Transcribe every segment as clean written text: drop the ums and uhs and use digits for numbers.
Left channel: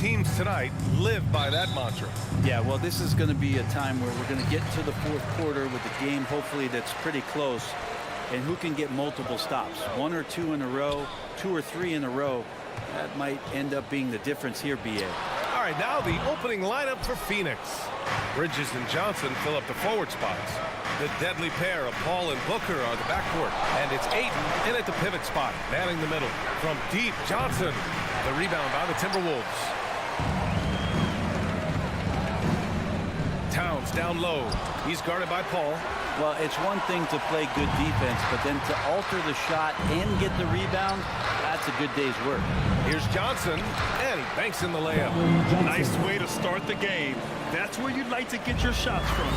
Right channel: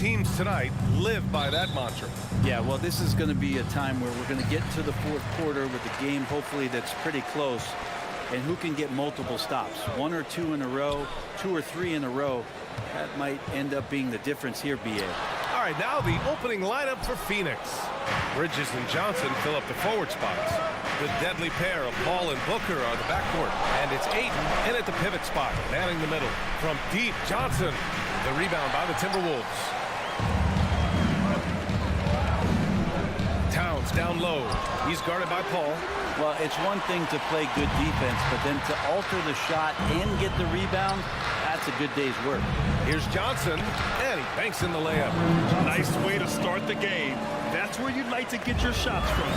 teams tonight live by that mantra. Yeah, well, this is going to be a time where we're going to get into the fourth quarter with a game, hopefully, that's pretty close. And who can get multiple stops? One or two in a row, two or three in a row. That might end up being the difference here, B.A. All right, now the opening lineup for Phoenix. Bridges and Johnson fill up the forward spots. The deadly pair of Paul and Booker are the backcourt. And it's Ayton in at the pivot spot, manning the middle. From deep, Johnson. The rebound by the Timberwolves. Towns down low. He's guarded by Paul. Well, it's one thing to play good defense, but then to alter the shot and get the rebound, that's a good day's work. Here's Johnson, and he banks in the layup. Nice way to start the game. That's where you'd like to get your shots from.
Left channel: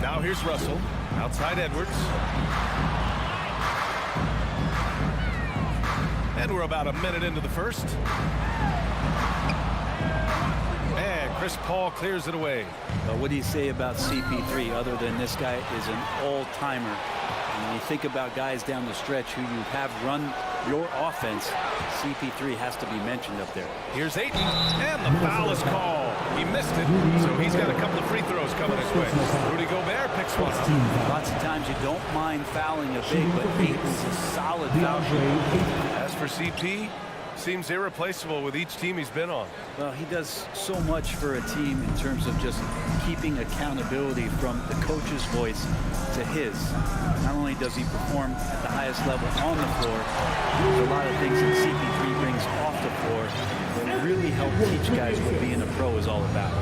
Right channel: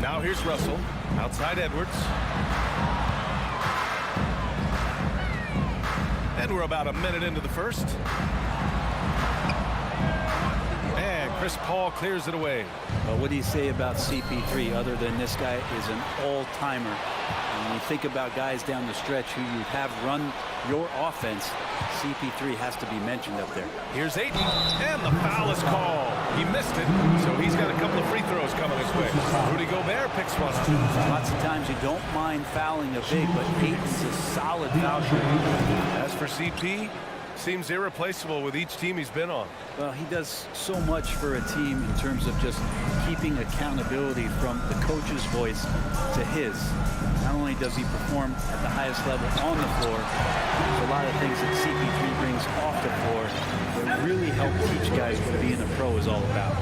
Now here's Russell, outside Edwards. And we're about a minute into the first. And Chris Paul clears it away. Well, what do you say about CP3 other than this guy is an all-timer? And when you think about guys down the stretch who you have run your offense, CP3 has to be mentioned up there. Here's Ayton, and the foul is called. He missed it, so he's got a couple of free throws coming his way. Rudy Gobert picks one up. Lots of times you don't mind fouling a big, but Ayton's a solid foul shooter. As for CP, seems irreplaceable with each team he's been on. Well, he does so much for a team in terms of just keeping accountability from the coach's voice to his. Not only does he perform at the highest level on the floor, there's a lot of things that CP3 brings off the floor that really help teach guys what being a pro is all about.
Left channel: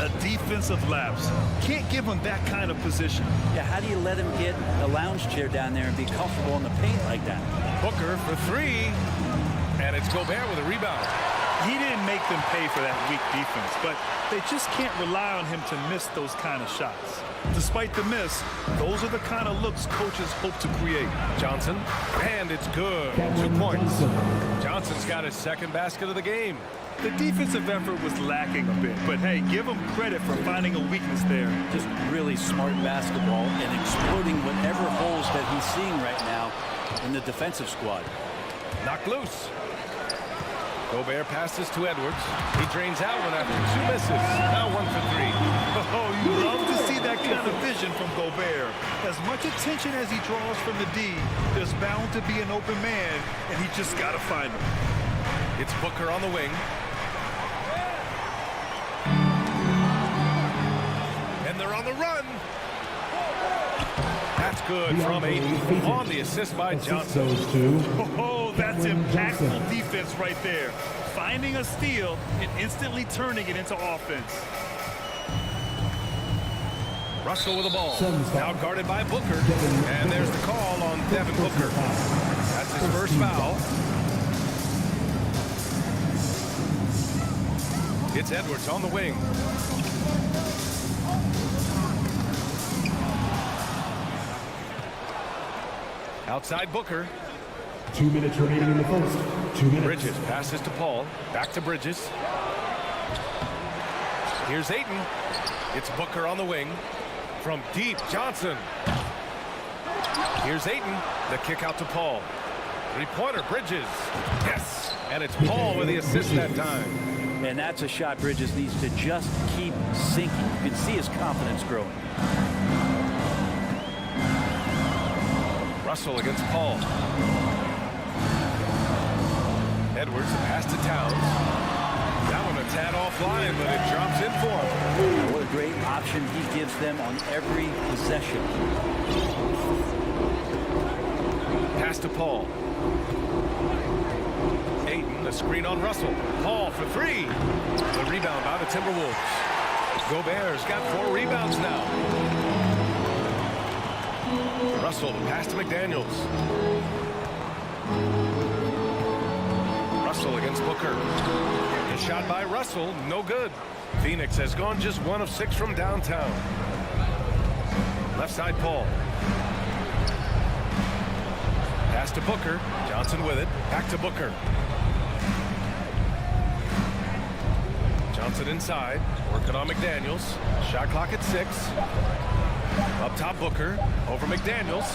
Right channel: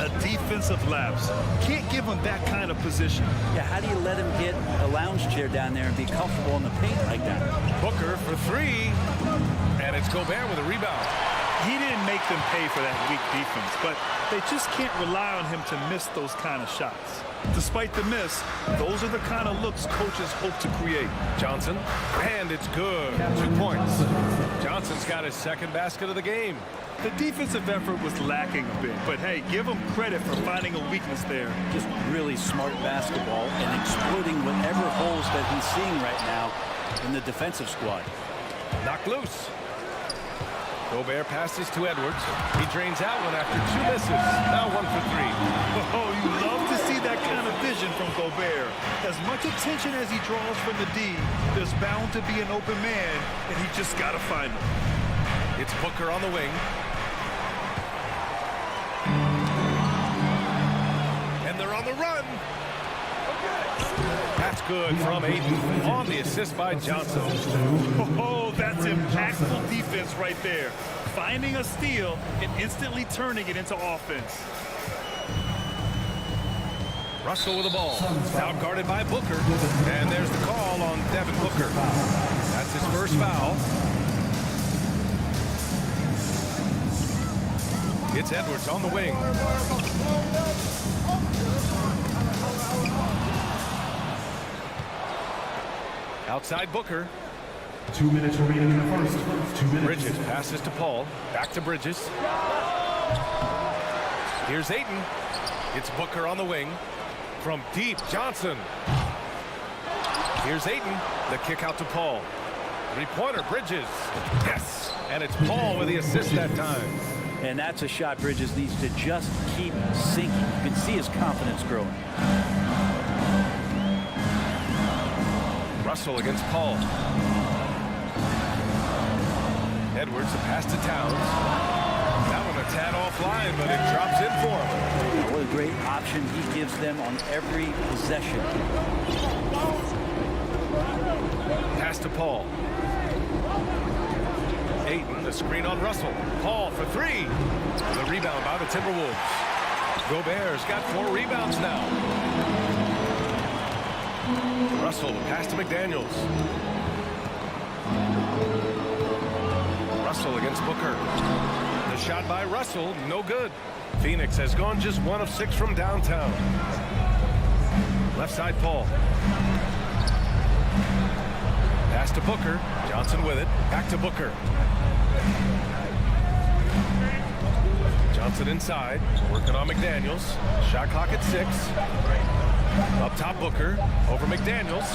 A defensive lapse. Can't give him that kind of position. Yeah, how do you let him get a lounge chair down there and be comfortable in the paint like that? Booker for three, and it's Gobert with a rebound. He didn't make them pay for that weak defense, but they just can't rely on him to miss those kind of shots. Despite the miss, those are the kind of looks coaches hope to create. Johnson, and it's good. 2 points. Johnson's got his second basket of the game. The defensive effort was lacking a bit, but hey, give him credit for finding a weakness there. Just really smart basketball and exploiting whatever holes that he's seeing right now in the defensive squad. Knocked loose. Gobert passes to Edwards. He drains out one after two misses. Now 1 for 3. Oh, you love to see that kind of vision from Gobert. As much attention as he draws from the D, there's bound to be an open man, and he just got to find him. It's Booker on the wing. And they're on the run. That's good from Ayton on the assist by Johnson. Oh, that's impactful defense right there. Finding a steal and instantly turning it into offense. Russell with the ball. Now guarded by Booker. And there's the call on Devin Booker. That's his first foul. It's Edwards on the wing. Outside Booker. 2 minutes remaining in the first. 2 minutes. Bridges passes to Paul. Back to Bridges. Here's Ayton. It's Booker on the wing. From deep, Johnson. Here's Ayton. The kick out to Paul. Three-pointer, Bridges. Yes. And it's Paul with the assist that time. And that's a shot Bridges needs to just keep sinking. You can see his confidence growing. Russell against Paul. Edwards, a pass to Towns. That one a tad offline, but it drops in for him. Now, what a great option he gives them on every possession. Pass to Paul. Ayton, the screen on Russell. Paul for three. The rebound by the Timberwolves. Gobert's got 4 rebounds now. Russell, the pass to McDaniels. Russell against Booker. The shot by Russell, no good. Phoenix has gone just 1 of 6 from downtown. Left side, Paul. Pass to Booker. Johnson with it. Back to Booker. Johnson inside. Working on McDaniels. Shot clock at 6. Up top, Booker. Over McDaniels.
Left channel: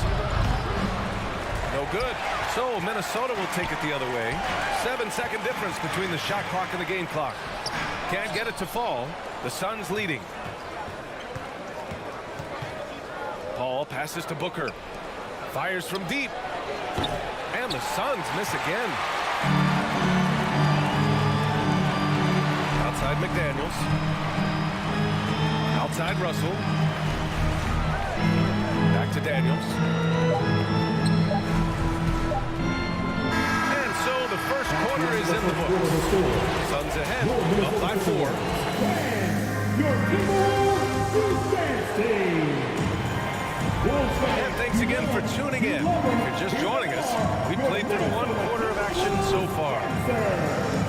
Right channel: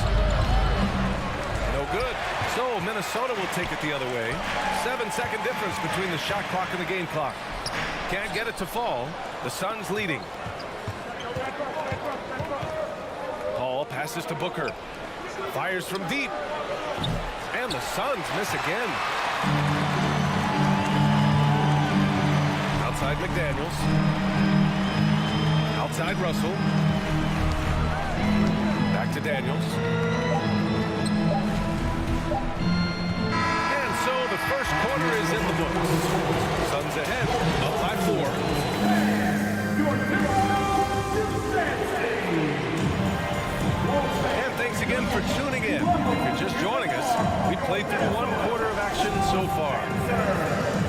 No good. So Minnesota will take it the other way. 7-second difference between the shot clock and the game clock. Can't get it to fall. The Suns leading. Paul passes to Booker. Fires from deep. And the Suns miss again. Outside McDaniels. Outside Russell. Back to Daniels. And so the first quarter is in the books. Suns ahead, up by 4. And thanks again for tuning in. If you're just joining us, we've played through 1 quarter of action so far.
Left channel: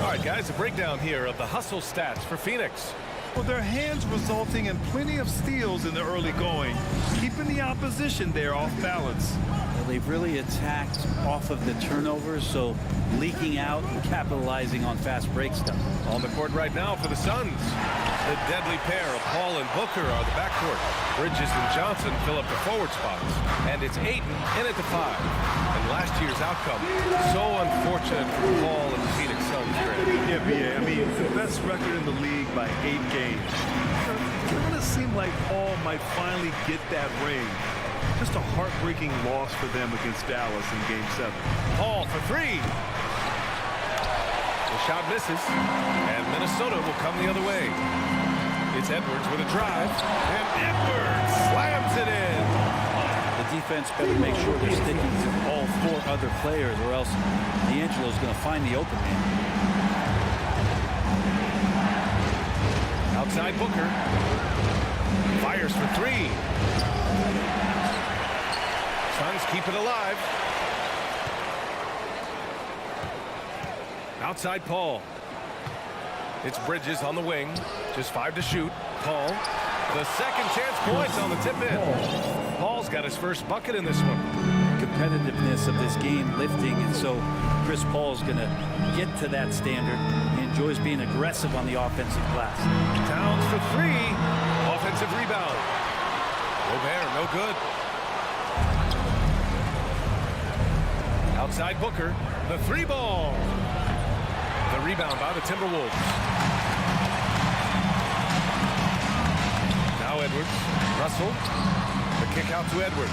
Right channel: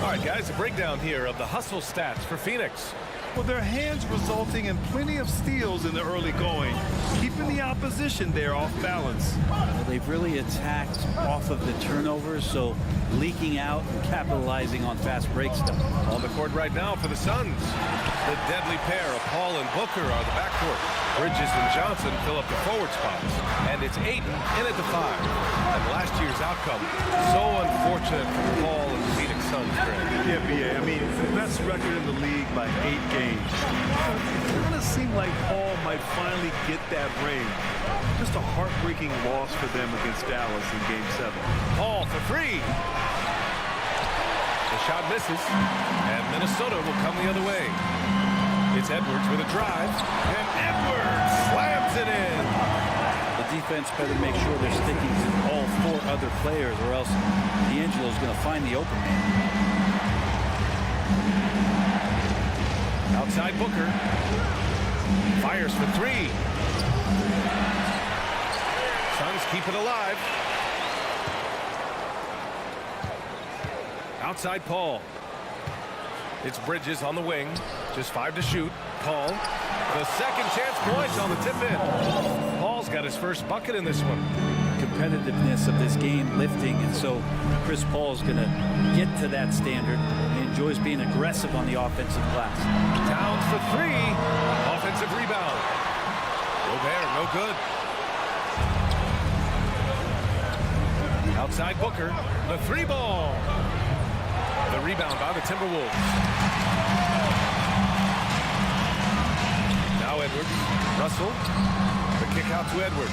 All right, guys, a breakdown here of the hustle stats for Phoenix. Well, their hands resulting in plenty of steals in the early going, keeping the opposition there off balance. Well, they've really attacked off of the turnovers, so leaking out and capitalizing on fast break stuff. On the court right now for the Suns. The deadly pair of Paul and Booker are the backcourt. Bridges and Johnson fill up the forward spots. And it's Ayton in at the 5. And last year's outcome, so unfortunate for Paul and the Phoenix Suns, Greg. Yeah, BA, I mean, the best record in the league by 8 games. It's going to seem like Paul might finally get that ring. Just a heartbreaking loss for them against Dallas in Game 7. Paul for 3. The shot misses, and Minnesota will come the other way. It's Edwards with a drive, and Edwards slams it in. The defense better make sure they're sticking to all 4 other players, or else D'Angelo's going to find the open man. Outside Booker. Fires for 3. Suns keep it alive. Outside Paul. It's Bridges on the wing. Just 5 to shoot. Paul. The second chance points on the tip in. Paul's got his first bucket in this one. Competitiveness of this game lifting, and so Chris Paul's going to get to that standard. He enjoys being aggressive on the offensive glass. Towns for 3. Offensive rebound. Gobert, no good. Outside Booker. The 3 ball. The rebound by the Timberwolves. Now Edwards. Russell. The kick out to Edwards.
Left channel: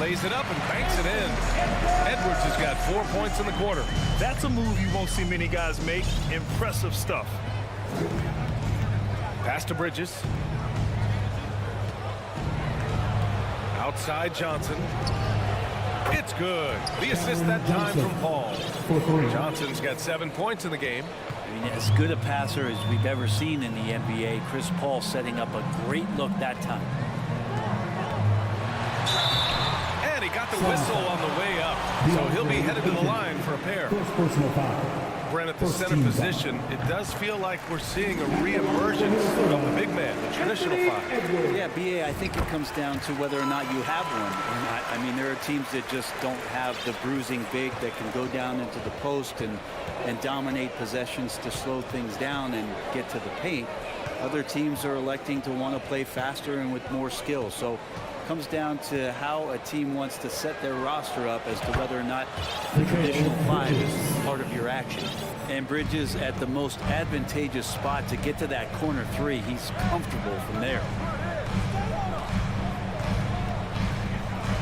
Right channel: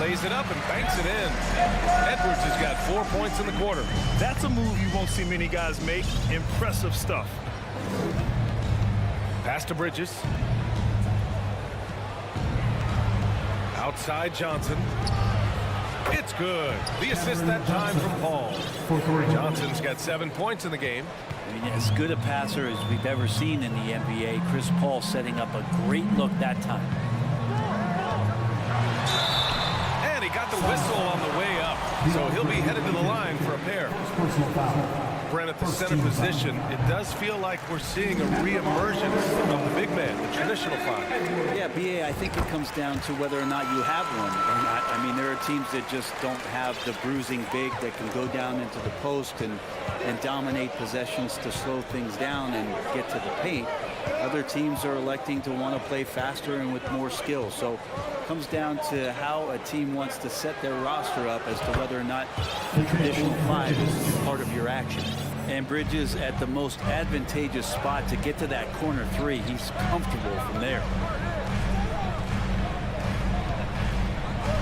Lays it up and banks it in. Edwards has got 4 points in the quarter. That's a move you won't see many guys make. Impressive stuff. Pass to Bridges. Outside Johnson. It's good. The assist that time from Paul. Johnson's got 7 points in the game. I mean, as good a passer as we've ever seen in the NBA. Chris Paul setting up a great look that time. And he got the whistle on the way up. So he'll be headed to the line for a pair. Brent, at the center position, it does feel like we're seeing a re-emergence of the big man, the traditional 5. Yeah, BA, I think it comes down to whether or not you have one or not. I mean, there are teams that just don't have the bruising big that can go down into the post and dominate possessions to slow things down and get to the paint. Other teams are electing to want to play faster and with more skill. So it comes down to how a team wants to set their roster up as to whether or not the traditional 5 is part of your action. And Bridges at the most advantageous spot to get to that corner 3. He's comfortable from there.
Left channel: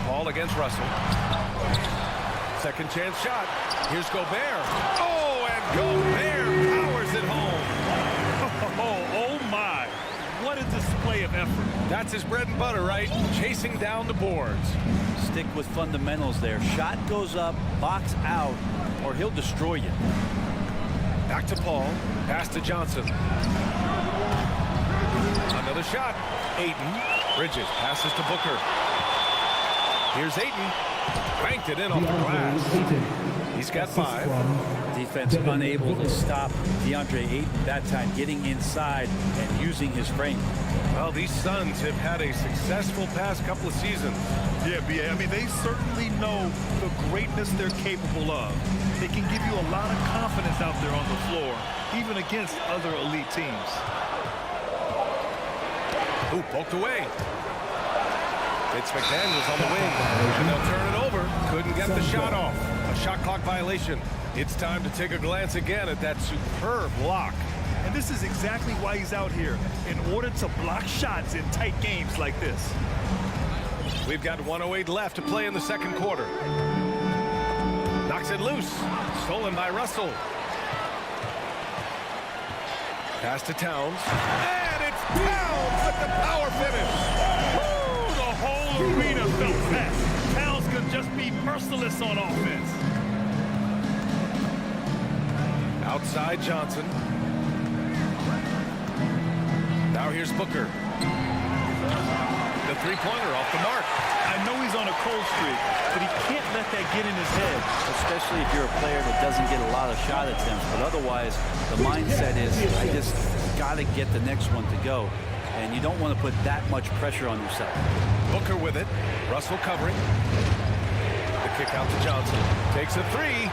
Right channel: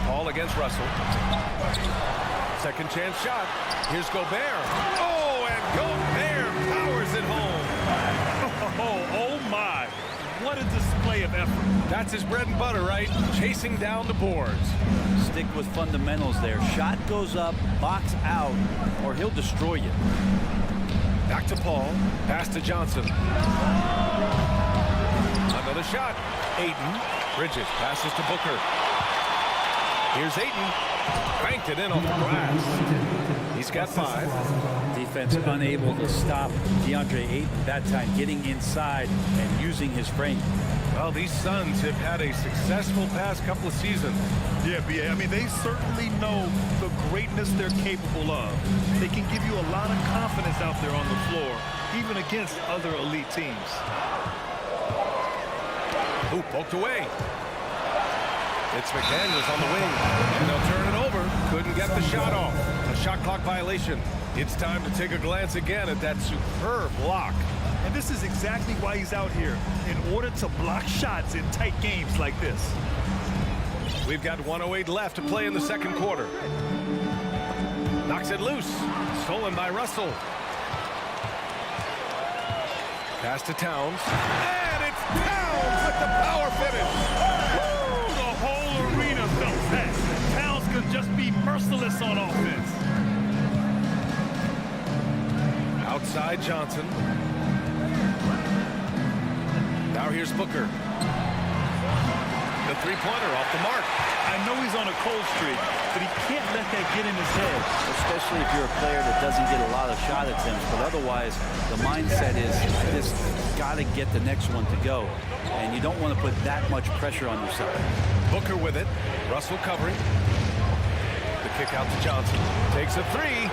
Paul against Russell. Second chance shot. Here's Gobert. Oh, and Gobert powers it home. Oh my. What a display of effort. That's his bread and butter, right? Chasing down the boards. Stick with fundamentals there. Shot goes up, box out, or he'll destroy you. Back to Paul. Pass to Johnson. Another shot. Ayton. Bridges passes to Booker. Here's Ayton. Banked it in off the glass. He's got 5. Defense unable to stop DeAndre Ayton that time, getting inside and using his frame. Well, these Suns have had a successful past couple of seasons. Yeah, BA, I mean, they certainly know the greatness they're capable of. They can give you a lot of confidence out there on the floor, even against other elite teams. Ooh, poked away. It's McDaniels on the wing, and they'll turn it over. Couldn't get the shot off. A shot clock violation. It's time to take a glance again at that superb block. And this is exactly why he's out here, in order to block shots in tight games like this. We've got 1:08 left to play in the second quarter. Knocks it loose. Stolen by Russell. Pass to Towns. And it's Towns with the power finish. Woo! The whole arena felt that. Towns can just be merciless on offense. Outside Johnson. Now here's Booker. The three-pointer off the mark. I know he's on a cold streak, but he can't let that get in his head. Especially if you're a player that doesn't get a lot of shot attempts. But otherwise, the mindset is, I just got to get the next one to go. And you don't want to put that much pressure on yourself. Booker with it. Russell covering. The kick out to Johnson. Takes a three.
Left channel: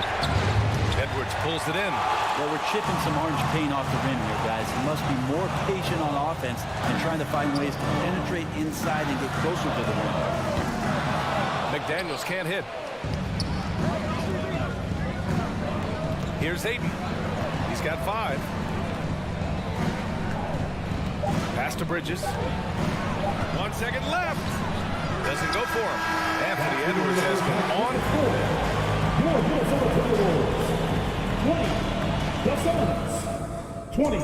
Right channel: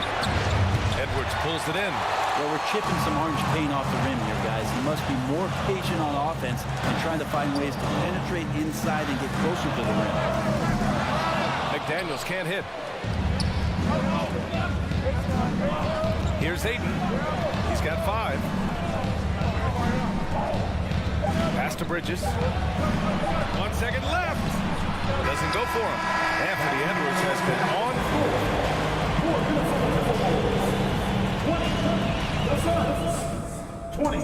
Edwards pulls it in. Well, we're chipping some orange paint off the rim here, guys. He must be more patient on offense and trying to find ways to penetrate inside and get closer to the rim. McDaniels can't hit. Here's Ayton. He's got 5. Pass to Bridges. 1 second left. Doesn't go for him. Anthony Edwards has been on. 20.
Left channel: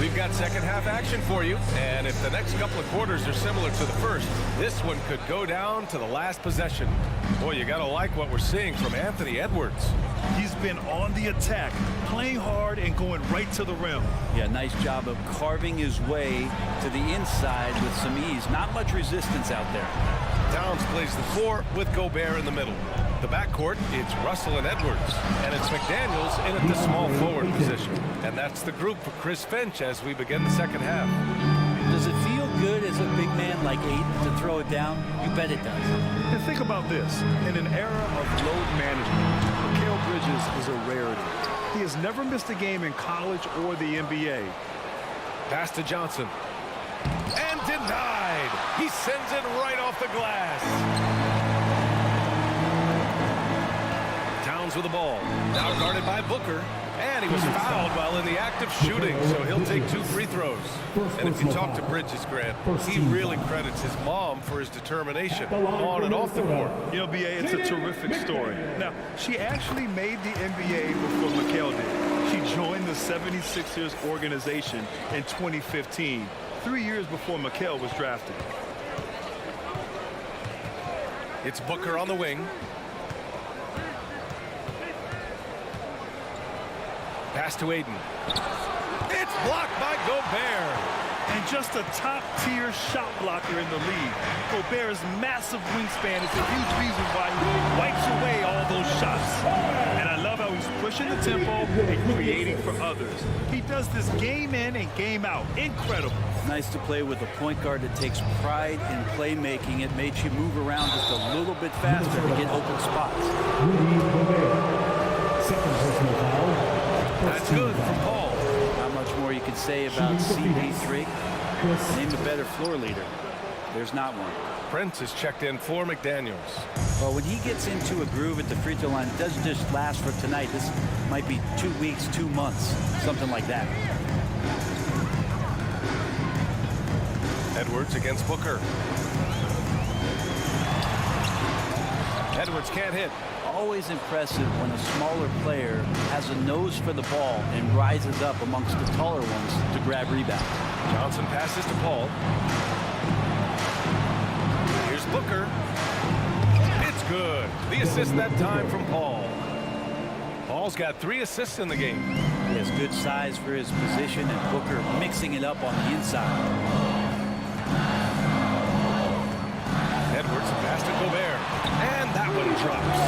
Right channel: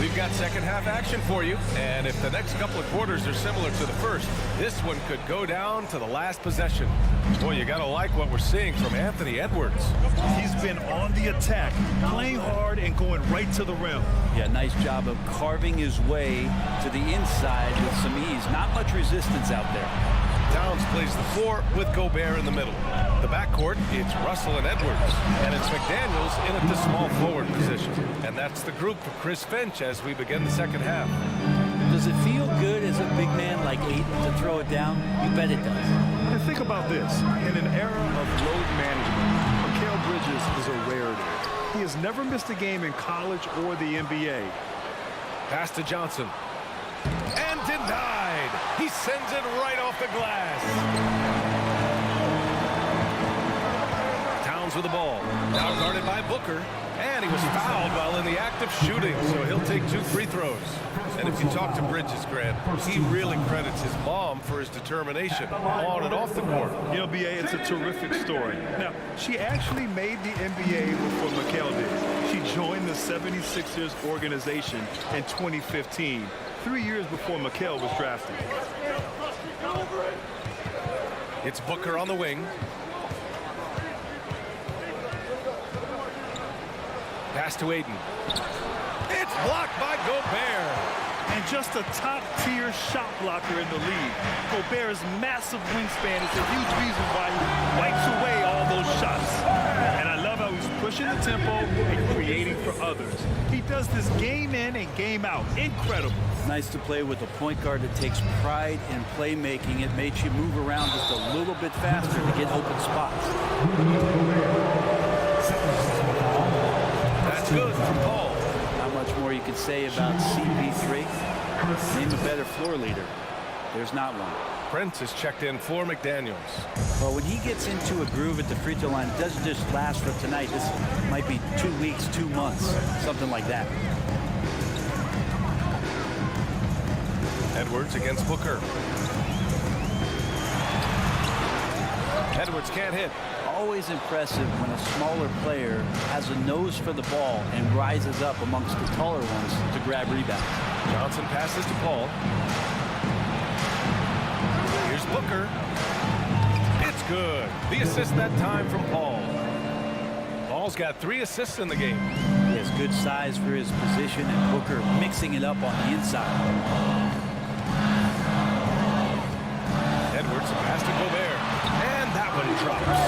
We've got second half action for you, and if the next couple of quarters are similar to the first, this one could go down to the last possession. Boy, you gotta like what we're seeing from Anthony Edwards. He's been on the attack, playing hard and going right to the rim. Yeah, nice job of carving his way to the inside with some ease. Not much resistance out there. Towns plays the 4 with Gobert in the middle. The backcourt, it's Russell and Edwards. And it's McDaniels in at the small forward position. And that's the group for Chris Finch as we begin the second half. Does it feel good as a big man like Ayton to throw it down? You bet it does. And think about this. In an era of load management, Mikal Bridges is a rarity. He has never missed a game in college or the NBA. Pass to Johnson. And denied. He sends it right off the glass. Towns with the ball. Now guarded by Booker. And he was fouled while in the act of shooting, so he'll take 2 free throws. And if you talk to Bridges, Grant, he really credits his mom for his determination on and off the court. You know, B.A., it's a terrific story. Now, she actually made the NBA before Mikal did. She joined the 76ers organization in 2015, 3 years before Mikal was drafted. It's Booker on the wing. Pass to Ayton. It's blocked by Gobert. And just a top-tier shot blocker in the league. Gobert's massive wingspan is a huge reason why he wipes away all those shots. And I love how he's pushing the tempo and creating for others. He does this game in and game out. Incredible. Nice to play with a point guard that takes pride in playmaking. It makes you move around just a little bit faster to get open spots. That's good from Paul. Not much more you could say about CP3. Name a better floor leader. There's not one. Prince is checked in for McDaniels. Well, when he gets into a groove at the free throw line, it doesn't just last for tonight. This might be 2 weeks, 2 months, something like that. Edwards against Booker. Edwards can't hit. Always impressive when a smaller player has a nose for the ball and rises up amongst the taller ones to grab rebounds. Johnson passes to Paul. Here's Booker. It's good. The assist that time from Paul. Paul's got 3 assists in the game. He has good size for his position, and Booker mixing it up on the inside. Edwards, a pass to Gobert. And that one drops.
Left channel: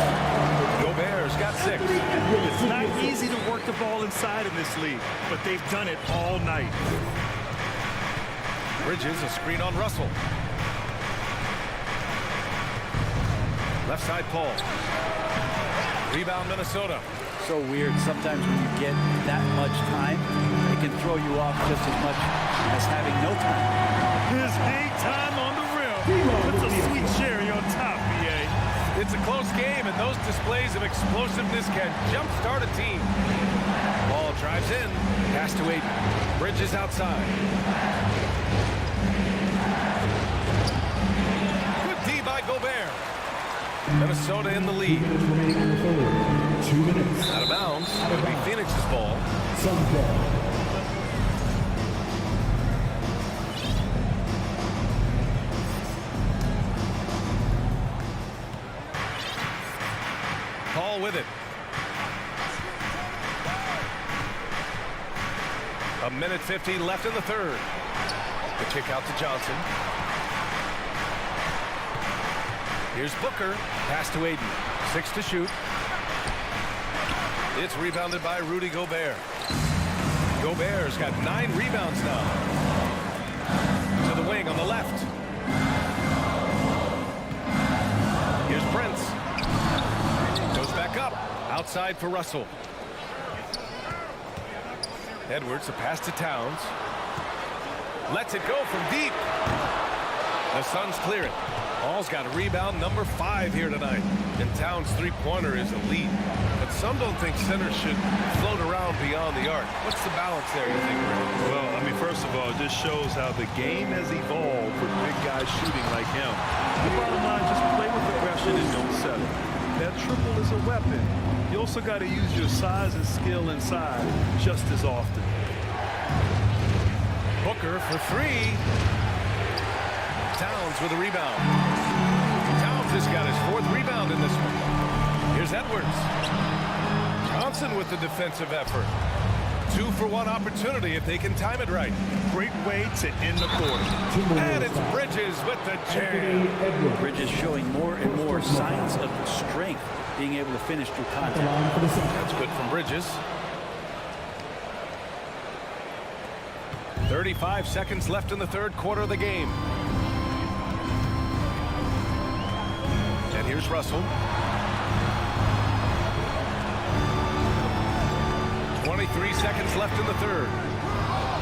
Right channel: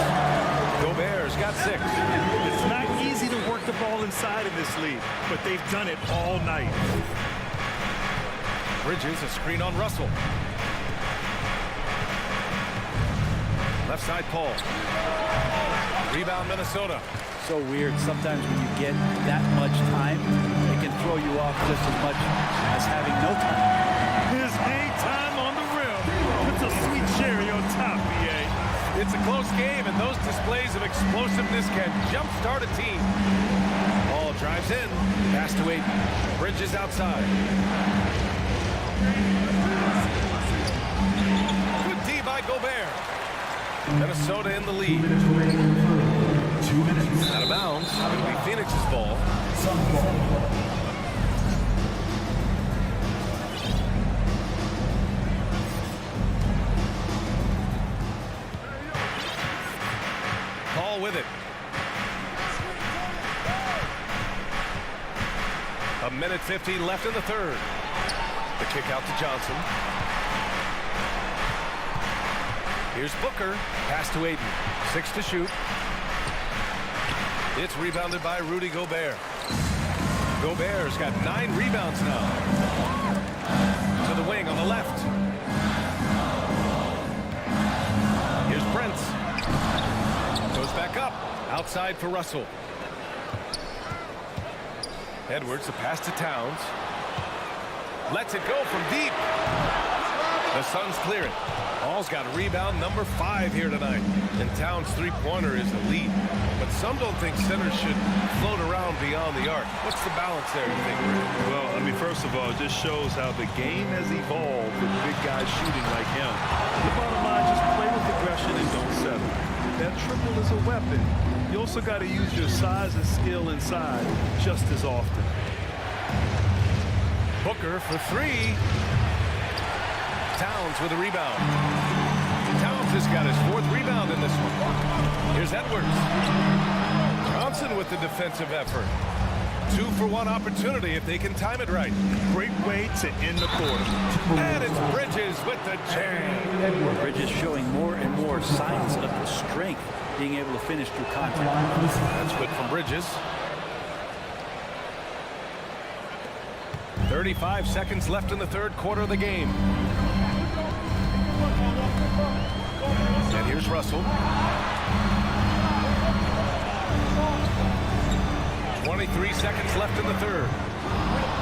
Gobert's got 6. It's not easy to work the ball inside in this league, but they've done it all night. Bridges, a screen on Russell. Left side, Paul. Rebound, Minnesota. So weird. Sometimes when you get that much time, it can throw you off just as much as having no time. His daytime on the rim. Puts a sweet cherry on top, BA. It's a close game, and those displays of explosiveness can jumpstart a team. Ball drives in. Pass to Aiden. Bridges outside. Good D by Gobert. Minnesota in the lead. 2 minutes remaining in the third. 2 minutes. Out of bounds. It'll be Phoenix's ball. Suns ball. Paul with it. A minute 50 left in the third. The kick out to Johnson. Here's Booker. Pass to Aiden. 6 to shoot. It's rebounded by Rudy Gobert. Gobert's got 9 rebounds now. To the wing on the left. Here's Prince. Goes back up. Outside for Russell. Edwards, a pass to Towns. Lets it go from deep. The Suns clear it. Paul's got a rebound number 5 here tonight. And Towns' three-pointer is elite. But some don't think centers should float around beyond the arc. What's the balance there, you think, Brad? Well, I mean, first of all, it just shows how the game has evolved with big guys shooting like him. The bottom line, just play with aggression and don't settle. That triple is a weapon. You also got to use your size and skill inside just as often. Booker for 3. Towns with a rebound. Towns has got his 4th rebound in this one. Here's Edwards. Johnson with the defensive effort. 2-for-1 opportunity if they can time it right. Great way to end the quarter. And it's Bridges with the jam. Bridges showing more and more signs of the strength, being able to finish through contact. That's good from Bridges. 35 seconds left in the third quarter of the game. And here's Russell. 23 seconds left in the third.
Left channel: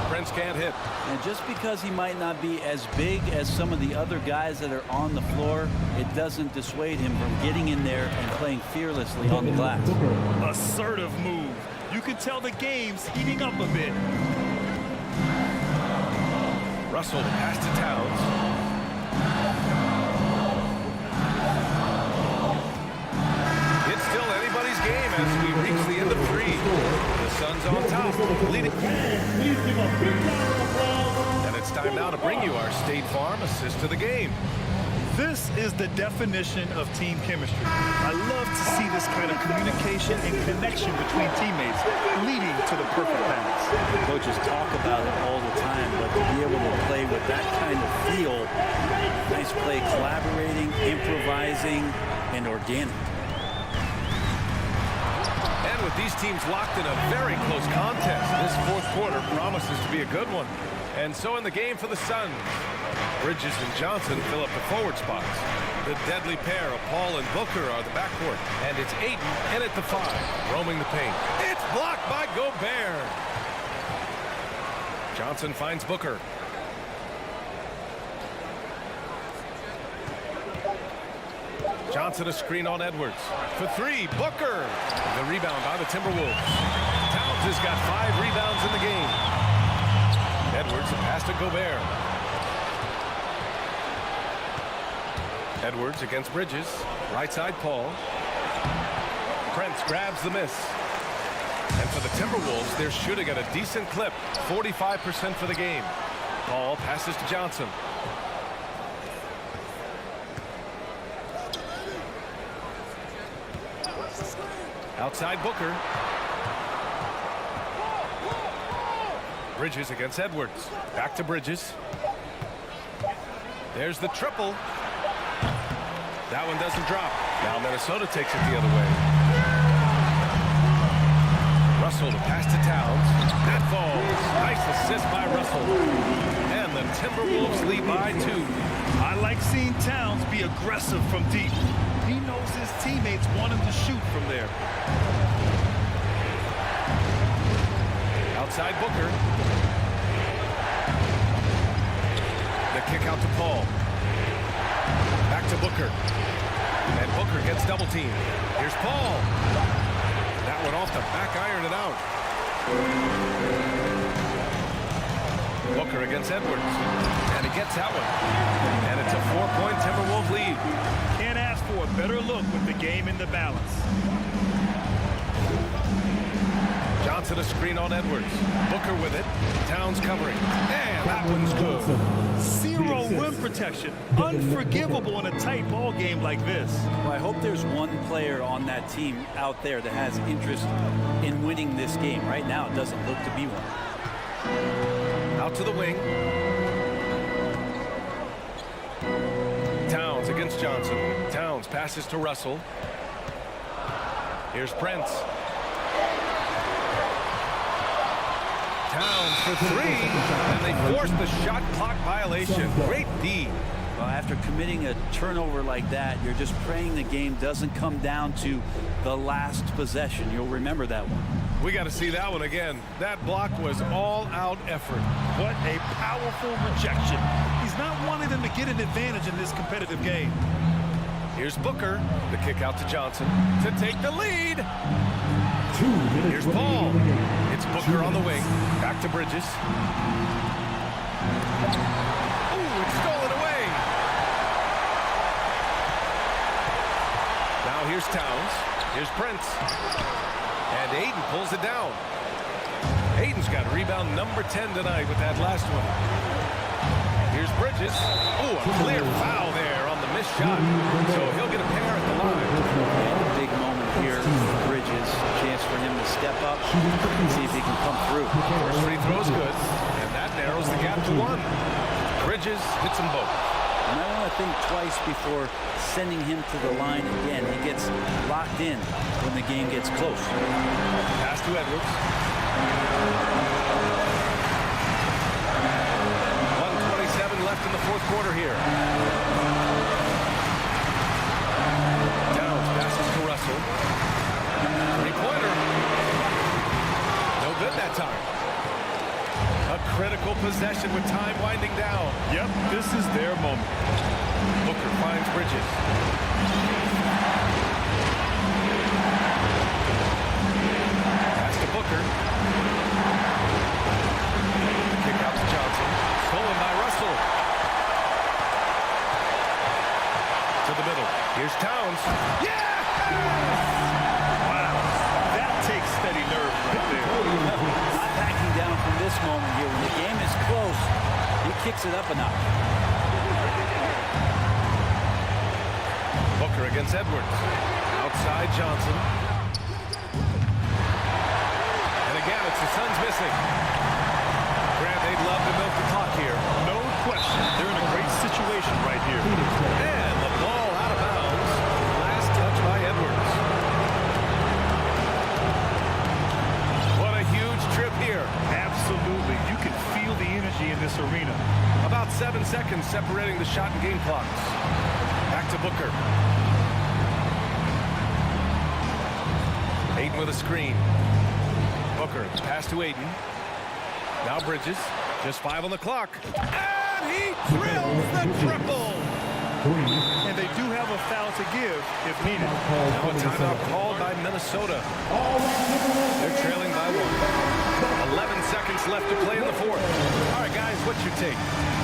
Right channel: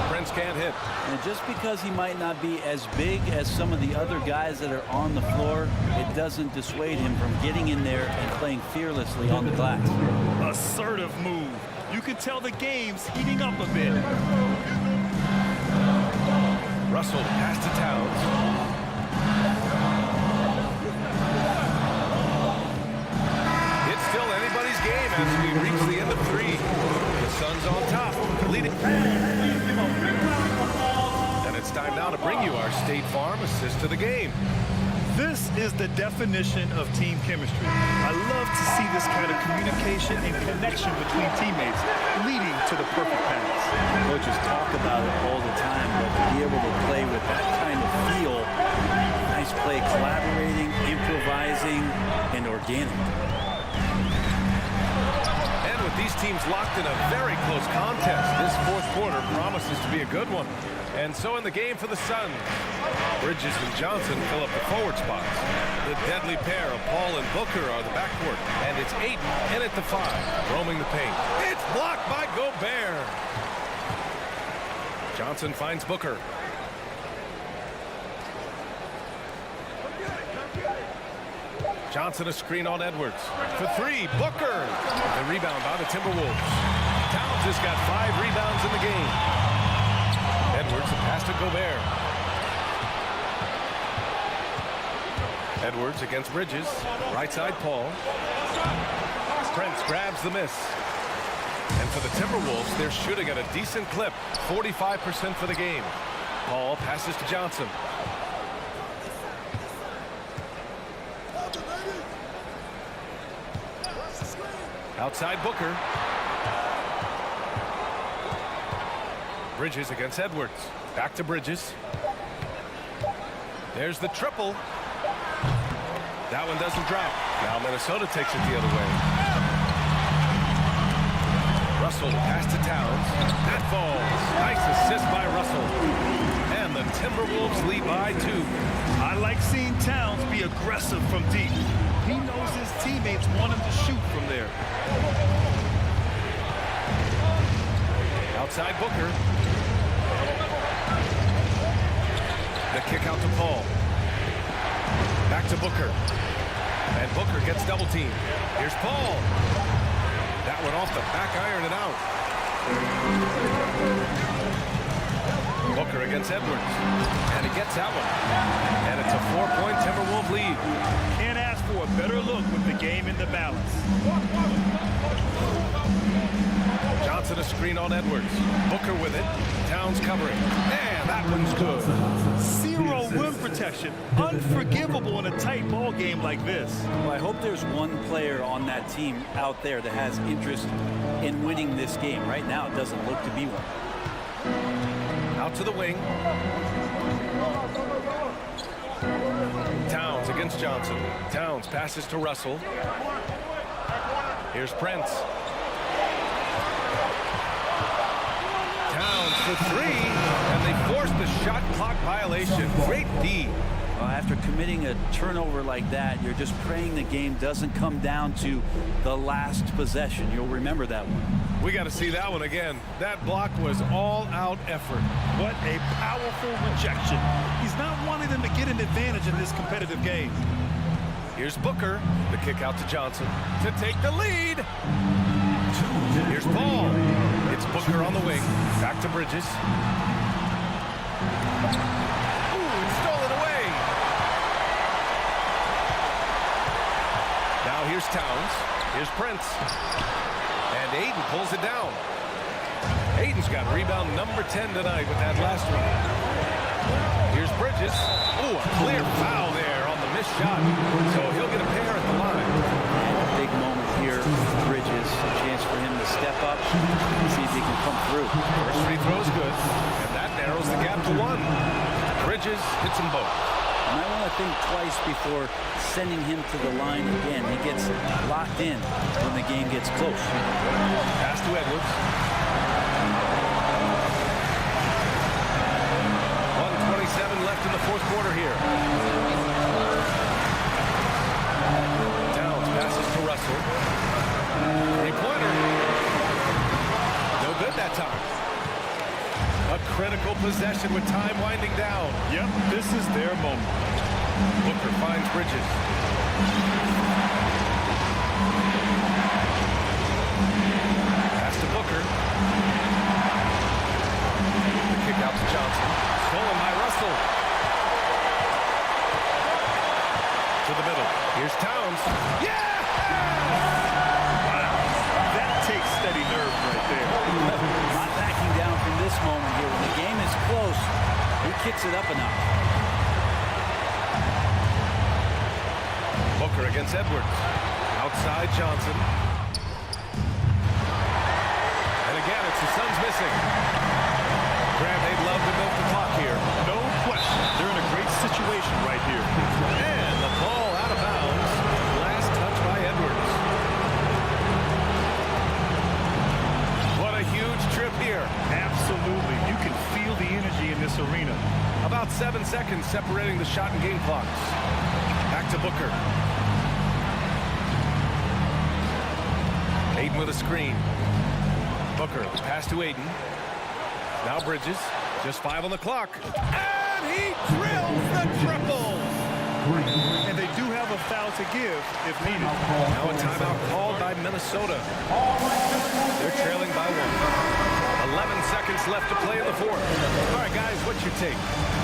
Prince can't hit. And just because he might not be as big as some of the other guys that are on the floor, it doesn't dissuade him from getting in there and playing fearlessly on the glass. Assertive move. You can tell the game's heating up a bit. Russell pass to Towns. It's still anybody's game as we reach the end of 3. The Suns on top, leading. And it's time now to bring you our State Farm assist to the game. This is the definition of team chemistry. I love to see this kind of communication and connection between teammates leading to the perfect pass. Coaches talk about it all the time, but to be able to play with that kind of feel, nice play, collaborating, improvising, and organic. And with these teams locked in a very close contest, this 4th quarter promises to be a good one. And so in the game for the Suns, Bridges and Johnson fill up the forward spots. The deadly pair of Paul and Booker are the backcourt. And it's Aiden in at the 5, roaming the paint. It's blocked by Gobert. Johnson finds Booker. Johnson a screen on Edwards. For 3, Booker. The rebound by the Timberwolves. Towns has got 5 rebounds in the game. Edwards a pass to Gobert. Edwards against Bridges. Right side Paul. Prince grabs the miss. And for the Timberwolves, they're shooting at a decent clip. 45% for the game. Paul passes to Johnson. Outside Booker. Bridges against Edwards. Back to Bridges. There's the triple. That one doesn't drop. Now Minnesota takes it the other way. Russell to pass to Towns. That falls. Nice assist by Russell. And the Timberwolves lead by 2. I like seeing Towns be aggressive from deep. He knows his teammates want him to shoot from there. Outside Booker. The kick out to Paul. Back to Booker. And Booker gets double teamed. Here's Paul. That one off the back iron and out. Booker against Edwards. And he gets that one. And it's a 4-point Timberwolves lead. Can't ask for a better look with the game in the balance. Johnson a screen on Edwards. Booker with it. Towns covering. And that one's good. Zero rim protection. Unforgivable in a tight ball game like this. Well, I hope there's one player on that team out there that has interest in winning this game. Right now, it doesn't look to be one. Out to the wing. Towns against Johnson. Towns passes to Russell. Here's Prince. Towns for three, and they force the shot clock violation. Great D. Well, after committing a turnover like that, you're just praying the game doesn't come down to the last possession. You'll remember that one. We got to see that one again. That block was all-out effort. What a powerful rejection. He's not wanting them to get an advantage in this competitive game. Here's Booker. The kick out to Johnson to take the lead. Here's Paul. It's Booker on the wing. Back to Bridges. Ooh, it's stolen away. Now here's Towns. Here's Prince. And Aiden pulls it down. Aiden's got rebound number 10 tonight with that last one. Here's Bridges. Ooh, a clear foul there on the missed shot. So he'll get a pair at the line. And a big moment here for Bridges. A chance for him to step up and see if he can come through. First free throw's good. And that narrows the gap to one. Bridges hits them both. You might want to think twice before sending him to the line again. He gets locked in when the game gets close. Pass to Edwards. 1:27 left in the fourth quarter here. Towns passes to Russell. Three-pointer. No good that time. A critical possession with time winding down. Yep, this is their moment. Booker finds Bridges. Pass to Booker. The kick out to Johnson. Stolen by Russell. To the middle. Here's Towns. Yeah! Wow, that takes steady nerves right there. Not backing down from this moment here. When the game is close, he kicks it up a notch. Booker against Edwards. Outside Johnson. And again, it's the Suns missing. Grant, they'd love to milk the clock here. No question. They're in a great situation right here. And the ball out of bounds. Last touch by Edwards. What a huge trip here. Absolutely. You can feel the energy in this arena. About 7 seconds separating the shot and game clocks. Back to Booker. Aiden with a screen. Booker, pass to Aiden. Now Bridges, just 5 on the clock. And he drills the triple. And they do have a foul to give if needed. Now a timeout called by Minnesota. They're trailing by 1. 11 seconds left to play in the fourth. All right, guys, what's your take?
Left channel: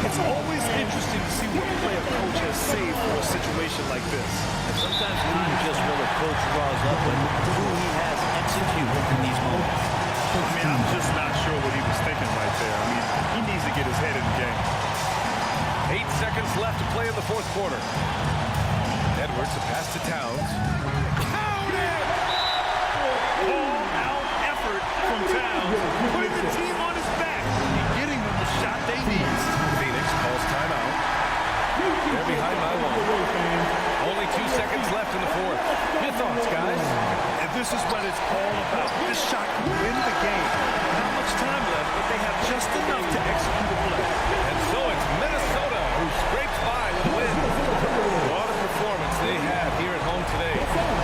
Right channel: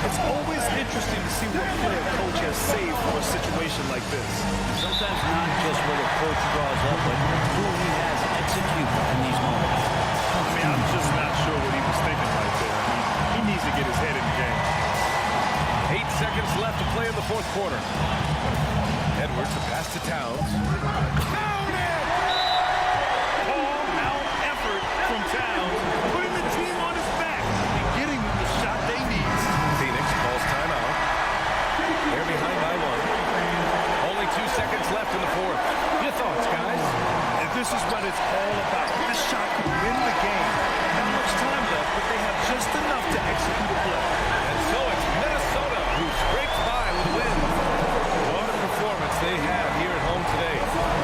It's always interesting to see what play a coach has saved for a situation like this. And sometimes not just what a coach draws up, but who he has execute in these moments. I mean, I'm just not sure what he was thinking right there. I mean, he needs to get his head in the game. 8 seconds left to play in the fourth quarter. Edwards, a pass to Towns. Count it! All-out effort from Towns, putting the team on his back and getting them the shot they need. Phoenix calls timeout. They're behind by 1. Only 2 seconds left in the fourth. Your thoughts, guys? And this is what it's all about. This shot could win the game. Not much time left, but they have just enough to execute a play. And so it's Minnesota who scrapes by with a win. What a performance they had here at home today.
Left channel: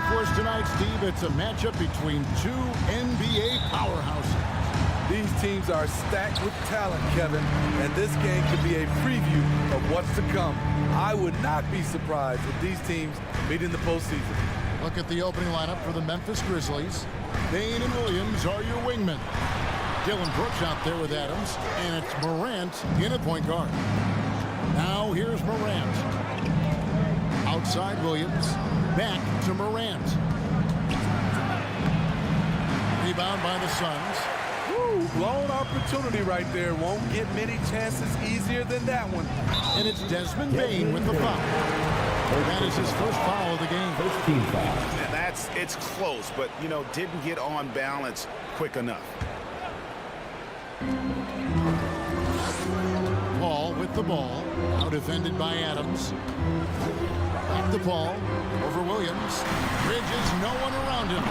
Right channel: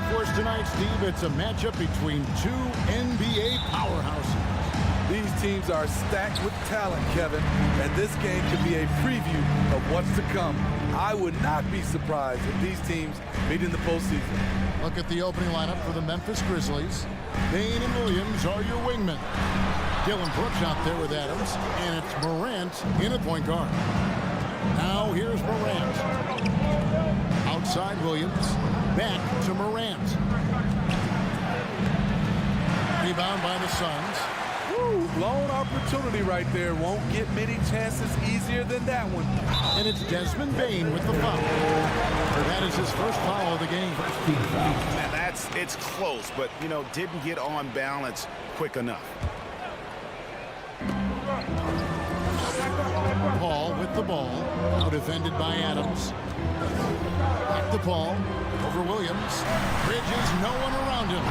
Well, for us tonight, Steve, it's a matchup between two NBA powerhouses. These teams are stacked with talent, Kevin, and this game could be a preview of what's to come. I would not be surprised if these teams meet in the postseason. Look at the opening lineup for the Memphis Grizzlies. Bain and Williams are your wingmen. Dylan Brooks out there with Adams, and it's Morant in at point guard. Now here's Morant. Outside Williams, back to Morant. Rebound by the Suns. Woo, blown opportunity right there. Won't get many chances easier than that one. And it's Desmond Bain with the foul. That is his first foul of the game. First team foul. Man, it's close, but, you know, didn't get on balance quick enough. Paul with the ball. Now defended by Adams. Back to Paul. Over Williams. Bridges, no one around him.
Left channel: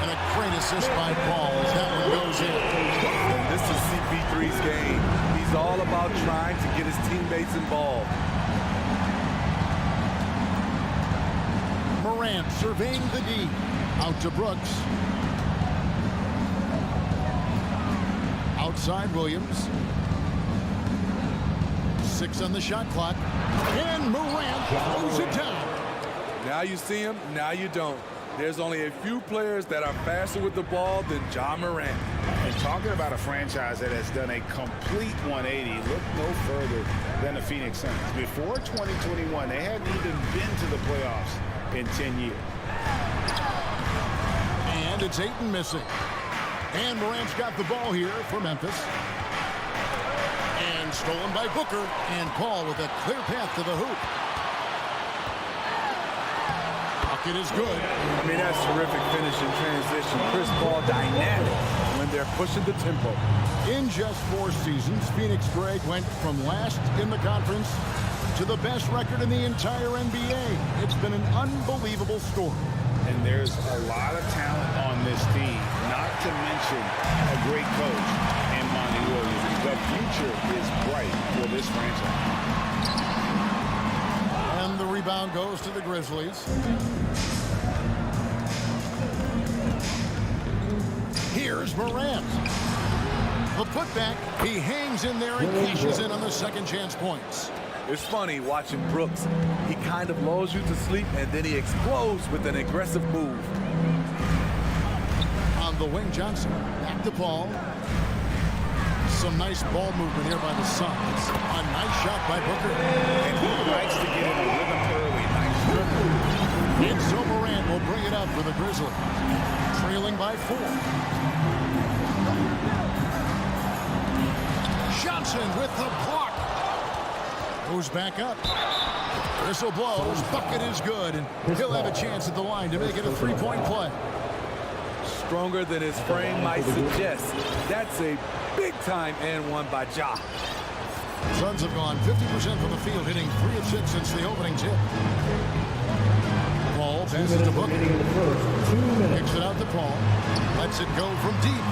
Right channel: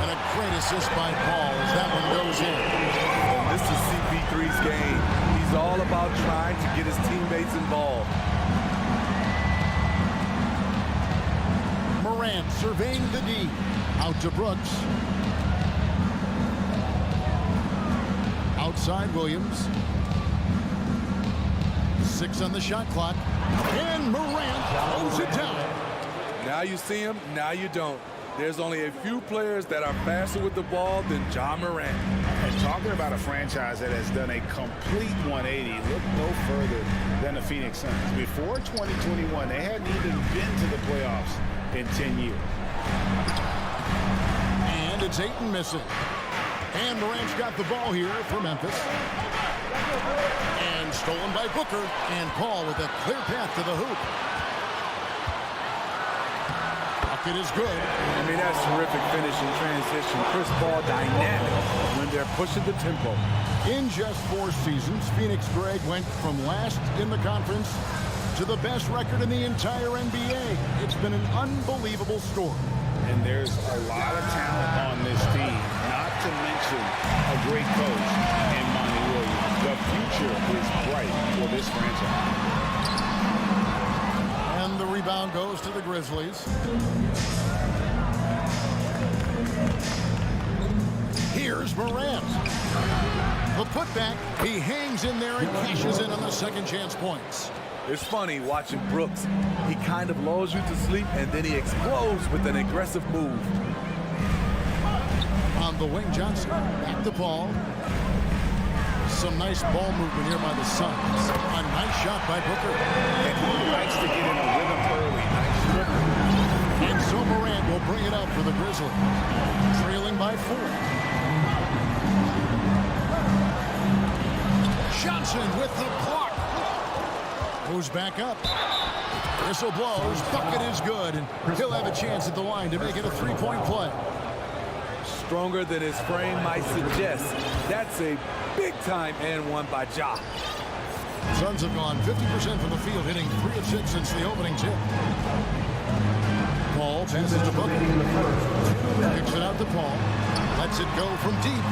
And a great assist by Paul as that one goes in. And this is CP3's game. He's all about trying to get his teammates involved. Morant surveying the D. Out to Brooks. Outside Williams. 6 on the shot clock. And Morant throws it down. Now you see him, now you don't. There's only a few players that are faster with the ball than Ja Morant. And talking about a franchise that has done a complete 180, look no further than the Phoenix Suns. Before 2021, they hadn't even been to the playoffs in 10 years. And it's Ayton missing. And Morant's got the ball here for Memphis. And stolen by Booker. And Paul with a clear path to the hoop. Bucket is good. I mean, that's terrific finish in transition. Chris Paul dynamic when they're pushing the tempo. In just 4 seasons, Phoenix Greg went from last in the conference to the best record in the entire NBA. It's been an unbelievable story. And there's a lot of talent on this team, not to mention a great coach in Monty Williams. The future is bright for this franchise. And the rebound goes to the Grizzlies. Here's Morant. The putback. He hangs in there and cashes in on the second chance points. It's funny watching Brooks. He kind of lulls you to sleep, and then he explodes with an aggressive move. On the wing, Johnson. Back to Paul. Some nice ball movement here by the Suns. A nice shot by Booker. And he likes to get in a rhythm early. Nice strip. And so Morant will bring it up for the Grizzlies. Trailing by 4. Johnson with the block. Goes back up. Whistle blows. Bucket is good. And he'll have a chance at the line to make it a 3-point play. Stronger than his frame might suggest. That's a big-time and one by Ja. Suns have gone 50% from the field, hitting 3 of 6 since the opening tip. Paul passes to Booker. Kicks it out to Paul. Lets it go from deep.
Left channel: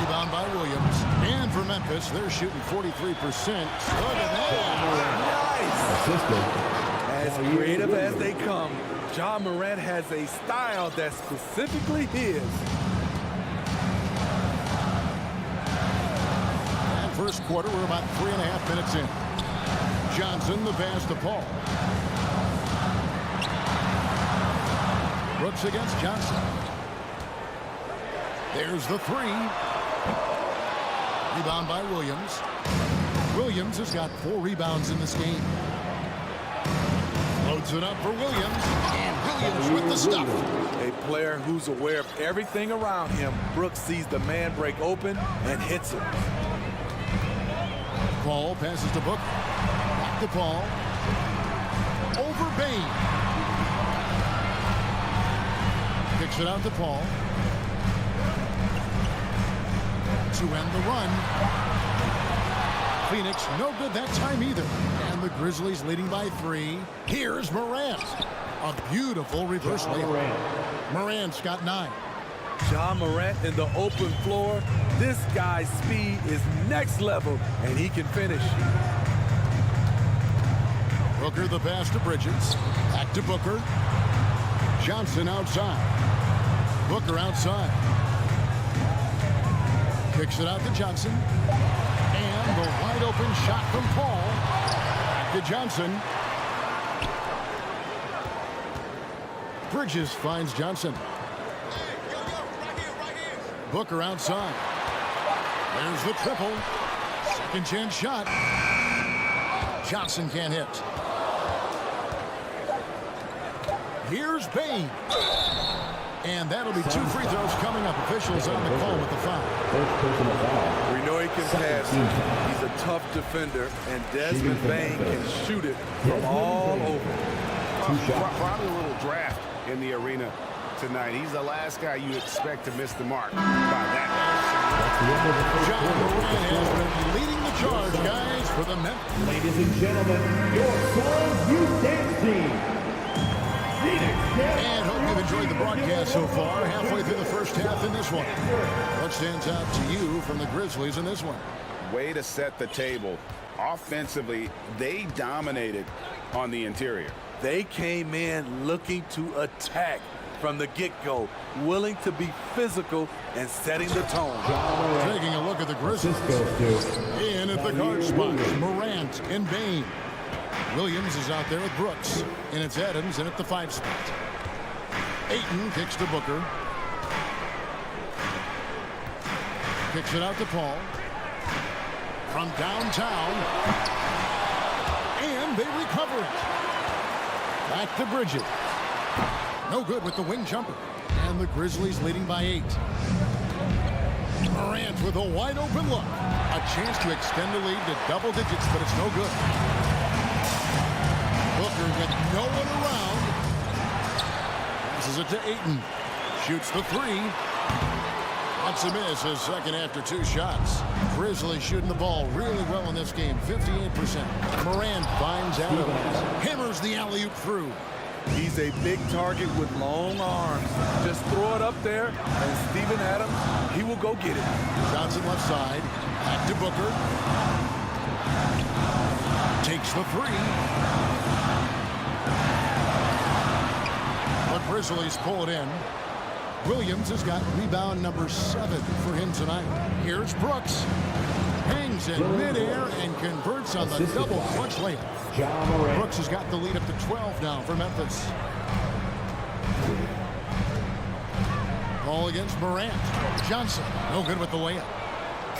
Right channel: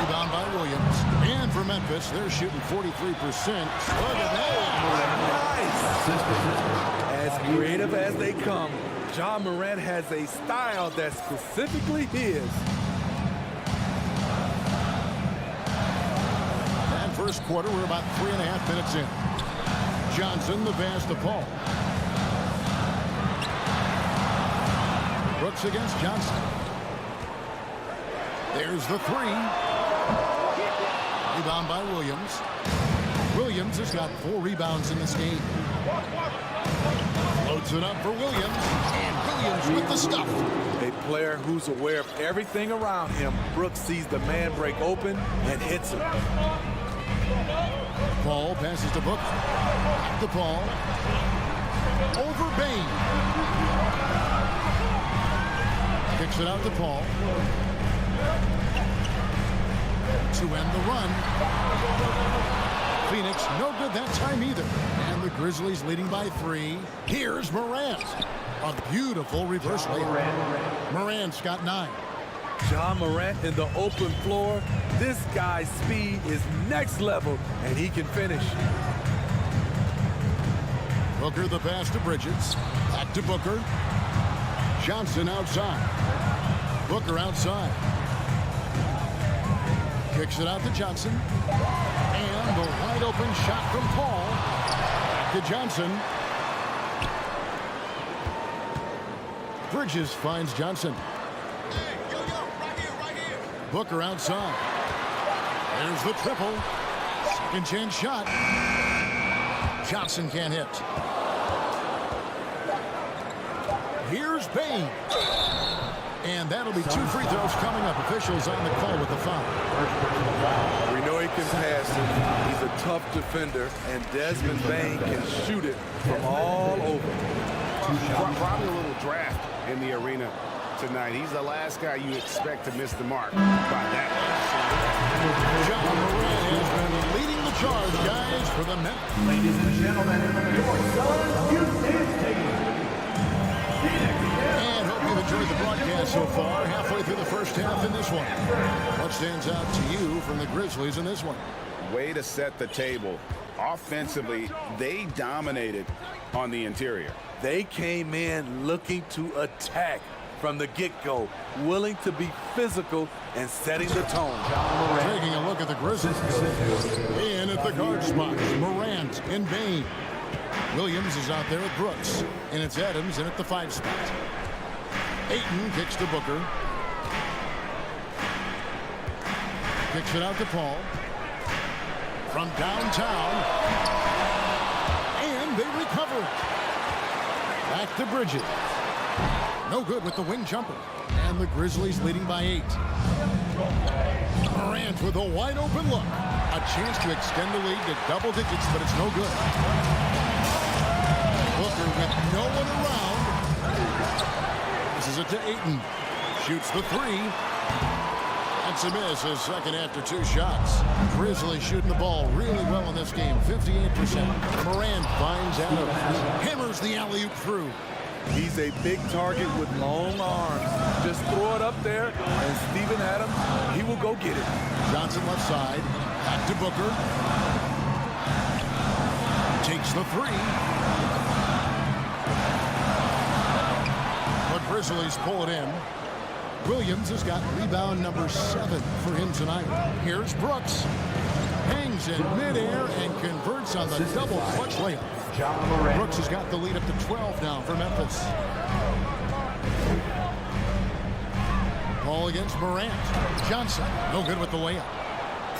Rebound by Williams. And for Memphis, they're shooting 43%. Look at that. Nice. As creative as they come, Ja Morant has a style that's specifically his. And first quarter, we're about 3.5 minutes in. Johnson, the pass to Paul. Brooks against Johnson. There's the 3. Rebound by Williams. Williams has got 4 rebounds in this game. Loads it up for Williams. And Williams with the stuff. A player who's aware of everything around him. Brooks sees the man break open and hits him. Paul passes to Booker. Back to Paul. Over Bain. Kicks it out to Paul. To end the run. Phoenix no good that time either. And the Grizzlies leading by 3. Here's Morant. A beautiful reverse layup. Morant's got 9. Ja Morant in the open floor. This guy's speed is next level, and he can finish. Booker the pass to Bridges. Back to Booker. Johnson outside. Booker outside. Kicks it out to Johnson. And the wide open shot from Paul. Back to Johnson. Bridges finds Johnson. Hey, yo, right here. Booker outside. There's the triple. Second chance shot. Johnson can't hit. Here's Bain. And that'll be 2 free throws coming up. Officials on the call with the foul. We know he can pass it. He's a tough defender, and Desmond Bain can shoot it from all over. Probably a little draft in the arena tonight. He's the last guy you expect to miss the mark by that. John Moran has been leading the charge, guys, for the Memphis. Ladies and gentlemen, your Suns Youth Dance Team. And hope you've enjoyed the broadcast so far. Halfway through the first half in this one. What stands out to you from the Grizzlies in this one? Way to set the table. Offensively, they dominated on the interior. They came in looking to attack from the get-go, willing to be physical and setting the tone. Taking a look at the Grizzlies. In at the guard spots, Morant and Bain. Williams is out there with Brooks. And it's Adams in at the 5 spot. Ayton kicks to Booker. Kicks it out to Paul. From downtown. And they recover it. Back to Bridges. No good with the wing jumper. And the Grizzlies leading by 8. Morant with a wide open look. A chance to extend the lead to double digits, but it's no good. Booker with no one around. Passes it to Ayton. Shoots the 3. That's a miss, his second after 2 shots. Grizzlies shooting the ball really well in this game, 58%. Morant finds Adams. Hammers the alley-oop through. He's a big target with long arms. Just throw it up there, and Steven Adams, he will go get it. Johnson left side. Back to Booker. Takes the 3. But Grizzlies pull it in. Williams has got rebound number 7 for him tonight. Here's Brooks. Hangs in midair and converts on the double clutch layup. Brooks has got the lead up to 12 now for Memphis. Ball against Morant. Johnson, no good with the layup.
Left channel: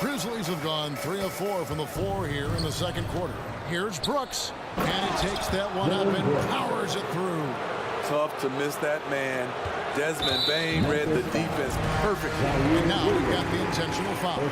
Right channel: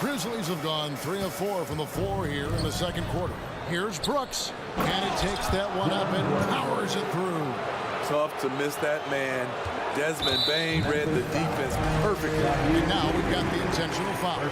Grizzlies have gone 3 of 4 from the floor here in the second quarter. Here's Brooks. And he takes that one up and powers it through. Tough to miss that man. Desmond Bain read the defense perfectly. And now we've got the intentional foul.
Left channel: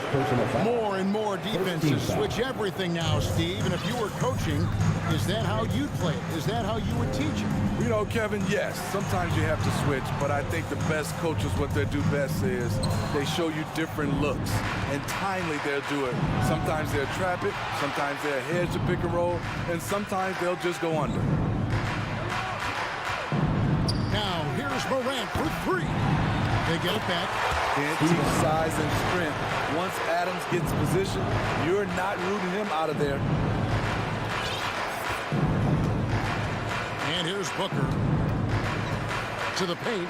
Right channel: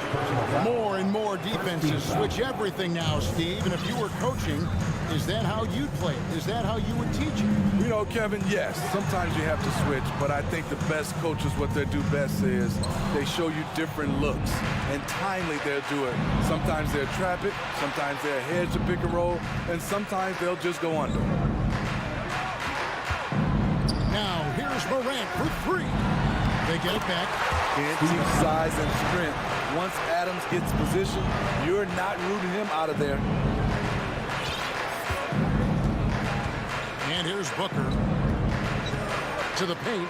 More and more defenses switch everything now, Steve. And if you were coaching, is that how you'd play it? Is that how you would teach it? You know, Kevin, yes, sometimes you have to switch, but I think the best coaches, what they do best is they show you different looks, and timely they'll do it. Sometimes they'll trap it, sometimes they'll hedge the pick and roll, and sometimes they'll just go under. Now, here's Morant for 3. They get it back. Can't teach size and strength. Once Adams gets position, you're not rooting him out of there. And here's Booker. To the paint.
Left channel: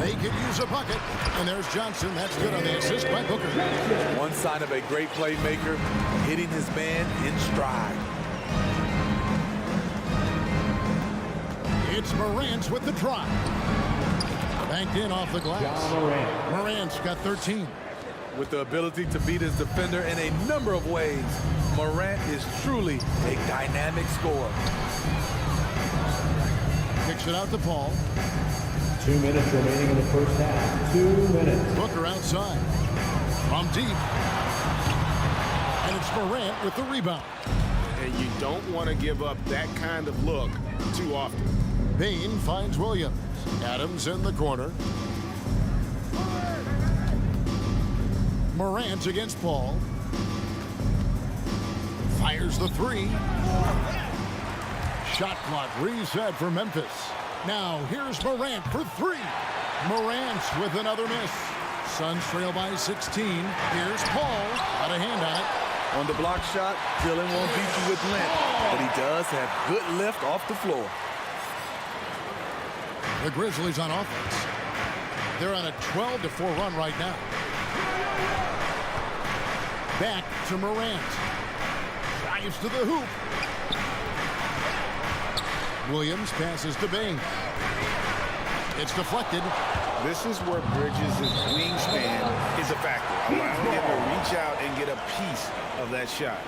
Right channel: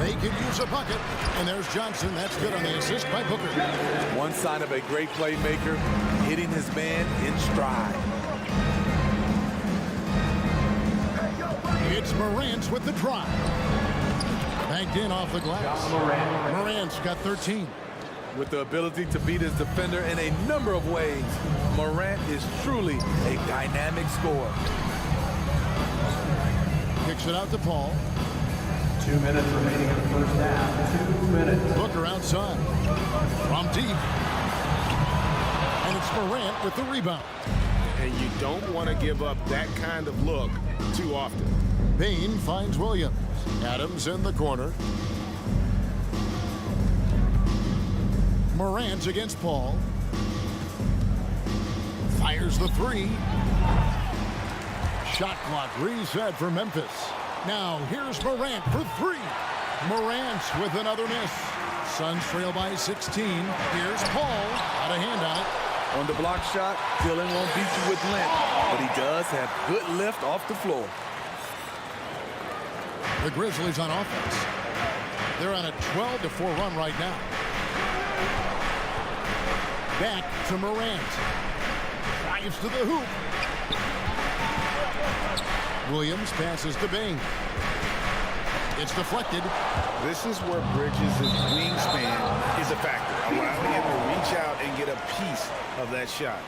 They could use a bucket. And there's Johnson. That's good on the assist by Booker. One sign of a great playmaker, hitting his man in stride. It's Morant with the drive. Banked in off the glass. Morant's got 13. With the ability to beat his defender in a number of ways, Morant is truly a dynamic scorer. Kicks it out to Paul. 2 minutes remaining in the first half. 2 minutes. Booker outside. From deep. And it's Morant with the rebound. And you don't want to give up that kind of look too often. Bain finds Williams. Adams in the corner. Morant against Paul. Fires the 3. Shot clock reset for Memphis. Now here's Morant for 3. Morant with another miss. Suns trail by 16. Here's Paul. Got a hand on it. On the block shot, Dillon won't beat you with length, but he does have good lift off the floor. The Grizzlies on offense. They're on a 12-4 run right now. Back to Morant. Drives to the hoop. Williams passes to Bain. It's deflected. This is where Bridges' wingspan is a factor, allowing him to reach out and get a piece of that shot.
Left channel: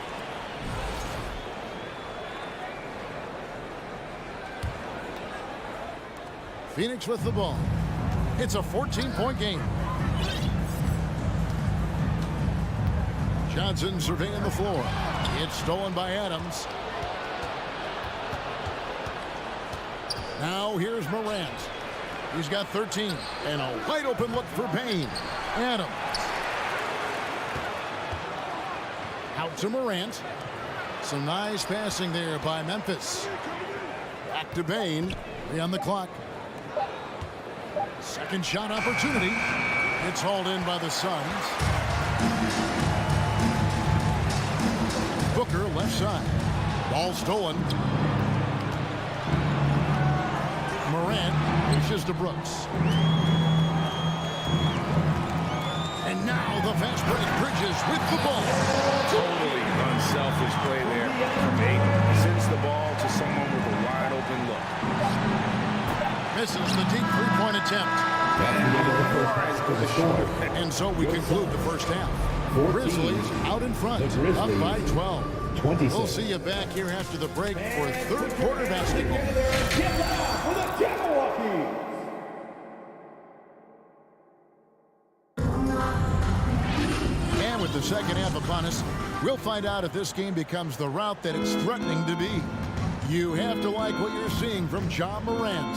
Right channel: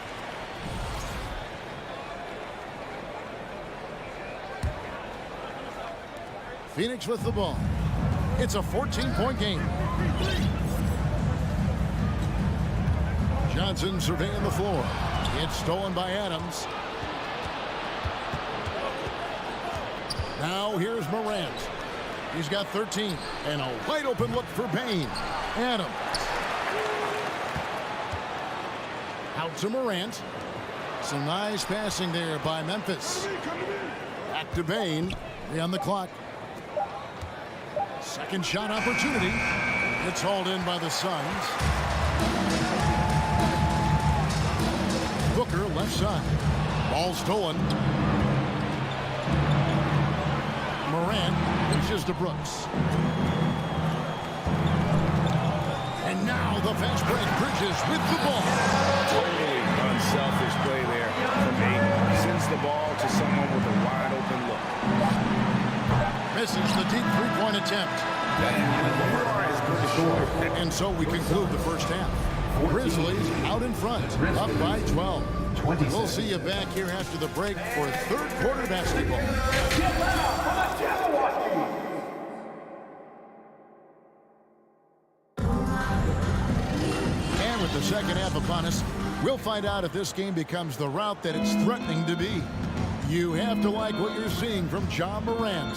Phoenix with the ball. It's a 14-point game. Johnson surveying the floor. It's stolen by Adams. Now here's Morant. He's got 13. And a wide open look for Bain. Adams. Out to Morant. Some nice passing there by Memphis. Back to Bain. 3 on the clock. Second shot opportunity. It's hauled in by the Suns. Booker left side. Ball stolen. Morant reaches to Brooks. And now the fast break. Bridges with the ball. Totally unselfish play there from Aiden. Sends the ball to someone with a wide open look. Misses the deep three-point attempt. You are as good a shooter. And so we conclude the first half. Grizzlies out in front, up by 12. We'll see you back here after the break for third quarter basketball. Get loud for the Jabberwocky! And with the second half upon us, we'll find out if this game becomes the route that it's threatening to be. You have to like what you're seeing from Ja Morant.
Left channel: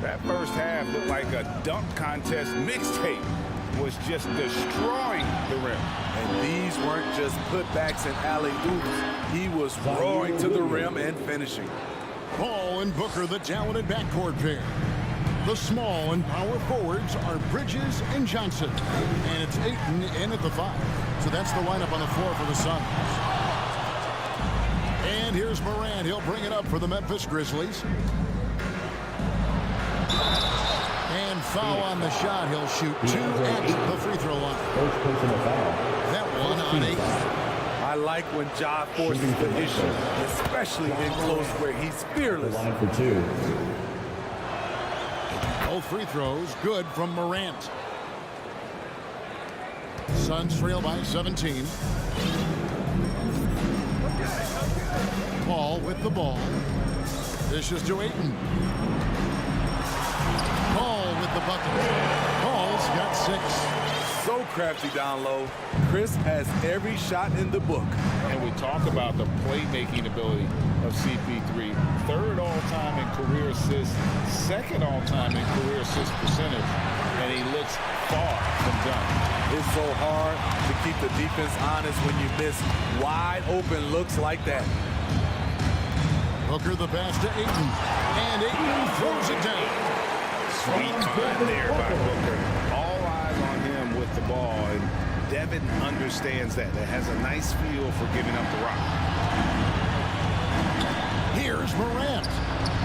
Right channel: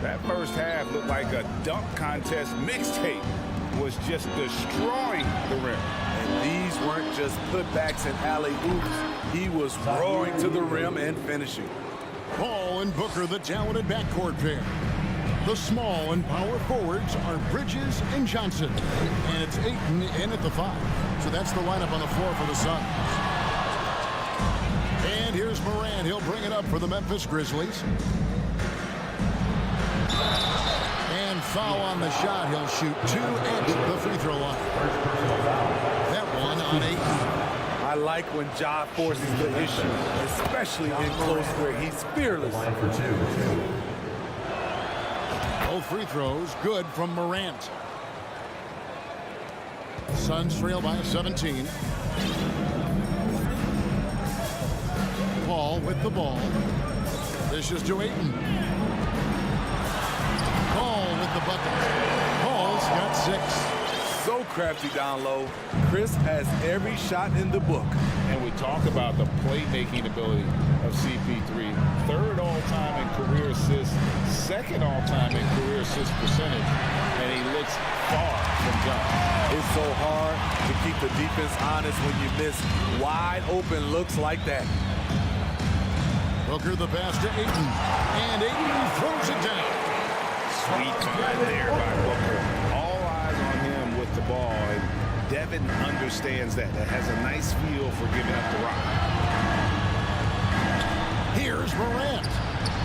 That first half looked like a dunk contest mixtape. Was just destroying the rim. And these weren't just putbacks and alley-oops. He was roaring to the rim and finishing. Paul and Booker, the talented backcourt pair. The small and power forwards are Bridges and Johnson. And it's Ayton in at the 5. So that's the lineup on the floor for the Suns. And here's Morant. He'll bring it up for the Memphis Grizzlies. And foul on the shot. He'll shoot 2 at the free throw line. First personal foul. That one on 8. I like when Ja forces the issue, especially in close where he's fearless. Line for 2. Both free throws good from Morant. Suns trail by 17. Paul with the ball. Dishes to Ayton. Paul with the bucket. Paul's got 6. So crafty down low. Chris has every shot in the book. And we talk about the playmaking ability of CP3. 3rd all-time in career assists, 2nd all-time in career assist percentage. And he looks far from done. It's so hard to keep the defense honest when you miss wide open looks like that. Booker the pass to Ayton. And Ayton throws it down. Sweet find there by Booker. All eyes on him with the ball, and Devin understands that. That has a nice feel for giving up the rock. Here's Morant.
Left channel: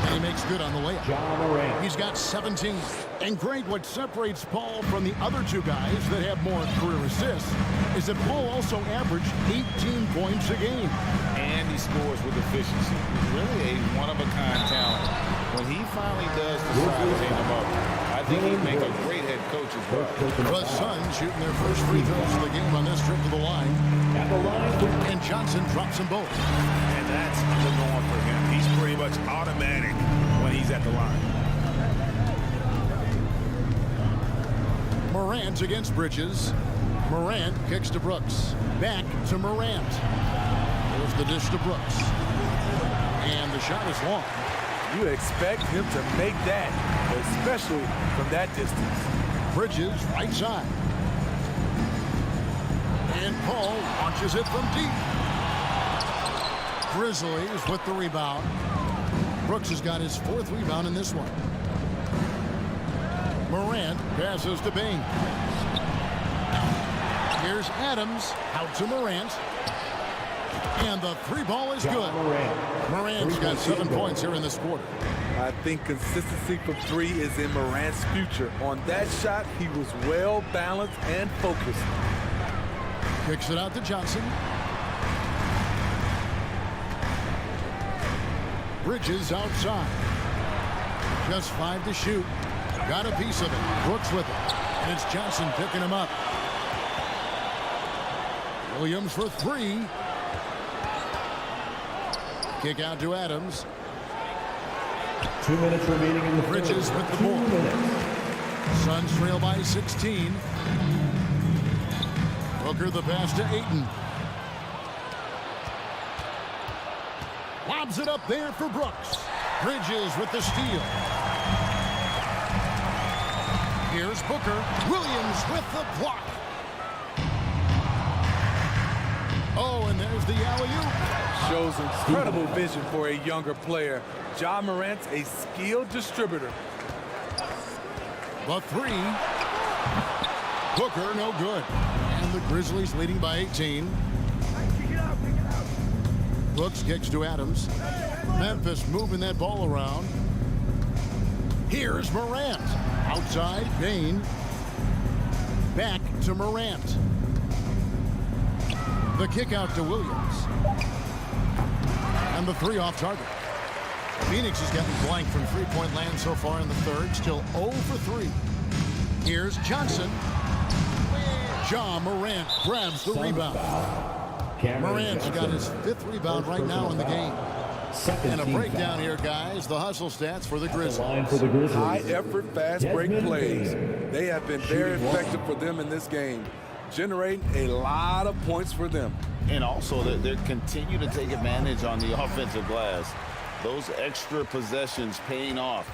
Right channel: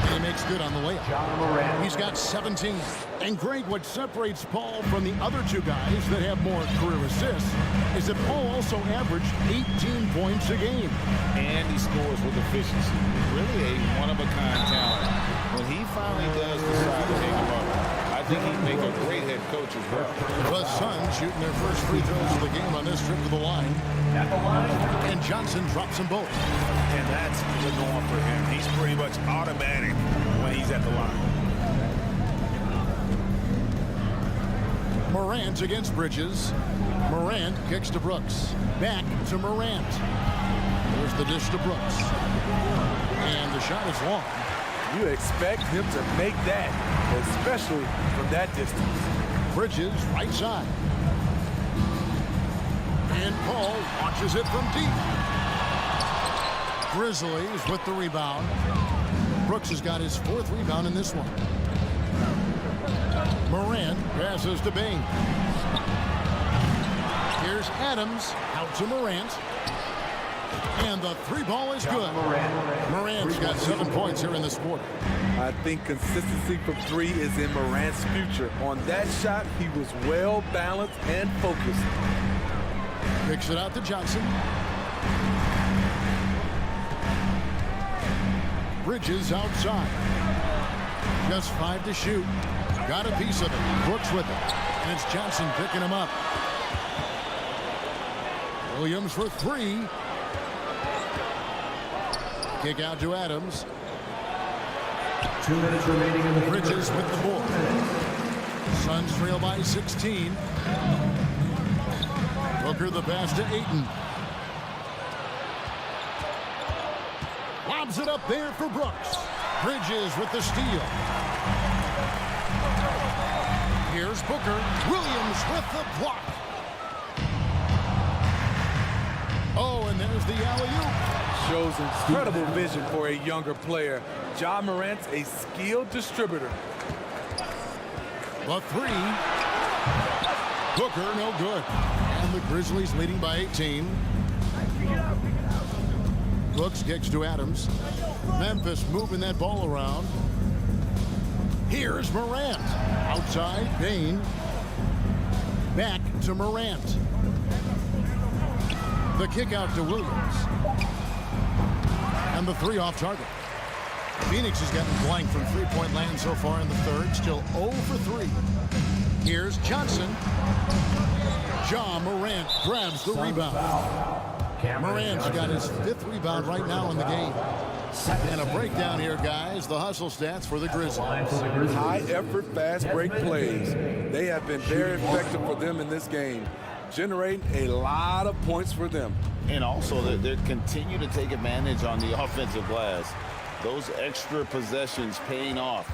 And he makes good on the layup. Ja Morant. He's got 17. And great, what separates Paul from the other 2 guys that have more career assists is that Paul also averaged 18 points a game. And he scores with efficiency. He's really a one-of-a-kind talent. When he finally does decide to hang him up, I think he'd make a great head coach as well. The Suns shooting their first free throws of the game on this trip to the line. At the line. And Johnson drops them both. And that's the norm for him. He's pretty much automatic when he's at the line. Morant against Bridges. Morant kicks to Brooks. Back to Morant. There's the dish to Brooks. And the shot is long. You expect him to make that, especially from that distance. Bridges right side. And Paul launches it from deep. Grizzlies with the rebound. Brooks has got his 4th rebound in this one. Morant passes to Bain. Here's Adams out to Morant. And the 3 ball is good. Morant's got 7 points here in this quarter. I think consistency from three is in Morant's future. On that shot, he was well balanced and focused. Kicks it out to Johnson. Bridges outside. Just 5 to shoot. Got a piece of it. Brooks with it. And it's Johnson picking him up. Williams for 3. Kick out to Adams. 2 minutes remaining in the Bridges with the board. Suns trail by 16. Booker the pass to Ayton. Lobs it up there for Brooks. Bridges with the steal. Here's Booker. Williams with the block. Oh, and there's the alley-oop. Shows incredible vision for a younger player. Ja Morant's a skilled distributor. The 3. Booker, no good. And the Grizzlies leading by 18. Brooks kicks to Adams. Memphis moving that ball around. Here's Morant. Outside, Bain. Back to Morant. The kick out to Williams. And the 3 off target. Phoenix has gotten blank from three-point land so far in the third. Still 0 for 3. Here's Johnson. Ja Morant grabs the rebound. Morant's got his 5th rebound right now in the game. And a breakdown here, guys. The hustle stats for the Grizzlies. High effort, fast break plays. They have been very effective for them in this game, generating a lot of points for them. And also, they continue to take advantage on the offensive glass. Those extra possessions paying off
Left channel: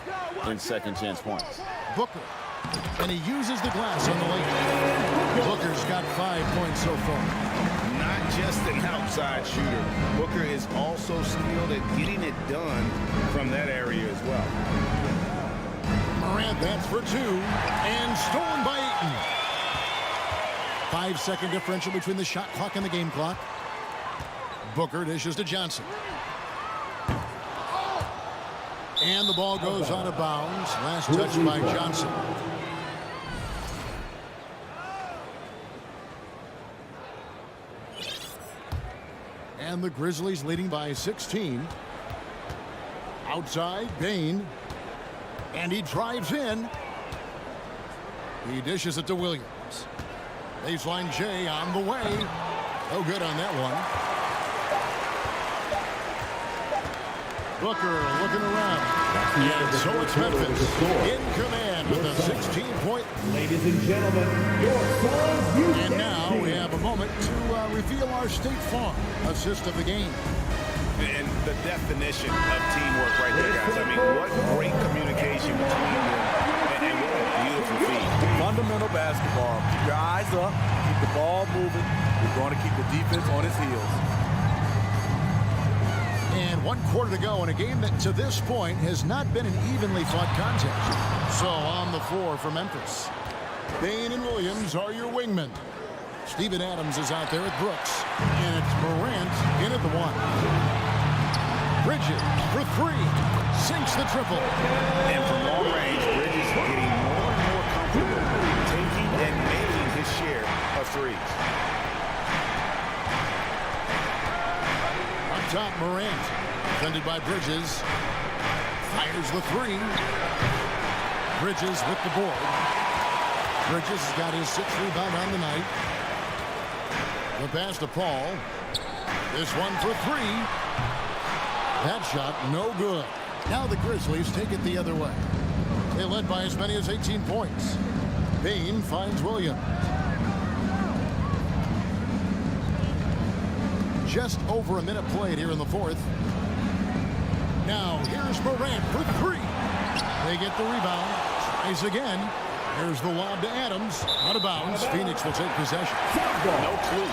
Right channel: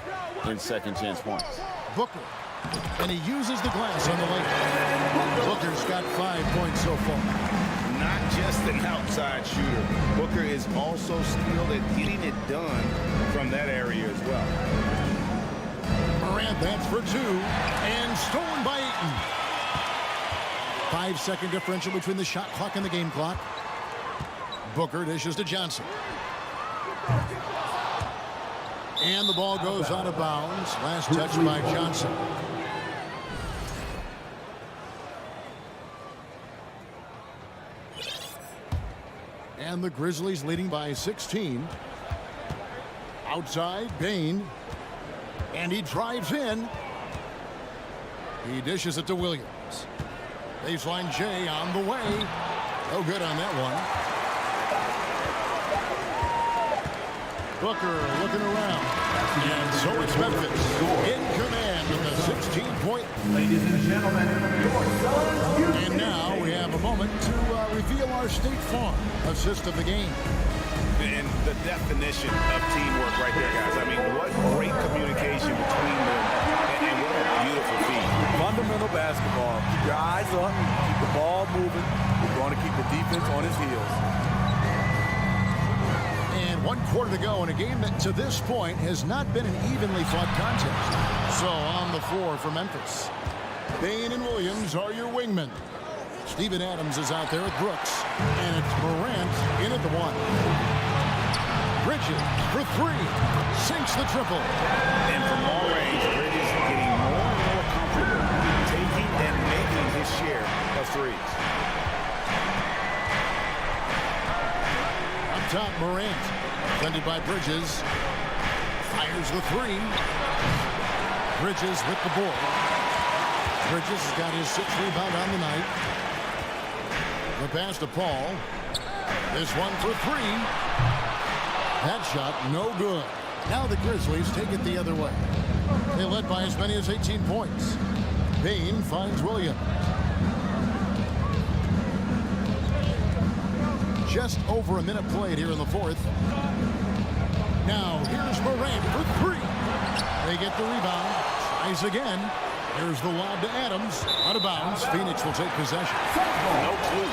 in second chance points. Booker. And he uses the glass on the layup. Booker's got 5 points so far. Not just an outside shooter. Booker is also skilled at getting it done from that area as well. Morant, that's for 2. And stolen by Ayton. 5-second differential between the shot clock and the game clock. Booker dishes to Johnson. And the ball goes out of bounds. Last touch by Johnson. And the Grizzlies leading by 16. Outside, Bain. And he drives in. He dishes it to Williams. Baseline J on the way. No good on that one. Booker looking around. And so it's Memphis in command with a 16-point. Ladies and gentlemen, your Suns. And now we have a moment to reveal our State Farm assist of the game. And the definition of teamwork right there, guys. I mean, what great communication between them, and what a beautiful feed. Fundamental basketball. Keep your eyes up, keep the ball moving. We're going to keep the defense on its heels. And 1 quarter to go in a game that to this point has not been an evenly fought contest. So on the floor for Memphis, Bain and Williams are your wingmen. Steven Adams is out there with Brooks. And it's Morant in at the 1. Bridges for 3. Sinks the triple. And from long range, Bridges getting more and more comfortable taking and making his share of threes. Up top, Morant. Defended by Bridges. Fires the 3. Bridges with the board. Bridges has got his 6th rebound on the night. The pass to Paul. This one for 3. That shot no good. Now the Grizzlies take it the other way. They led by as many as 18 points. Bain finds Williams. Just over a minute played here in the 4th. Now here's Morant for 3. They get the rebound. Tries again. Here's the lob to Adams. Out of bounds. Phoenix will take possession. No clue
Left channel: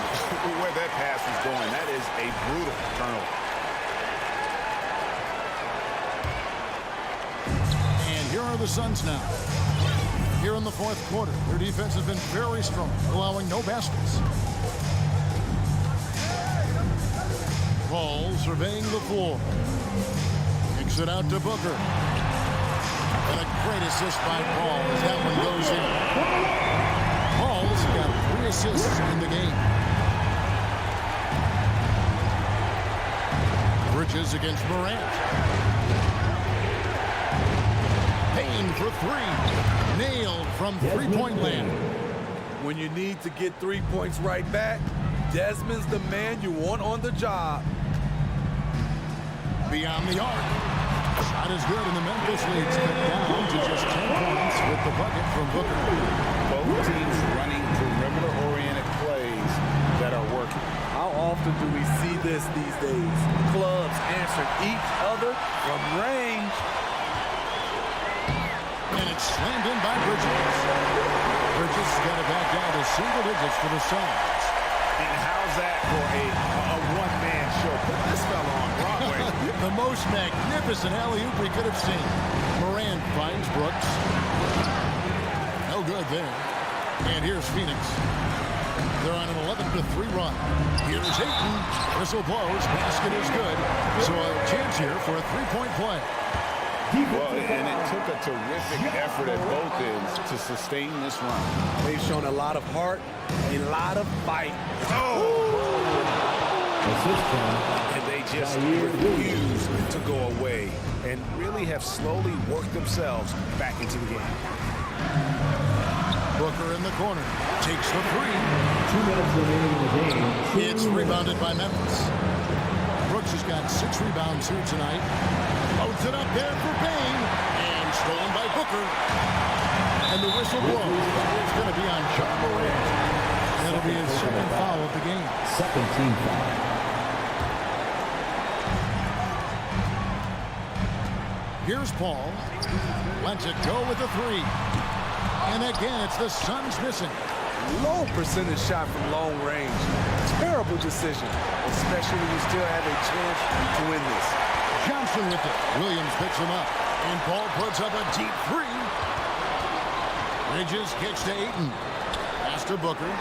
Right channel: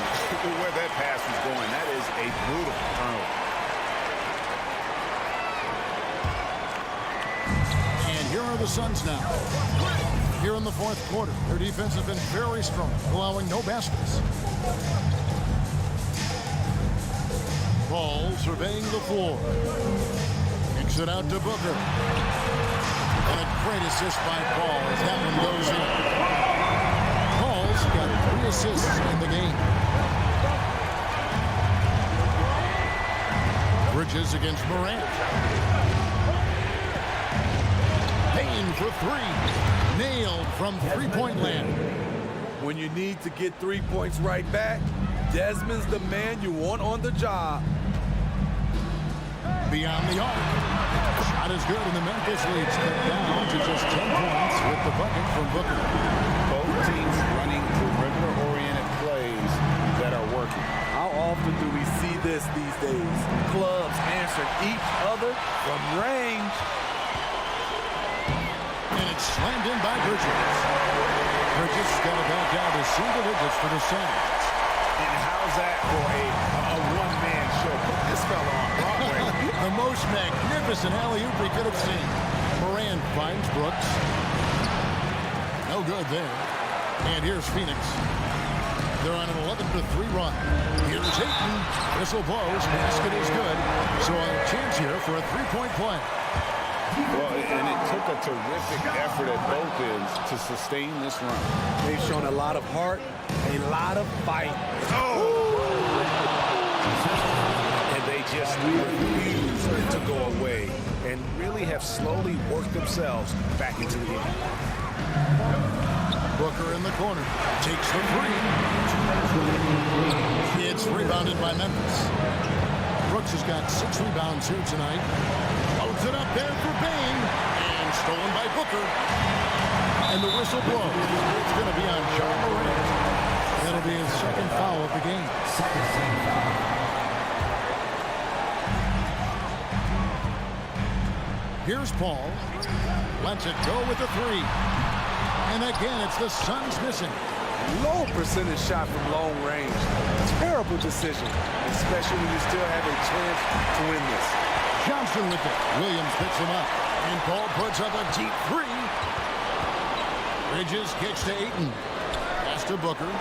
where that pass was going. That is a brutal turnover. And here are the Suns now. Here in the 4th quarter. Their defense has been very strong, allowing no baskets. Ball surveying the floor. Kicks it out to Booker. And a great assist by Paul as that one goes in. Paul's got 3 assists in the game. Bridges against Morant. Payne for 3. Nailed from three-point land. When you need to get 3 points right back, Desmond's the man you want on the job. Beyond the arc. Shot is good, and the Memphis lead's cut down to just 10 points with the bucket from Booker. Both teams running perimeter-oriented plays that are working. How often do we see this these days? Clubs answering each other from range. And it's slammed in by Bridges. Bridges got it back down to single digits for the Suns. And how's that for a one-man show? Put this fella on Broadway. The most magnificent alley-oop we could have seen. Morant finds Brooks. No good there. And here's Phoenix. They're on an 11-3 run. Here's Ayton. Whistle blows. Basket is good. So a chance here for a three-point play. Well, and it took a terrific effort at both ends to sustain this run. They've shown a lot of heart, a lot of fight. And they just refuse to go away and really have slowly worked themselves back into the game. Booker in the corner. Takes the 3. 2 minutes remaining in the game. It's rebounded by Memphis. Brooks has got 6 rebounds here tonight. Loads it up there for Payne. And stolen by Booker. And the whistle blows. It's going to be on John Morant. That'll be his second foul of the game. Second team foul. Here's Paul. Lets it go with a 3. And again, it's the Suns missing. Low percentage shot from long range. Terrible decision, especially when you still have a chance to win this. Johnson with it. Williams picks him up. And Paul puts up a deep 3. Bridges kicks to Ayton. Pass to Booker.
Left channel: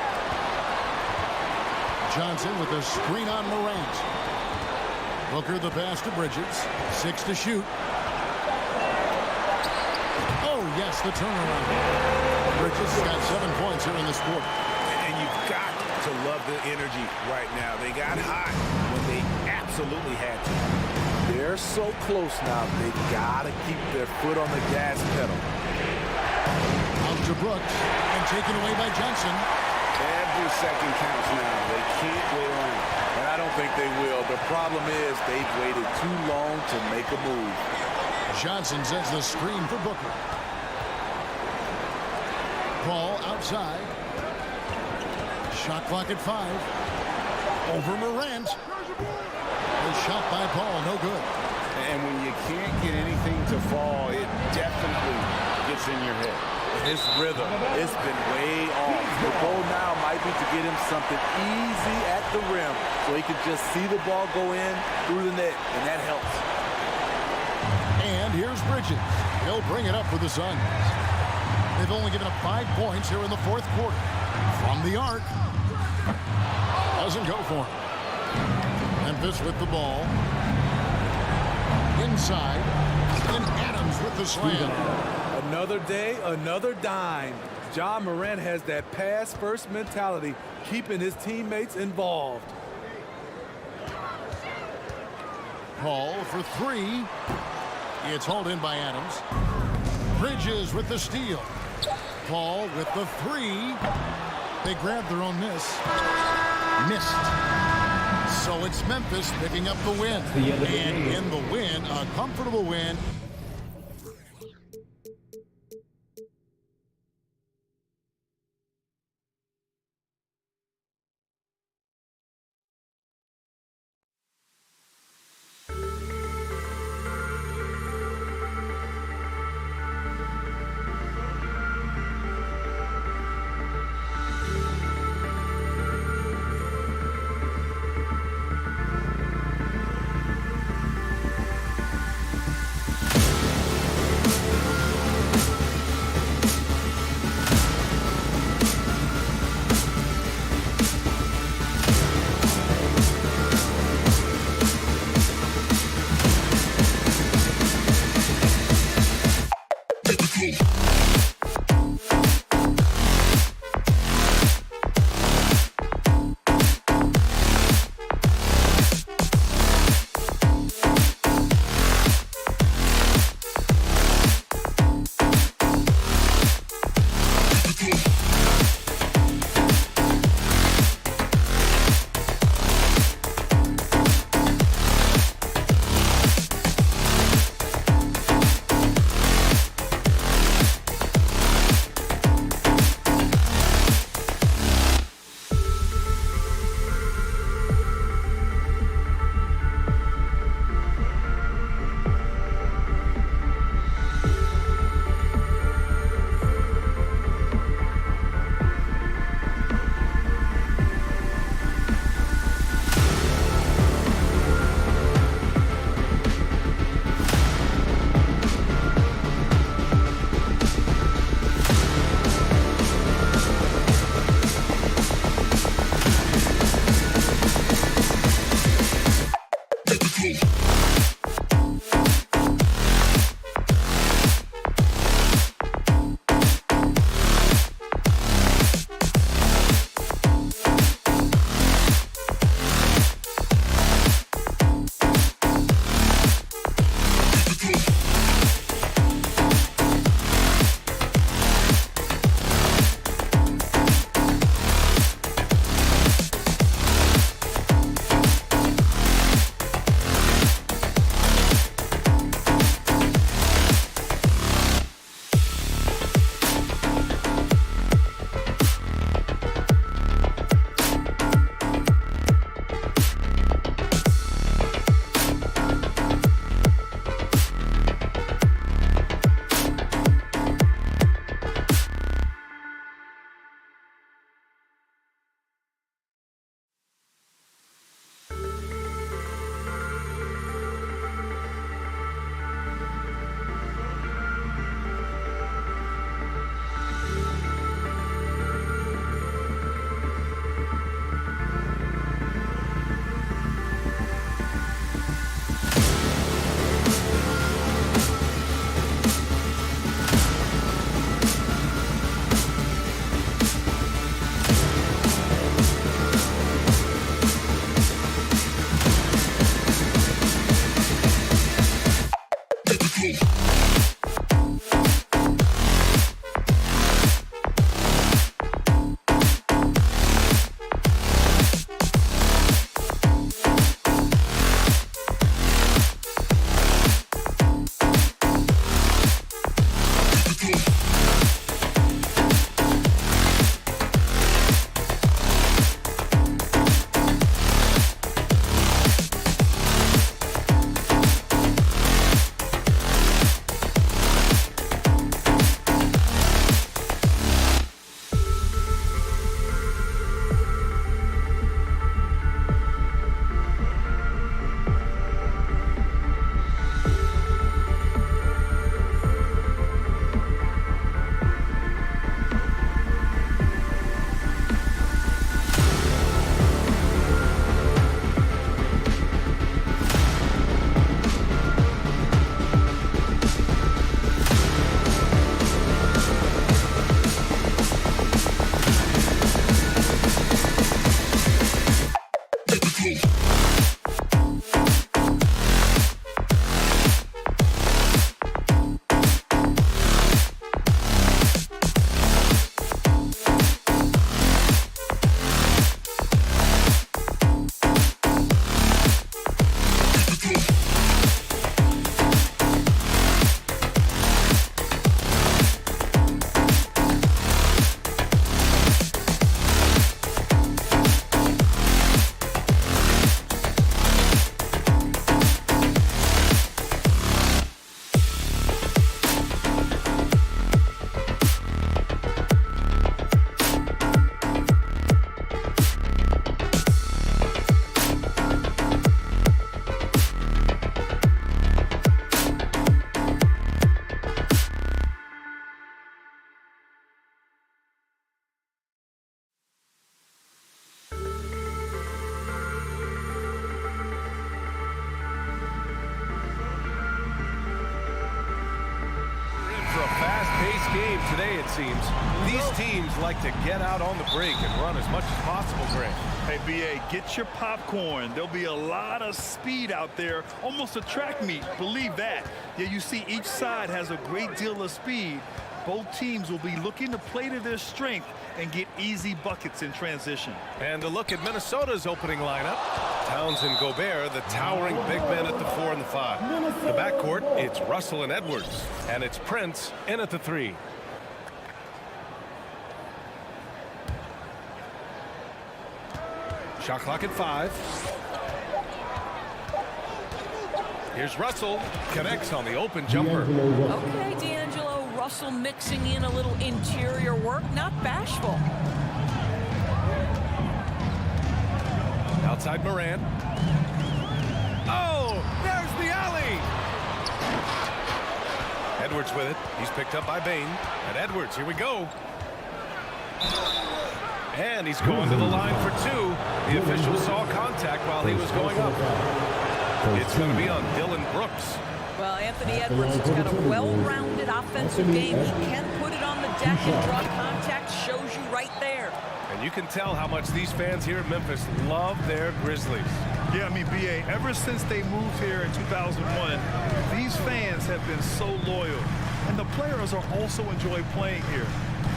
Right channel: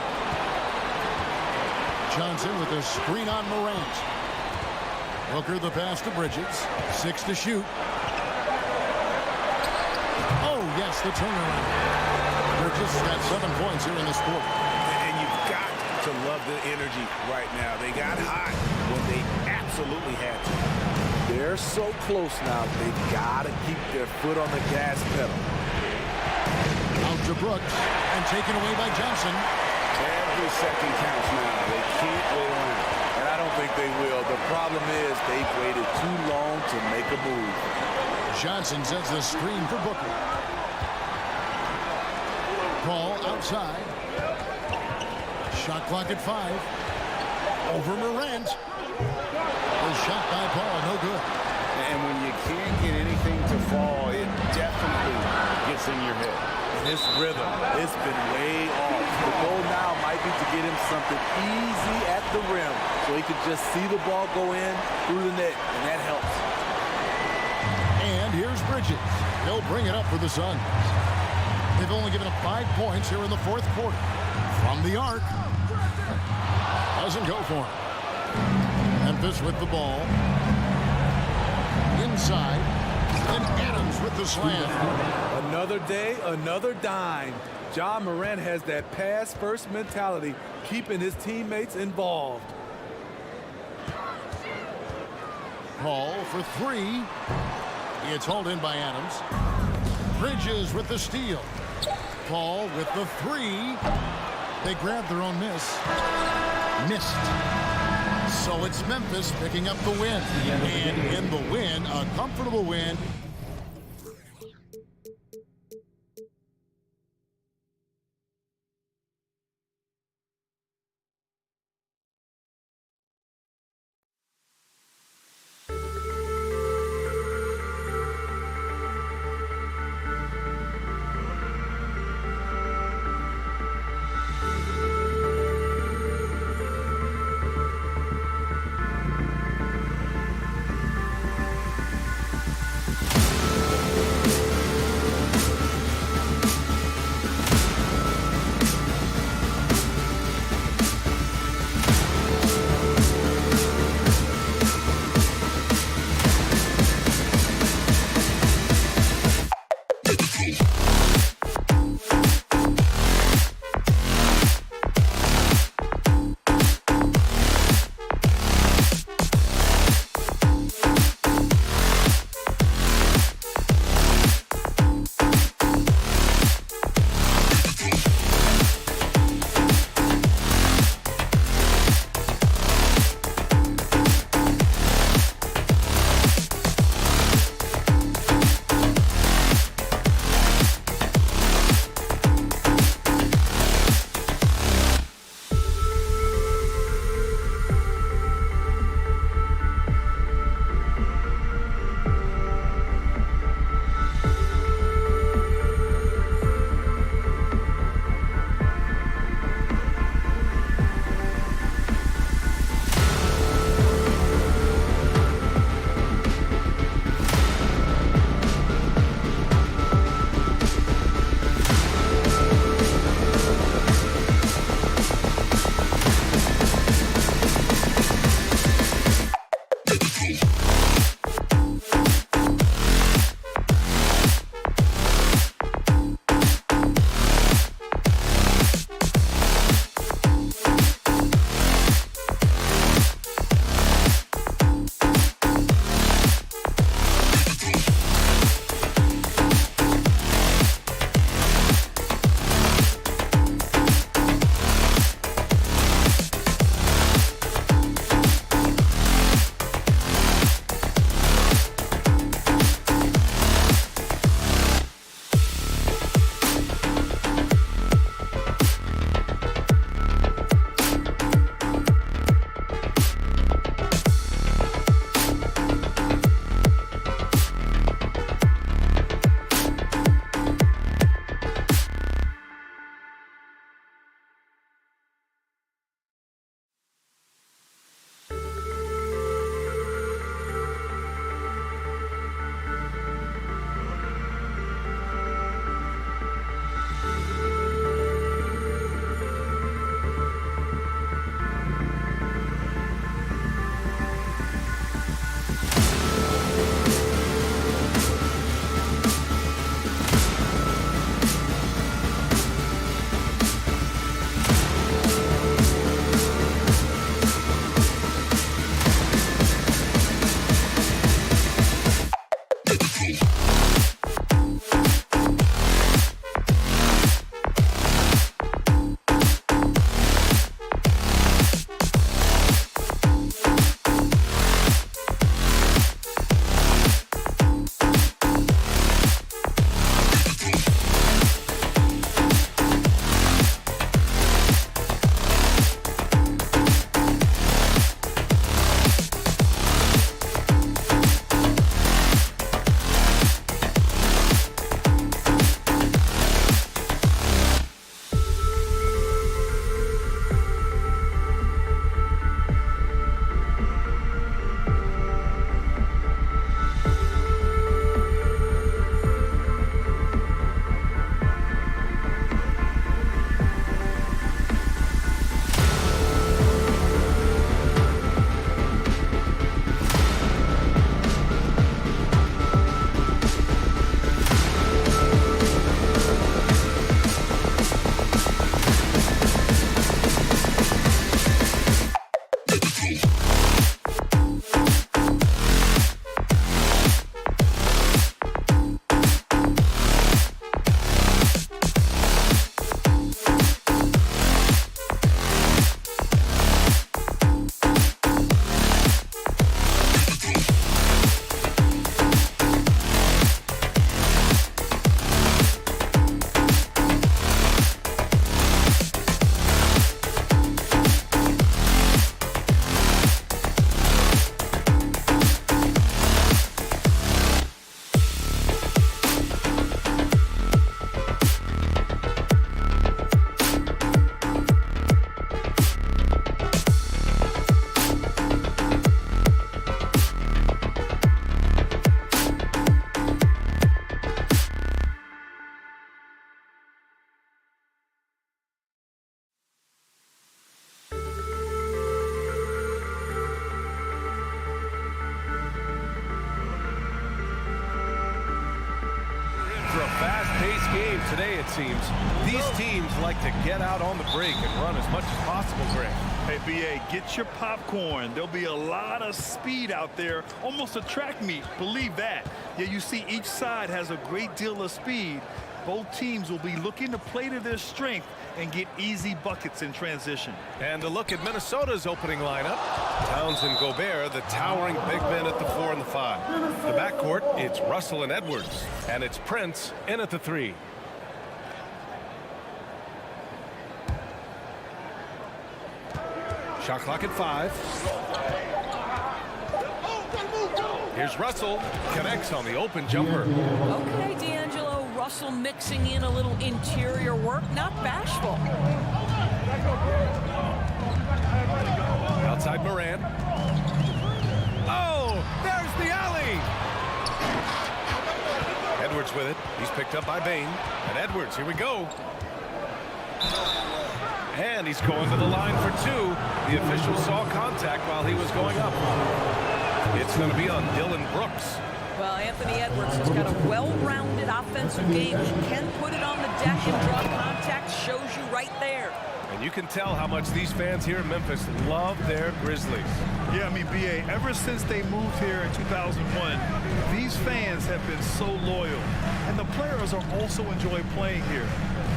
Johnson with a screen on Morant. Booker the pass to Bridges. 6 to shoot. Oh, yes, the turnaround. Bridges has got 7 points here in this quarter. And you've got to love the energy right now. They got hot when they absolutely had to. They're so close now, they've got to keep their foot on the gas pedal. Out to Brooks, and taken away by Johnson. Every second counts now. They can't wait around. And I don't think they will. The problem is they've waited too long to make a move. Johnson sends the screen for Booker. Paul outside. Shot clock at 5. Over Morant. The shot by Paul, no good. And when you can't get anything to fall, it definitely gets in your head. And his rhythm, it's been way off. The goal now might be to get him something easy at the rim so he can just see the ball go in through the net, and that helps. And here's Bridges. He'll bring it up for the Suns. They've only given up 5 points here in the fourth quarter. From the arc. Doesn't go for him. Memphis with the ball. Inside. And Adams with the slam. Another day, another dime. John Morant has that pass-first mentality, keeping his teammates involved. Paul for 3. It's hauled in by Adams. Bridges with the steal. Paul with the 3. They grabbed their own miss. Missed. So it's Memphis picking up the win. And in the win, a comfortable win. fast-paced game today, it seems. These teams like to get out on the break and run as much as possible, Grant. Hey, BA, get your popcorn. There'll be a lot of speed out there, almost a track meet. Believe that. Yeah, you see each side has a great deal of speed. Both teams will be looking to play to their strength and get easy buckets in transition. And a look at Minnesota's opening lineup. Towns and Gobert, the towering big men at the 4 and the 5. The backcourt, it's Russell and Edwards. And it's Prince in at the 3. Shot clock at 5. Here's Russell. Connects on the open jumper. Okay, D'Angelo. Russell mixing in a little interior work. Not bashful. Outside Morant. Oh, there's the alley. Edwards with it. He's picked up by Bain. And Edwards, here we go. And he's going to the line for 2. The official saw contact while he was going up. It's going to be on Dylan Brooks. Well, Anthony Edwards has got a well-rounded offensive game. He can put it on the deck and draw contact. Shows you right there. And you can tell how much these fans here in Memphis love their Grizzlies. Yeah, I mean, BA, ever since they moved here in 2001, these fans have been so loyal. And the players are also enjoy playing here.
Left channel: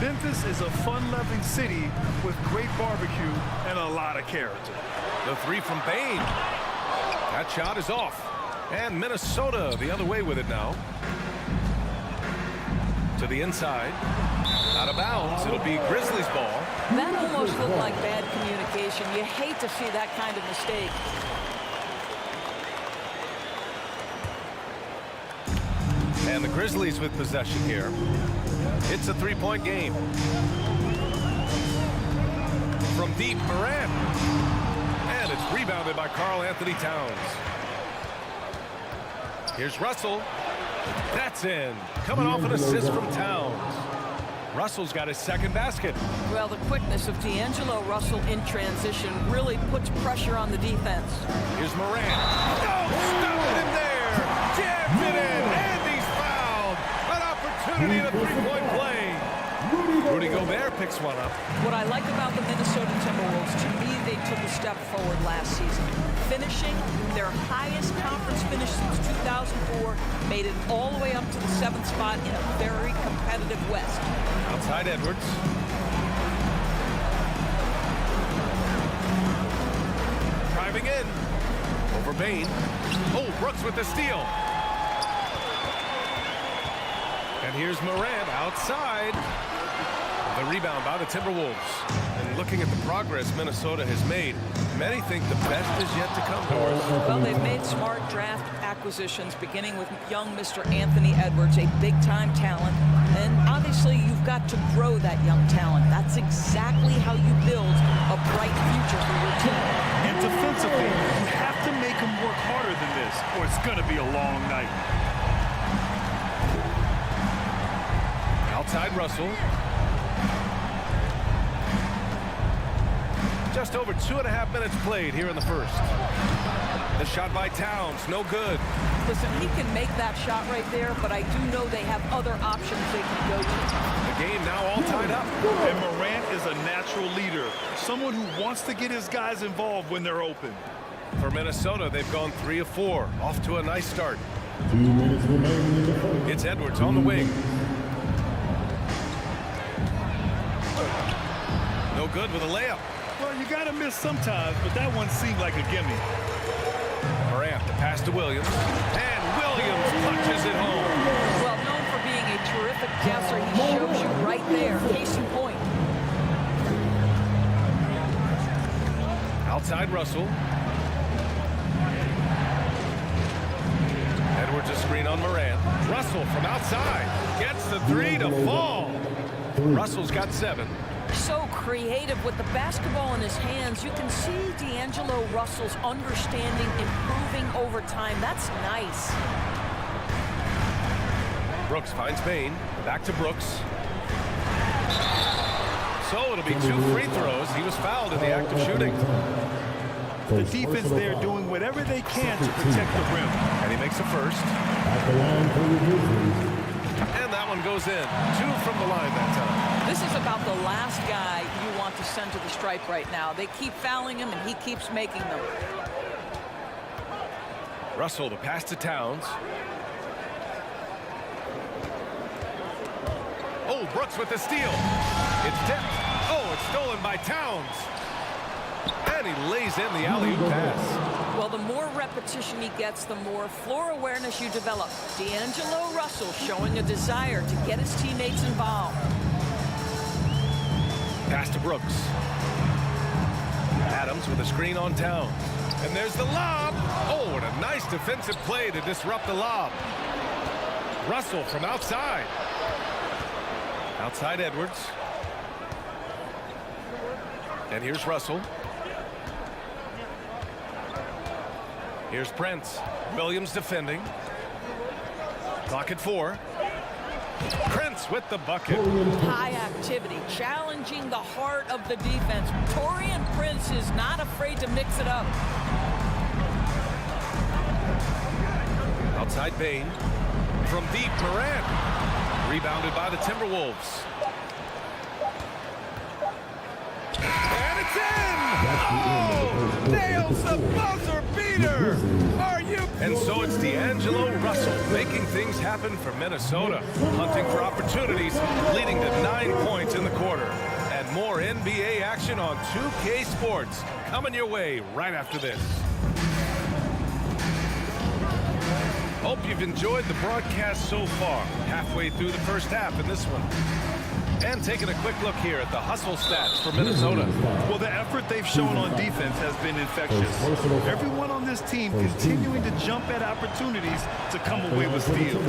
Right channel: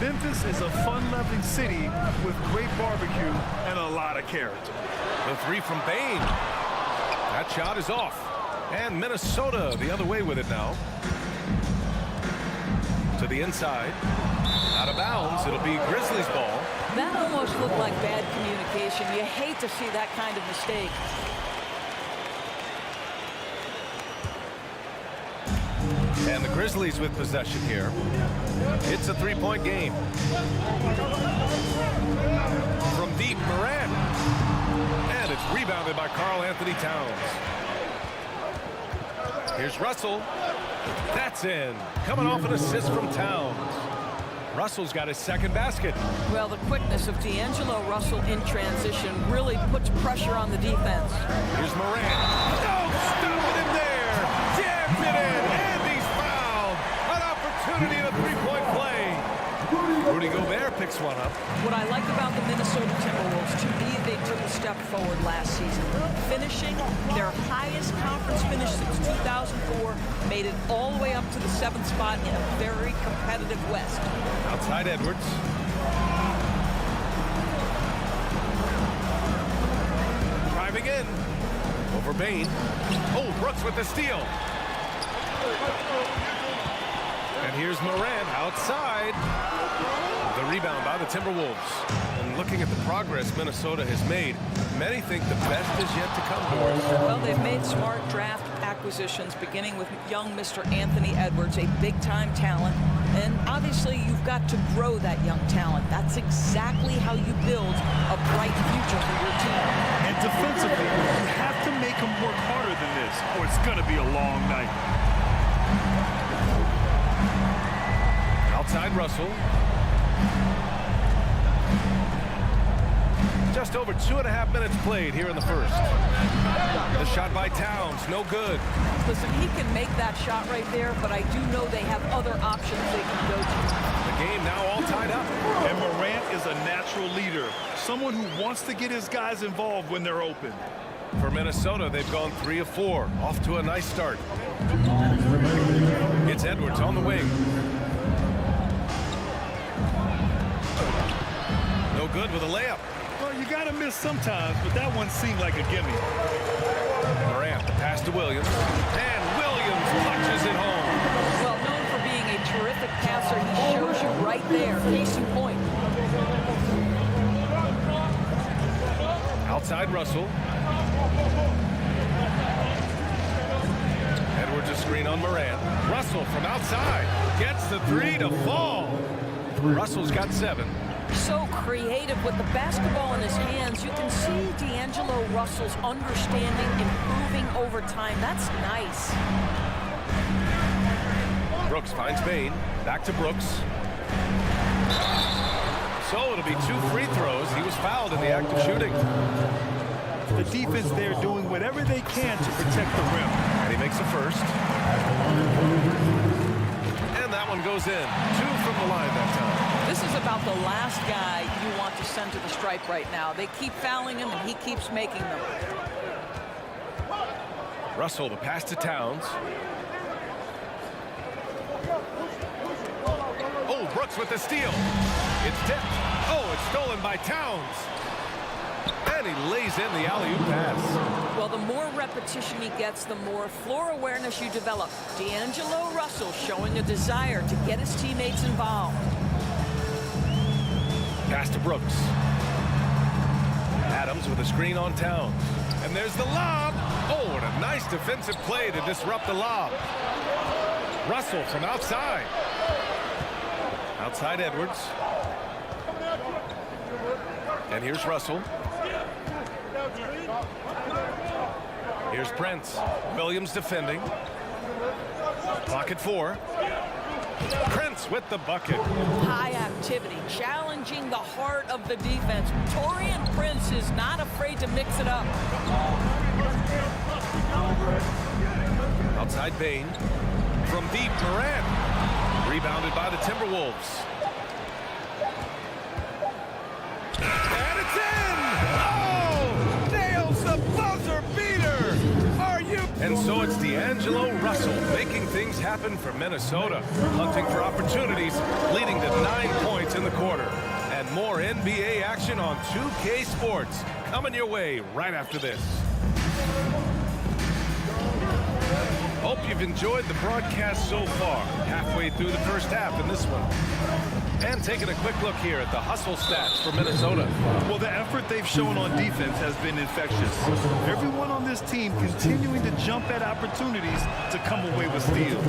Memphis is a fun-loving city with great barbecue and a lot of character. The 3 from Bain. That shot is off. And Minnesota the other way with it now. To the inside. Out of bounds. It'll be Grizzlies ball. That almost looked like bad communication. You hate to see that kind of mistake. And the Grizzlies with possession here. It's a 3-point game. From deep, Morant. And it's rebounded by Karl Anthony Towns. Here's Russell. That's in. Coming off an assist from Towns. Russell's got his second basket. Well, the quickness of D'Angelo Russell in transition really puts pressure on the defense. Here's Morant. Oh, stopping him there. Jammed it in. And he's fouled. An opportunity in a 3-point play. Rudy Gobert picks one up. What I like about the Minnesota Timberwolves, to me, they took a step forward last season. Finishing their highest conference finish since 2004, made it all the way up to the 7th spot in a very competitive West. Outside Edwards. Driving in. Over Bain. Oh, Brooks with the steal. And here's Morant outside. The rebound by the Timberwolves. And looking at the progress Minnesota has made, many think the best is yet to come, Doris. Well, they've made smart draft acquisitions, beginning with young Mr. Anthony Edwards, a big-time talent. And obviously, you've got to grow that young talent. That's exactly how you build a bright future for your team. And defensively, you have to make them work harder than this, or it's going to be a long night. Outside Russell. Just over 2.5 minutes played here in the first. The shot by Towns, no good. Listen, he can make that shot right there, but I do know they have other options they can go to. The game now all tied up. And Morant is a natural leader, someone who wants to get his guys involved when they're open. For Minnesota, they've gone 3 of 4, off to a nice start. It's Edwards on the wing. No good with a layup. Well, you got to miss sometimes, but that one seemed like a gimme. Morant, the pass to Williams. And Williams punches it home. Well, known for being a terrific passer, he shows you right there. Case in point. Outside Russell. Edwards a screen on Morant. Russell from outside. Gets the 3 to fall. Russell's got 7. So creative with the basketball in his hands. You can see D'Angelo Russell's understanding improving over time. That's nice. Brooks finds Bain. Back to Brooks. So it'll be 2 free throws. He was fouled in the act of shooting. The defense there doing whatever they can to protect the rim. And he makes the first. And that one goes in. 2 from the line that time. This is about the last guy you want to send to the stripe right now. They keep fouling him, and he keeps making them. Russell, the pass to Towns. Oh, Brooks with the steal. It's tipped. Oh, it's stolen by Towns. And he lays in the alley-oop pass. Well, the more repetition he gets, the more floor awareness you develop. D'Angelo Russell showing a desire to get his teammates involved. Pass to Brooks. Adams with a screen on Towns. And there's the lob. Oh, and a nice defensive play to disrupt the lob. Russell from outside. Outside Edwards. And here's Russell. Here's Prince. Williams defending. Clock at 4. Prince with the bucket. High activity, challenging the heart of the defense. Taurean Prince is not afraid to mix it up. Outside Bain. From deep, Morant. Rebounded by the Timberwolves. And it's in! Oh! Nails the buzzer beater! Are you? And so it's D'Angelo Russell making things happen for Minnesota. Hunting for opportunities, leading to 9 points in the quarter. And more NBA action on 2K Sports. Coming your way right after this. Hope you've enjoyed the broadcast so far. Halfway through the first half in this one. And taking a quick look here at the hustle stats for Minnesota. Well, the effort they've shown on defense has been infectious. Everyone on this team continuing to jump at opportunities to come away with steals.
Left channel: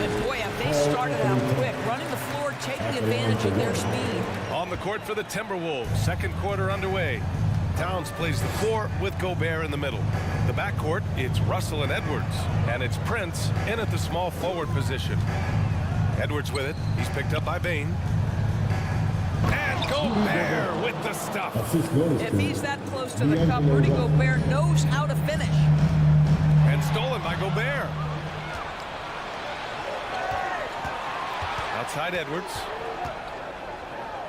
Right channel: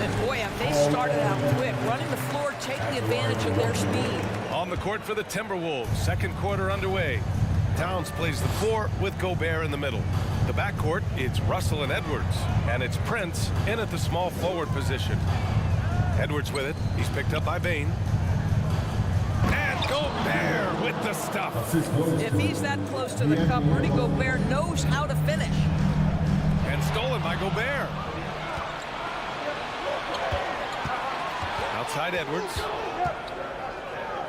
And boy, have they started out quick, running the floor, taking advantage of their speed. On the court for the Timberwolves, second quarter underway. Towns plays the 4 with Gobert in the middle. The backcourt, it's Russell and Edwards. And it's Prince in at the small forward position. Edwards with it. He's picked up by Bain. And Gobert with the stuff. If he's that close to the cup, Rudy Gobert knows how to finish. And stolen by Gobert. Outside Edwards.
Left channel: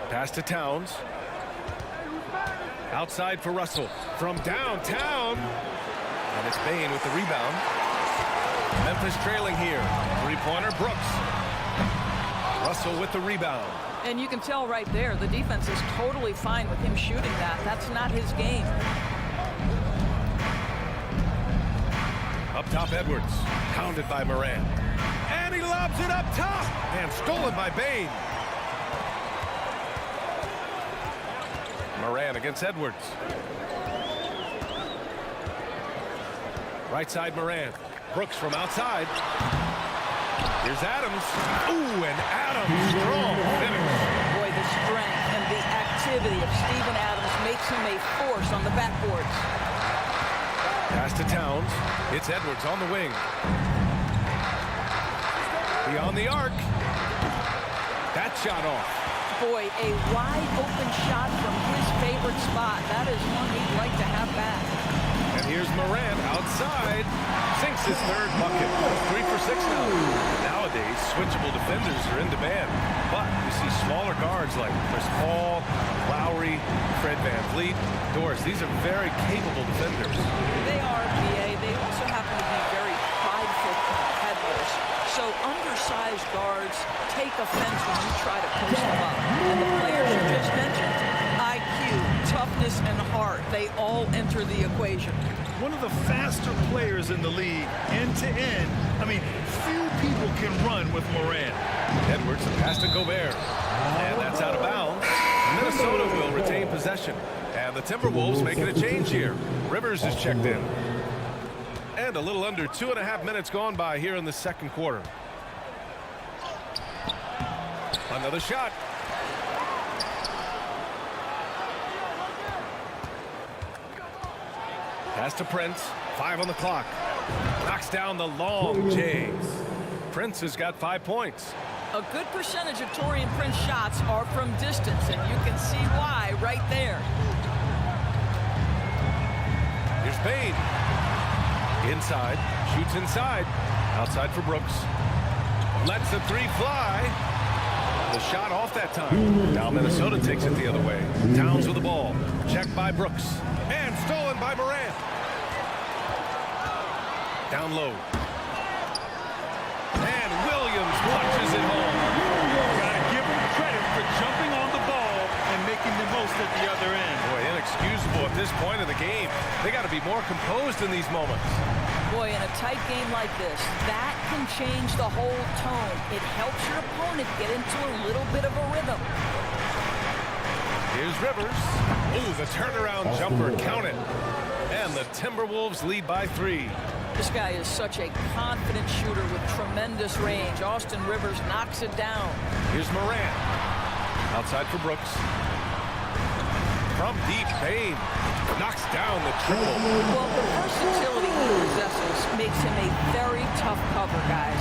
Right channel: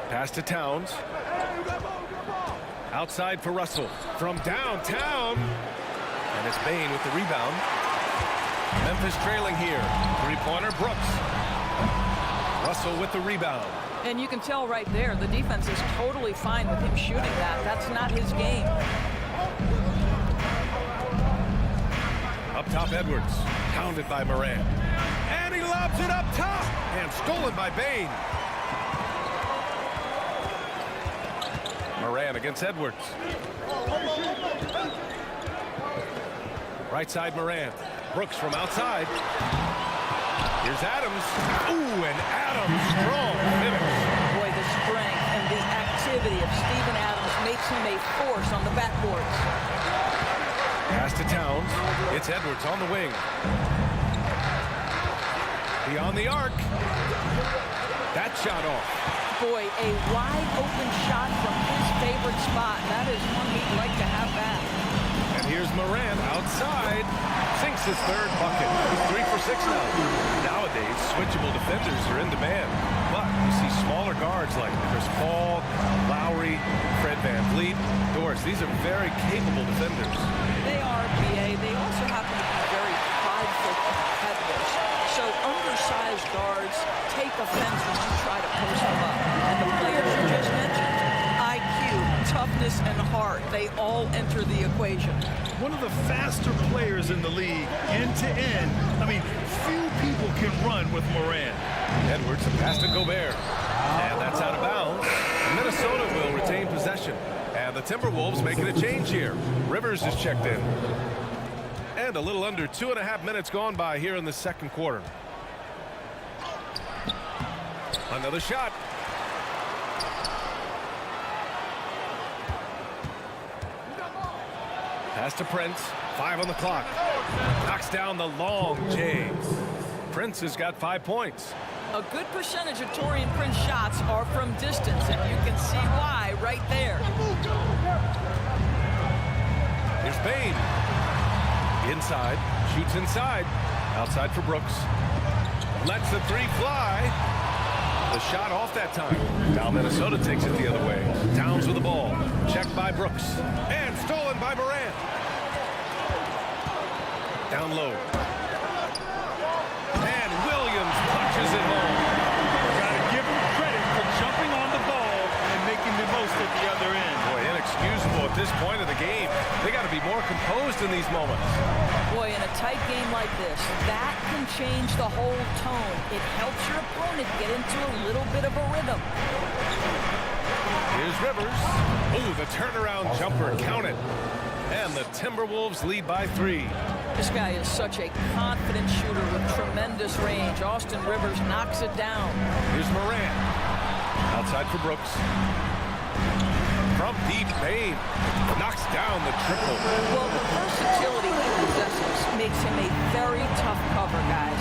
Pass to Towns. Outside for Russell. From downtown. And it's Bain with the rebound. Memphis trailing here. Three-pointer, Brooks. Russell with the rebound. And you can tell right there, the defense is totally fine with him shooting that. That's not his game. Up top, Edwards. Pounded by Morant. And he lobs it up top. And stolen by Bain. Morant against Edwards. Right side, Morant. Brooks from outside. Here's Adams. Ooh, and Adams, strong finish. Boy, the strength and the activity of Steven Adams makes him a force on the backboards. Pass to Towns. It's Edwards on the wing. Beyond the arc. That shot off. Boy, a wide open shot from his favorite spot. That is one he'd like to have back. And here's Morant outside. Sinks his third bucket. He's 3 for 6 now. Nowadays, switchable defenders are in demand. But you see smaller guards like Chris Paul, Kyle Lowry, Fred VanVleet, Doris. These are very capable defenders. They are, BA. They also happen to be very prideful competitors. So undersized guards take offense when you try to post them up. And the players you just mentioned, IQ, toughness, and heart, they all enter the equation. One of the faster players in the league, end to end. I mean, few people can run with Morant. Edwards, a pass to Gobert. And that's out of bounds. Minnesota will retain possession. And the Timberwolves making a change here. Rivers is checked in. And a little under 2.5 minutes gone by here in the second quarter. Another shot. Pass to Prince. 5 on the clock. Knocks down the long J. Prince has got 5 points. A good percentage of Taurean Prince shots are from distance, and you can see why right there. Here's Bain. Inside. Shoots inside. Outside for Brooks. Lets the three fly. The shot off that time. Now Minnesota takes it the other way. Towns with the ball. Checked by Brooks. And stolen by Morant. Down low. And Williams punches it home. Got to give him credit for jumping on the ball and making the most at the other end. Boy, inexcusable at this point of the game. They got to be more composed in these moments. Boy, in a tight game like this, that can change the whole tone. It helps your opponent get into a little bit of a rhythm. Here's Rivers. Ooh, the turnaround jumper, count it. And the Timberwolves lead by 3. This guy is such a confident shooter with tremendous range. Austin Rivers knocks it down. Here's Morant. Outside for Brooks. From deep, Bain knocks down the triple. Well, the versatility he possesses makes him a very tough cover, guys.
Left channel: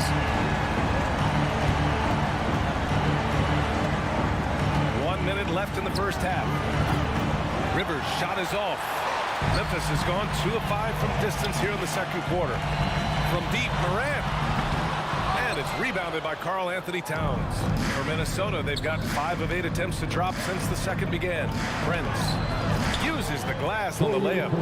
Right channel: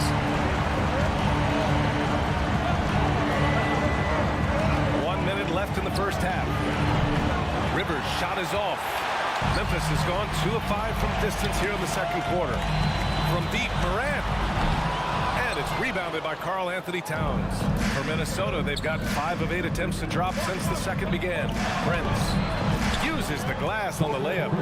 1 minute left in the first half. Rivers' shot is off. Memphis has gone 2 of 5 from distance here in the second quarter. From deep, Morant. And it's rebounded by Karl Anthony Towns. For Minnesota, they've got 5 of 8 attempts to drop since the second began. Prince uses the glass on the layup.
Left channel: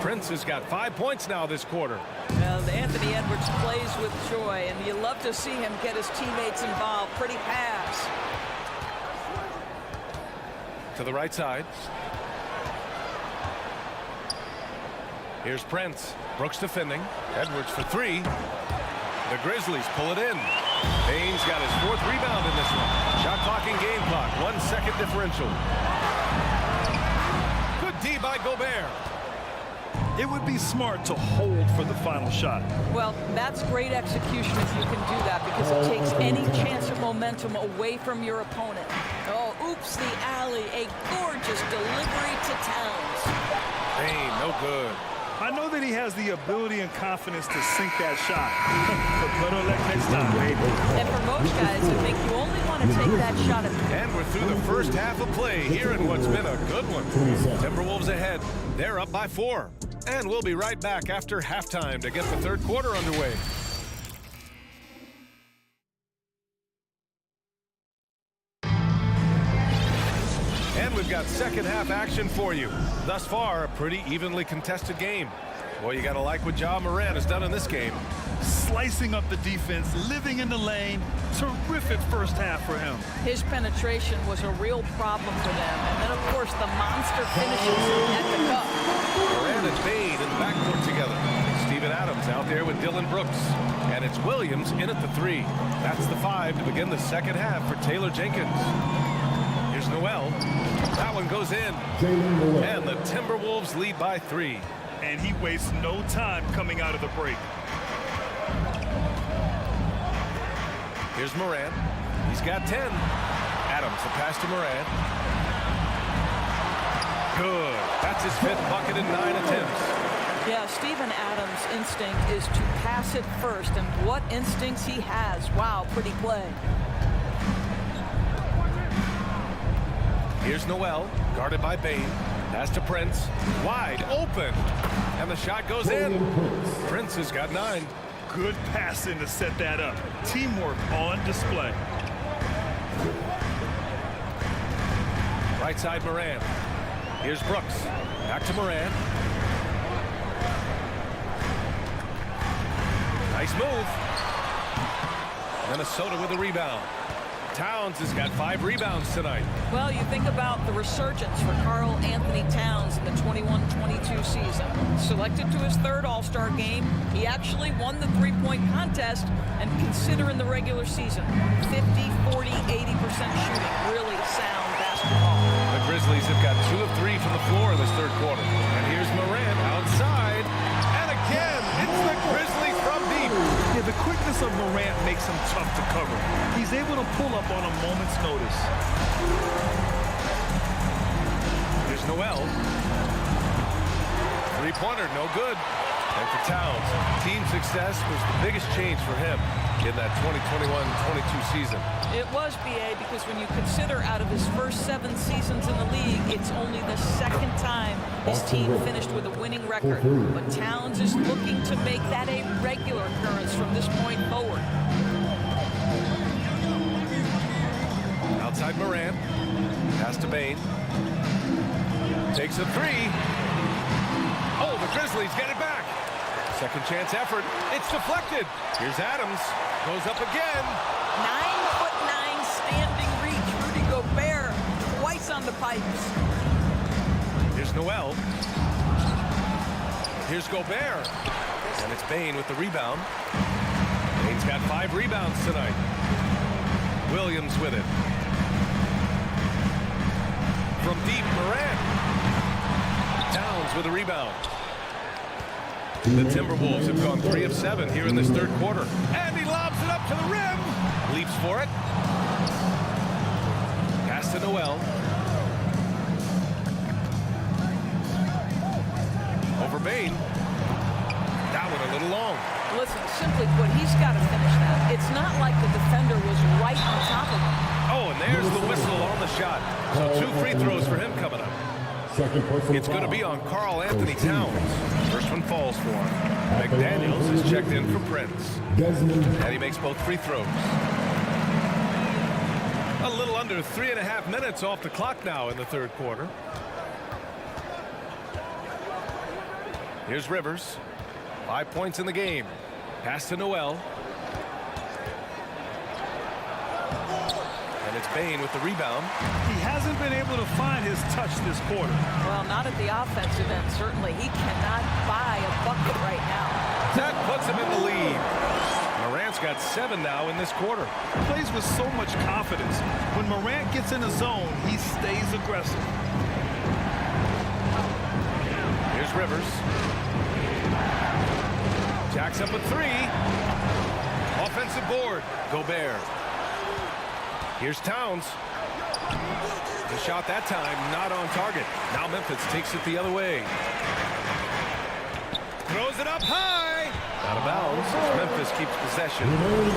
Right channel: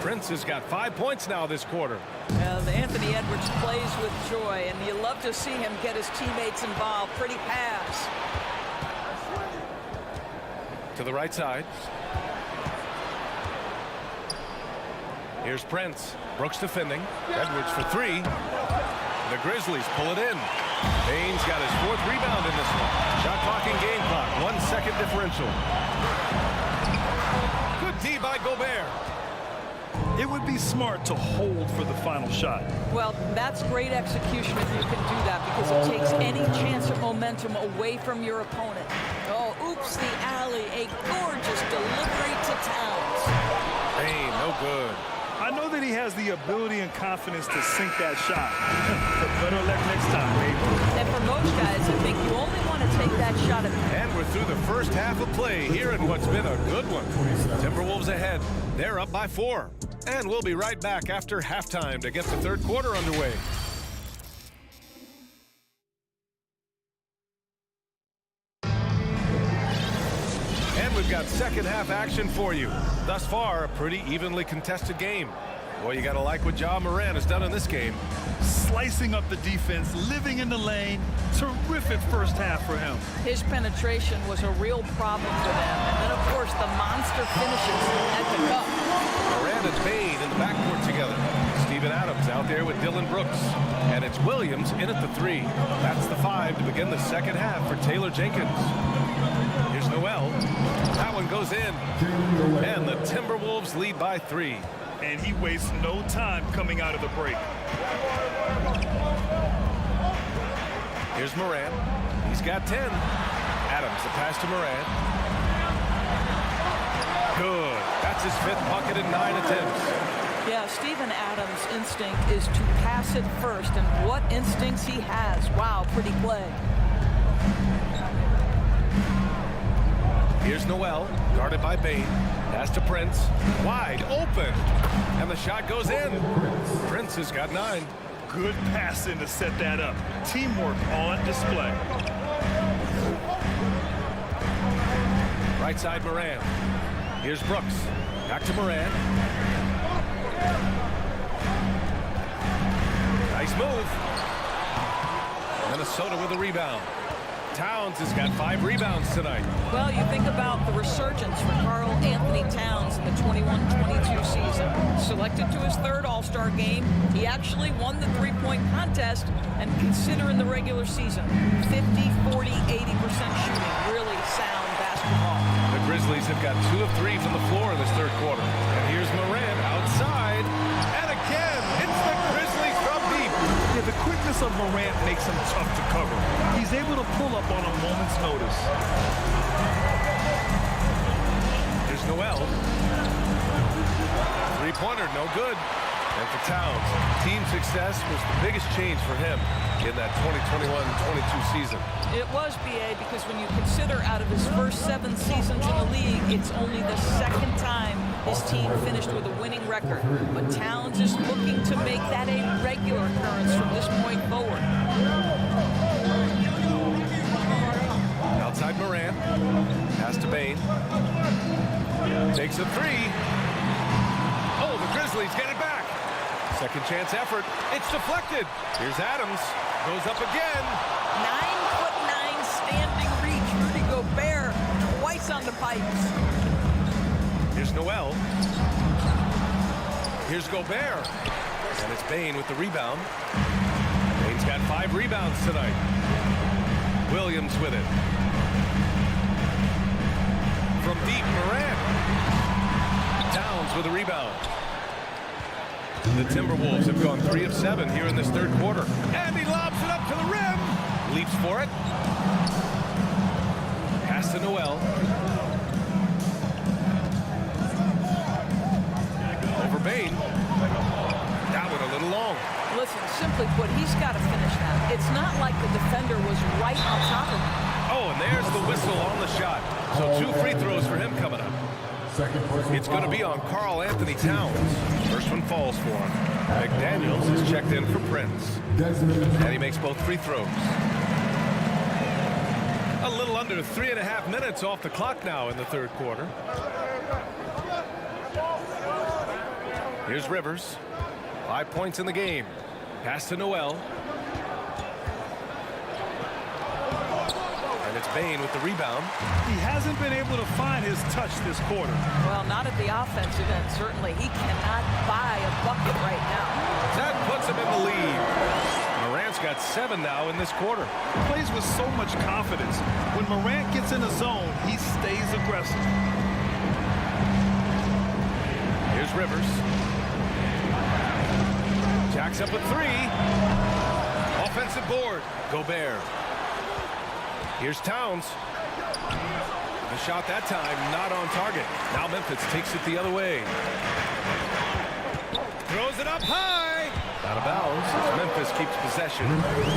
Prince has got 5 points now this quarter. Well, Anthony Edwards plays with joy, and you love to see him get his teammates involved. Pretty pass. To the right side. Here's Prince. Brooks defending. Edwards for 3. The Grizzlies pull it in. Bain's got his 4th rebound in this one. Shot clock and game clock. 1 second differential. Good D by Gobert. It would be smart to hold for the final shot. Well, that's great execution if you can do that, because it takes any chance at momentum away from your opponent. Oh, oops, the alley. A gorgeous delivery to Towns. Bain, no good. I know that he has the ability and confidence to sink that shot. But better luck next time, maybe. And for most guys, I think you only want to take that shot. And we're through the first half of play here in what's been a good one. Timberwolves ahead. They're up by 4. And we'll be right back after halftime to get the third quarter underway. And we've got second half action for you. Thus far, a pretty evenly contested game. Boy, you got to like what Ja Morant has done in this game. Slicing up the defense, living in the lane. Terrific first half for him. His penetration was a real problem for them. And then, of course, the monster finishes at the cup. Morant and Bain in the backcourt together. Steven Adams out there with Dylan Brooks. And it's Williams in at the 3. That's the 5 to begin the second half for Taylor Jenkins. Here's Noel. That one goes in. And the Timberwolves lead by 3. And he wastes no time coming out of the break. Here's Morant. He's got 10. Adams, the pass to Morant. Good. That's his 5th bucket in 9 attempts. Yeah, Steven Adams' instinct is to pass it first. And what instincts he has. Wow, pretty play. Here's Noel, guarded by Bain. Pass to Prince. Wide open. And the shot goes in. Prince has got 9. Good passing to set that up. Teamwork on display. Right side Morant. Here's Brooks. Back to Morant. Nice move. Minnesota with a rebound. Towns has got 5 rebounds tonight. Well, you think about the resurgence for Karl Anthony Towns in the 21-22 season. Selected to his 3rd All-Star game, he actually won the 3-point contest, and considering the regular season, 50, 40, 80% shooting. Really sound basketball. The Grizzlies have got 2 of 3 from the floor in this third quarter. And here's Morant outside. And again, it's the Grizzlies from deep. Yeah, the quickness of Morant makes him tough to cover. He's able to pull up on a moment's notice. Here's Noel. 3-pointer, no good. And for Towns, team success was the biggest change for him in that 2021-22 season. It was, B.A., because when you consider out of his first 7 seasons in the league, it's only the 2nd time his team finished with a winning record. But Towns is looking to make that a regular occurrence from this point forward. Outside Morant. Pass to Bane. Takes a three. Oh, the Grizzlies get it back. Second chance effort. It's deflected. Here's Adams. Goes up again. 9'9" standing reach. Rudy Gobert twice on the pipes. Here's Noel. Here's Gobert. And it's Bane with the rebound. Bane's got 5 rebounds tonight. Williams with it. From deep, Morant. Towns with a rebound. The Timberwolves have gone 3 of 7 here in this third quarter. And he lobs it up to the rim. Leaps for it. Pass to Noel. Over Bane. That one a little long. Listen, simply put, he's got to finish that. It's not like the defender was right on top of him. Oh, and there's the whistle on the shot. So 2 free throws for him coming up. It's going to be on Karl Anthony Towns. First one falls for him. McDaniels is checked in for Prince. And he makes both free throws. A little under 3.5 minutes off the clock now in the third quarter. Here's Rivers. 5 points in the game. Pass to Noel. And it's Bane with the rebound. He hasn't been able to find his touch this quarter. Well, not at the offensive end, certainly. He cannot buy a bucket right now. That puts him in the lead. Morant's got 7 now in this quarter. Plays with so much confidence. When Morant gets in the zone, he stays aggressive. Here's Rivers. Jacks up a 3. Offensive board. Gobert. Here's Towns. The shot that time not on target. Now Memphis takes it the other way. Throws it up high. Out of bounds as Memphis keeps possession.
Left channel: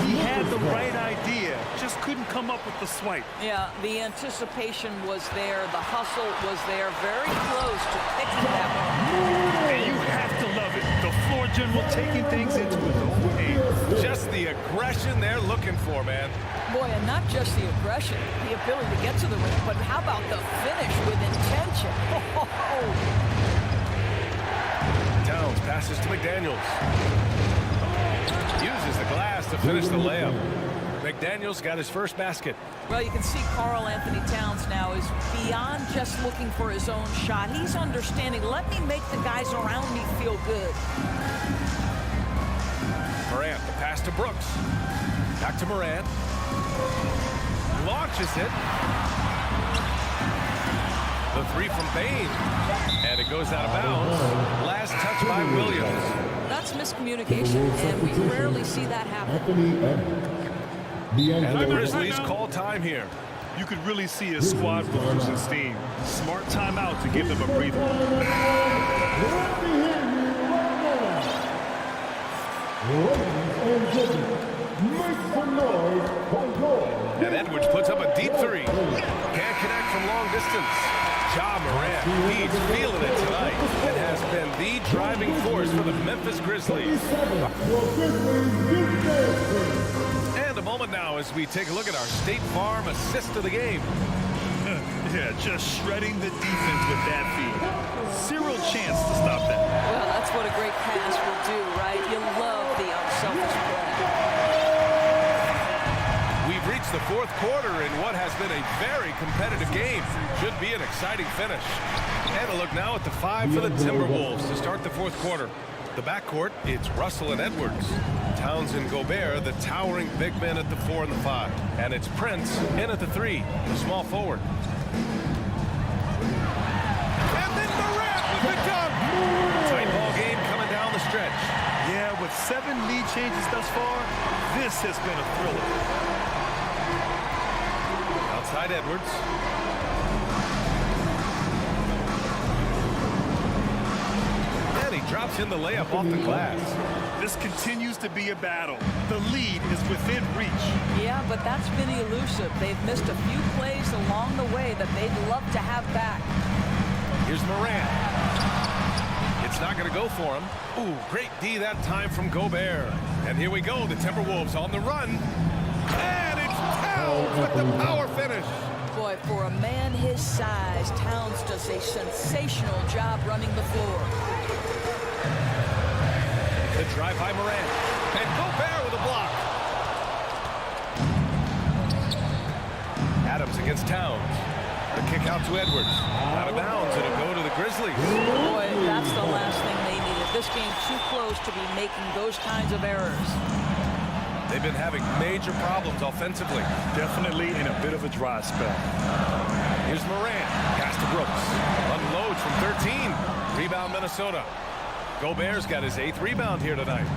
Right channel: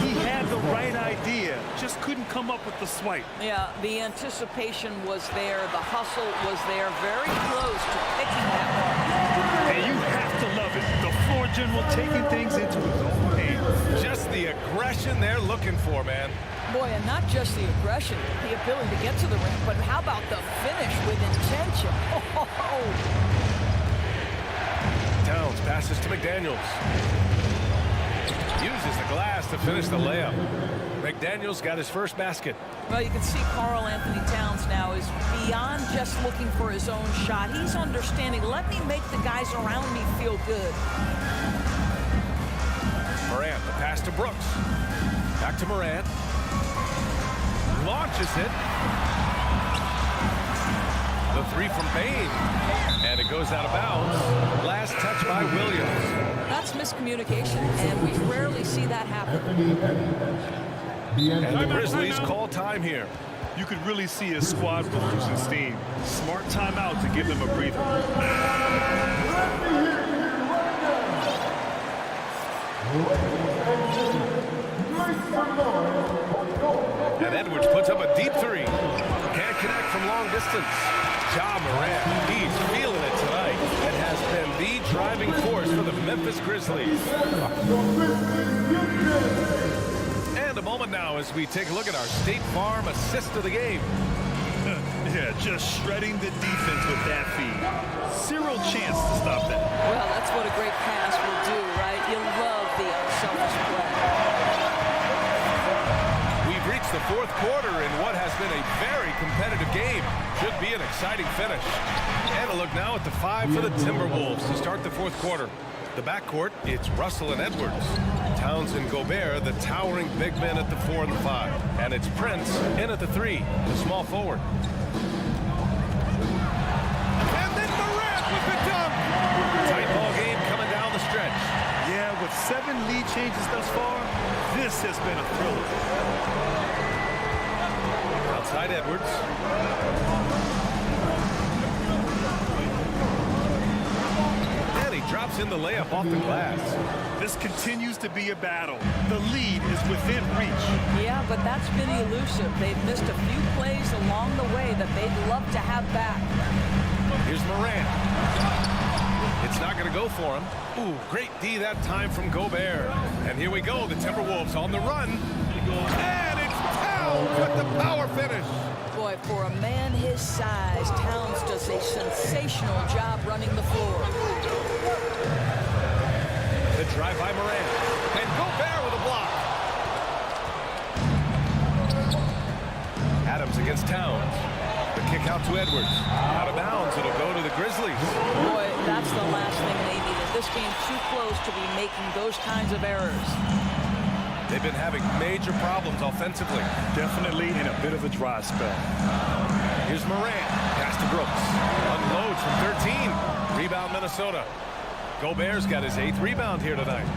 He had the right idea, just couldn't come up with the swipe. Yeah, the anticipation was there. The hustle was there. Very close to picking that one. And you have to love it. The floor general taking things into his own hands. Just the aggression they're looking for, man. Boy, and not just the aggression, the ability to get to the rim, but how about the finish with intention? Towns passes to McDaniels. Uses the glass to finish the layup. McDaniels got his first basket. Well, you can see Karl Anthony Towns now is beyond just looking for his own shot. He's understanding, let me make the guys around me feel good. Morant, the pass to Brooks. Back to Morant. Launches it. The 3 from Bane. And it goes out of bounds. Last touch by Williams. That's miscommunication, and we rarely see that happen. And the Grizzlies call time here. You could really see his squad was losing steam. Smart timeout to give them a breather. And Edwards puts up a deep 3. Can't connect from long distance. Ja Morant, he's feeling it tonight and has been the driving force for the Memphis Grizzlies. And a moment now as we take a look at our State Farm assist of the game. Yeah, just shredding the defense with that feed. Zero chance to stop that. Well, that's what a great pass will do, right? You love the unselfish play. We've reached the fourth quarter in what has been a very competitive game. Should be an exciting finish. And a look now at the 5 for the Timberwolves to start the fourth quarter. The backcourt, it's Russell and Edwards. Towns and Gobert, the towering big men at the 4 and the 5. And it's Prince in at the 3, the small forward. And then Morant with the dunk. Tight ball game coming down the stretch. Yeah, with 7 lead changes thus far, this has been a thriller. Outside Edwards. And he drops in the layup off the glass. This continues to be a battle. The lead is within reach. Yeah, but that's been elusive. They've missed a few plays along the way that they'd love to have back. Here's Morant. It's not going to go for him. Ooh, great D that time from Gobert. And here we go, the Timberwolves on the run. And it's Towns. Towns with the power finish. Boy, for a man his size, Towns does a sensational job running the floor. The drive by Morant. And Gobert with a block. Adams against Towns. The kick out to Edwards. Out of bounds. It'll go to the Grizzlies. Boy, that's the last thing they needed. This game too close to be making those kinds of errors. They've been having major problems offensively. Definitely in a bit of a dry spell. Here's Morant. Pass to Brooks. Unloads from 13. Rebound Minnesota. Gobert's got his 8th rebound here tonight.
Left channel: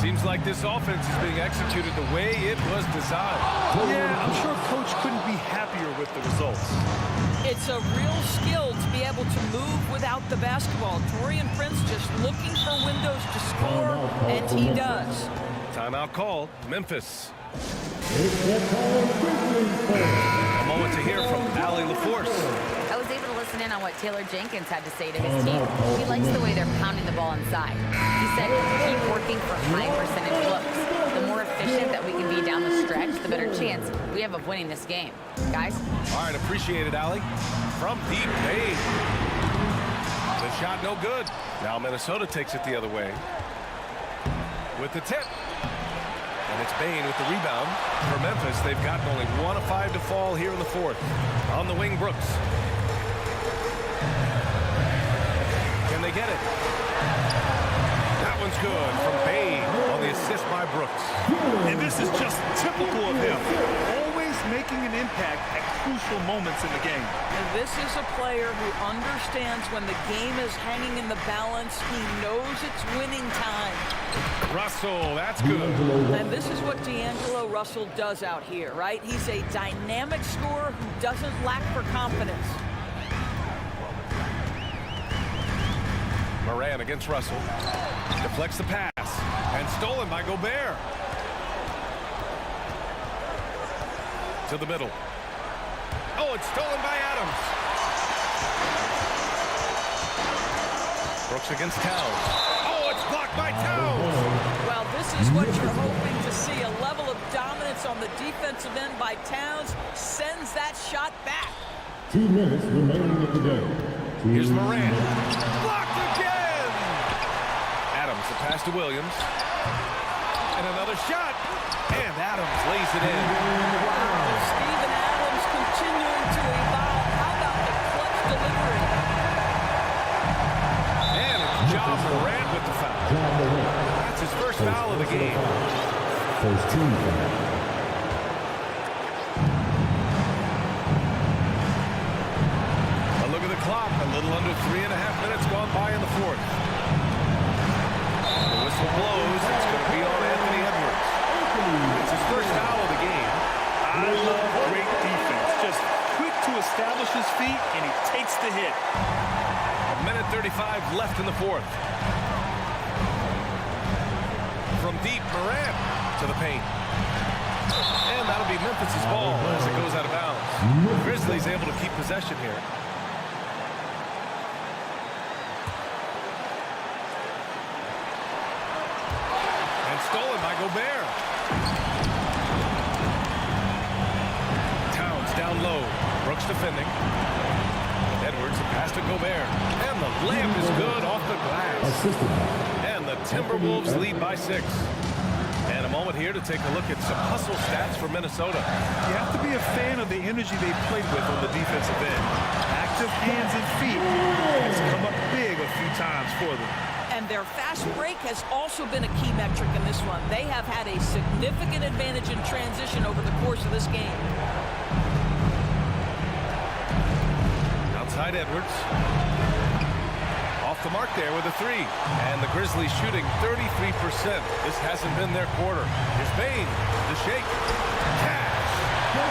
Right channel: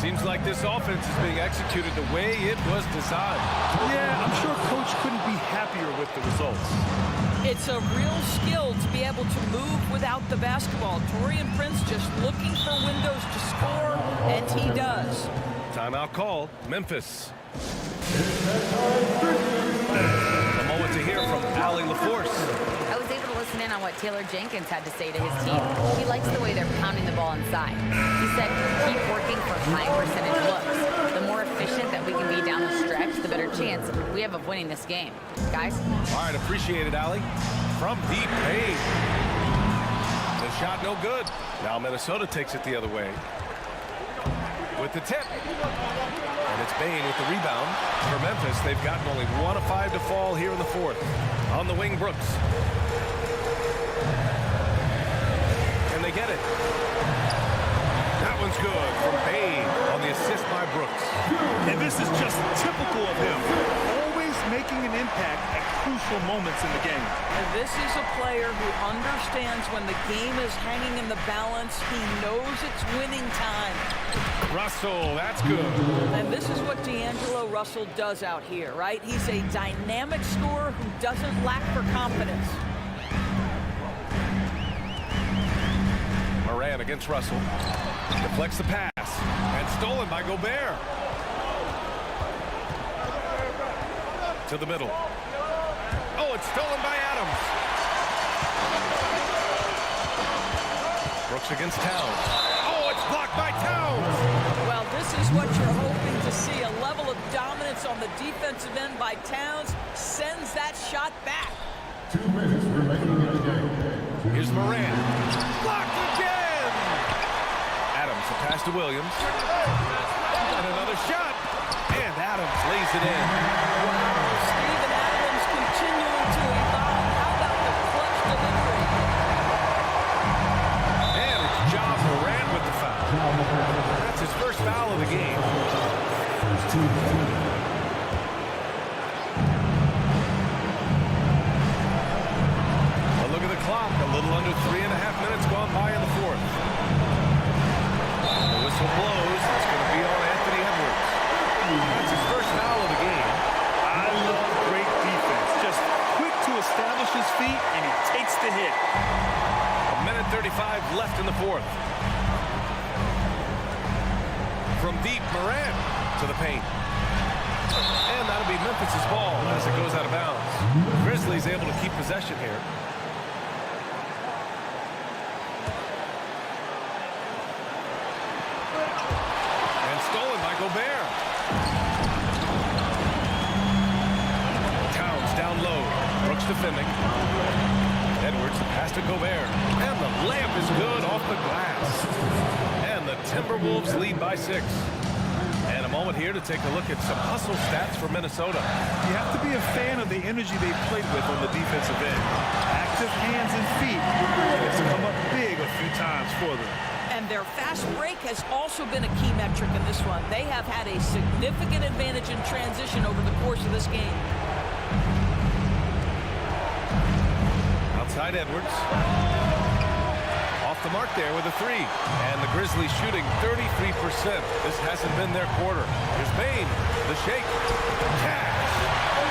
Seems like this offense is being executed the way it was designed. Yeah, I'm sure Coach couldn't be happier with the results. It's a real skill to be able to move without the basketball. Taurean Prince just looking for windows to score, and he does. Timeout called. Memphis. A moment to hear from Allie LaForce. I was able to listen in on what Taylor Jenkins had to say to his team. He likes the way they're pounding the ball inside. He said, keep working for high percentage looks. The more efficient that we can be down the stretch, the better chance we have of winning this game. Guys? All right, appreciate it, Allie. From deep, Payne. The shot no good. Now Minnesota takes it the other way. With the tip. And it's Bane with the rebound. For Memphis, they've gotten only 1 of 5 to fall here in the 4th. On the wing, Brooks. Can they get it? That one's good from Bane on the assist by Brooks. And this is just typical of him. Always making an impact at crucial moments in the game. And this is a player who understands when the game is hanging in the balance. He knows it's winning time. Russell, that's good. And this is what D'Angelo Russell does out here, right? He's a dynamic scorer who doesn't lack for confidence. Morant against Russell. Deflects the pass. And stolen by Gobert. To the middle. Oh, it's stolen by Adams. Brooks against Towns. Oh, it's blocked by Towns. Well, this is what you're hoping to see. A level of dominance on the defensive end by Towns sends that shot back. 2 minutes remaining in the game. Here's Morant. Blocked again. Adams, the pass to Williams. And another shot. And Adams lays it in. Wow, Steven Adams continuing to evolve. How about the clutch delivery? And it's Ja Morant with the foul. That's his first foul of the game. First team foul. A look at the clock. A little under 3.5 minutes gone by in the 4th. And the whistle blows. It's going to be on Anthony Edwards. That's his first foul of the game. I love great defense. Just quick to establish his feet, and he takes the hit. 1:35 left in the 4th. From deep, Morant to the paint. And that'll be Memphis' ball as it goes out of bounds. Grizzlies able to keep possession here. And stolen by Gobert. Towns down low. Brooks defending. Edwards, the pass to Gobert. And the layup is good off the glass. And the Timberwolves lead by 6. And a moment here to take a look at some hustle stats for Minnesota. You have to be a fan of the energy they played with on the defensive end. Active hands and feet. And it's come up big a few times for them. And their fast break has also been a key metric in this one. They have had a significant advantage in transition over the course of this game. Outside Edwards. Off the mark there with a 3. And the Grizzlies shooting 33%. This hasn't been their quarter. Here's Bane. The shake. Cash.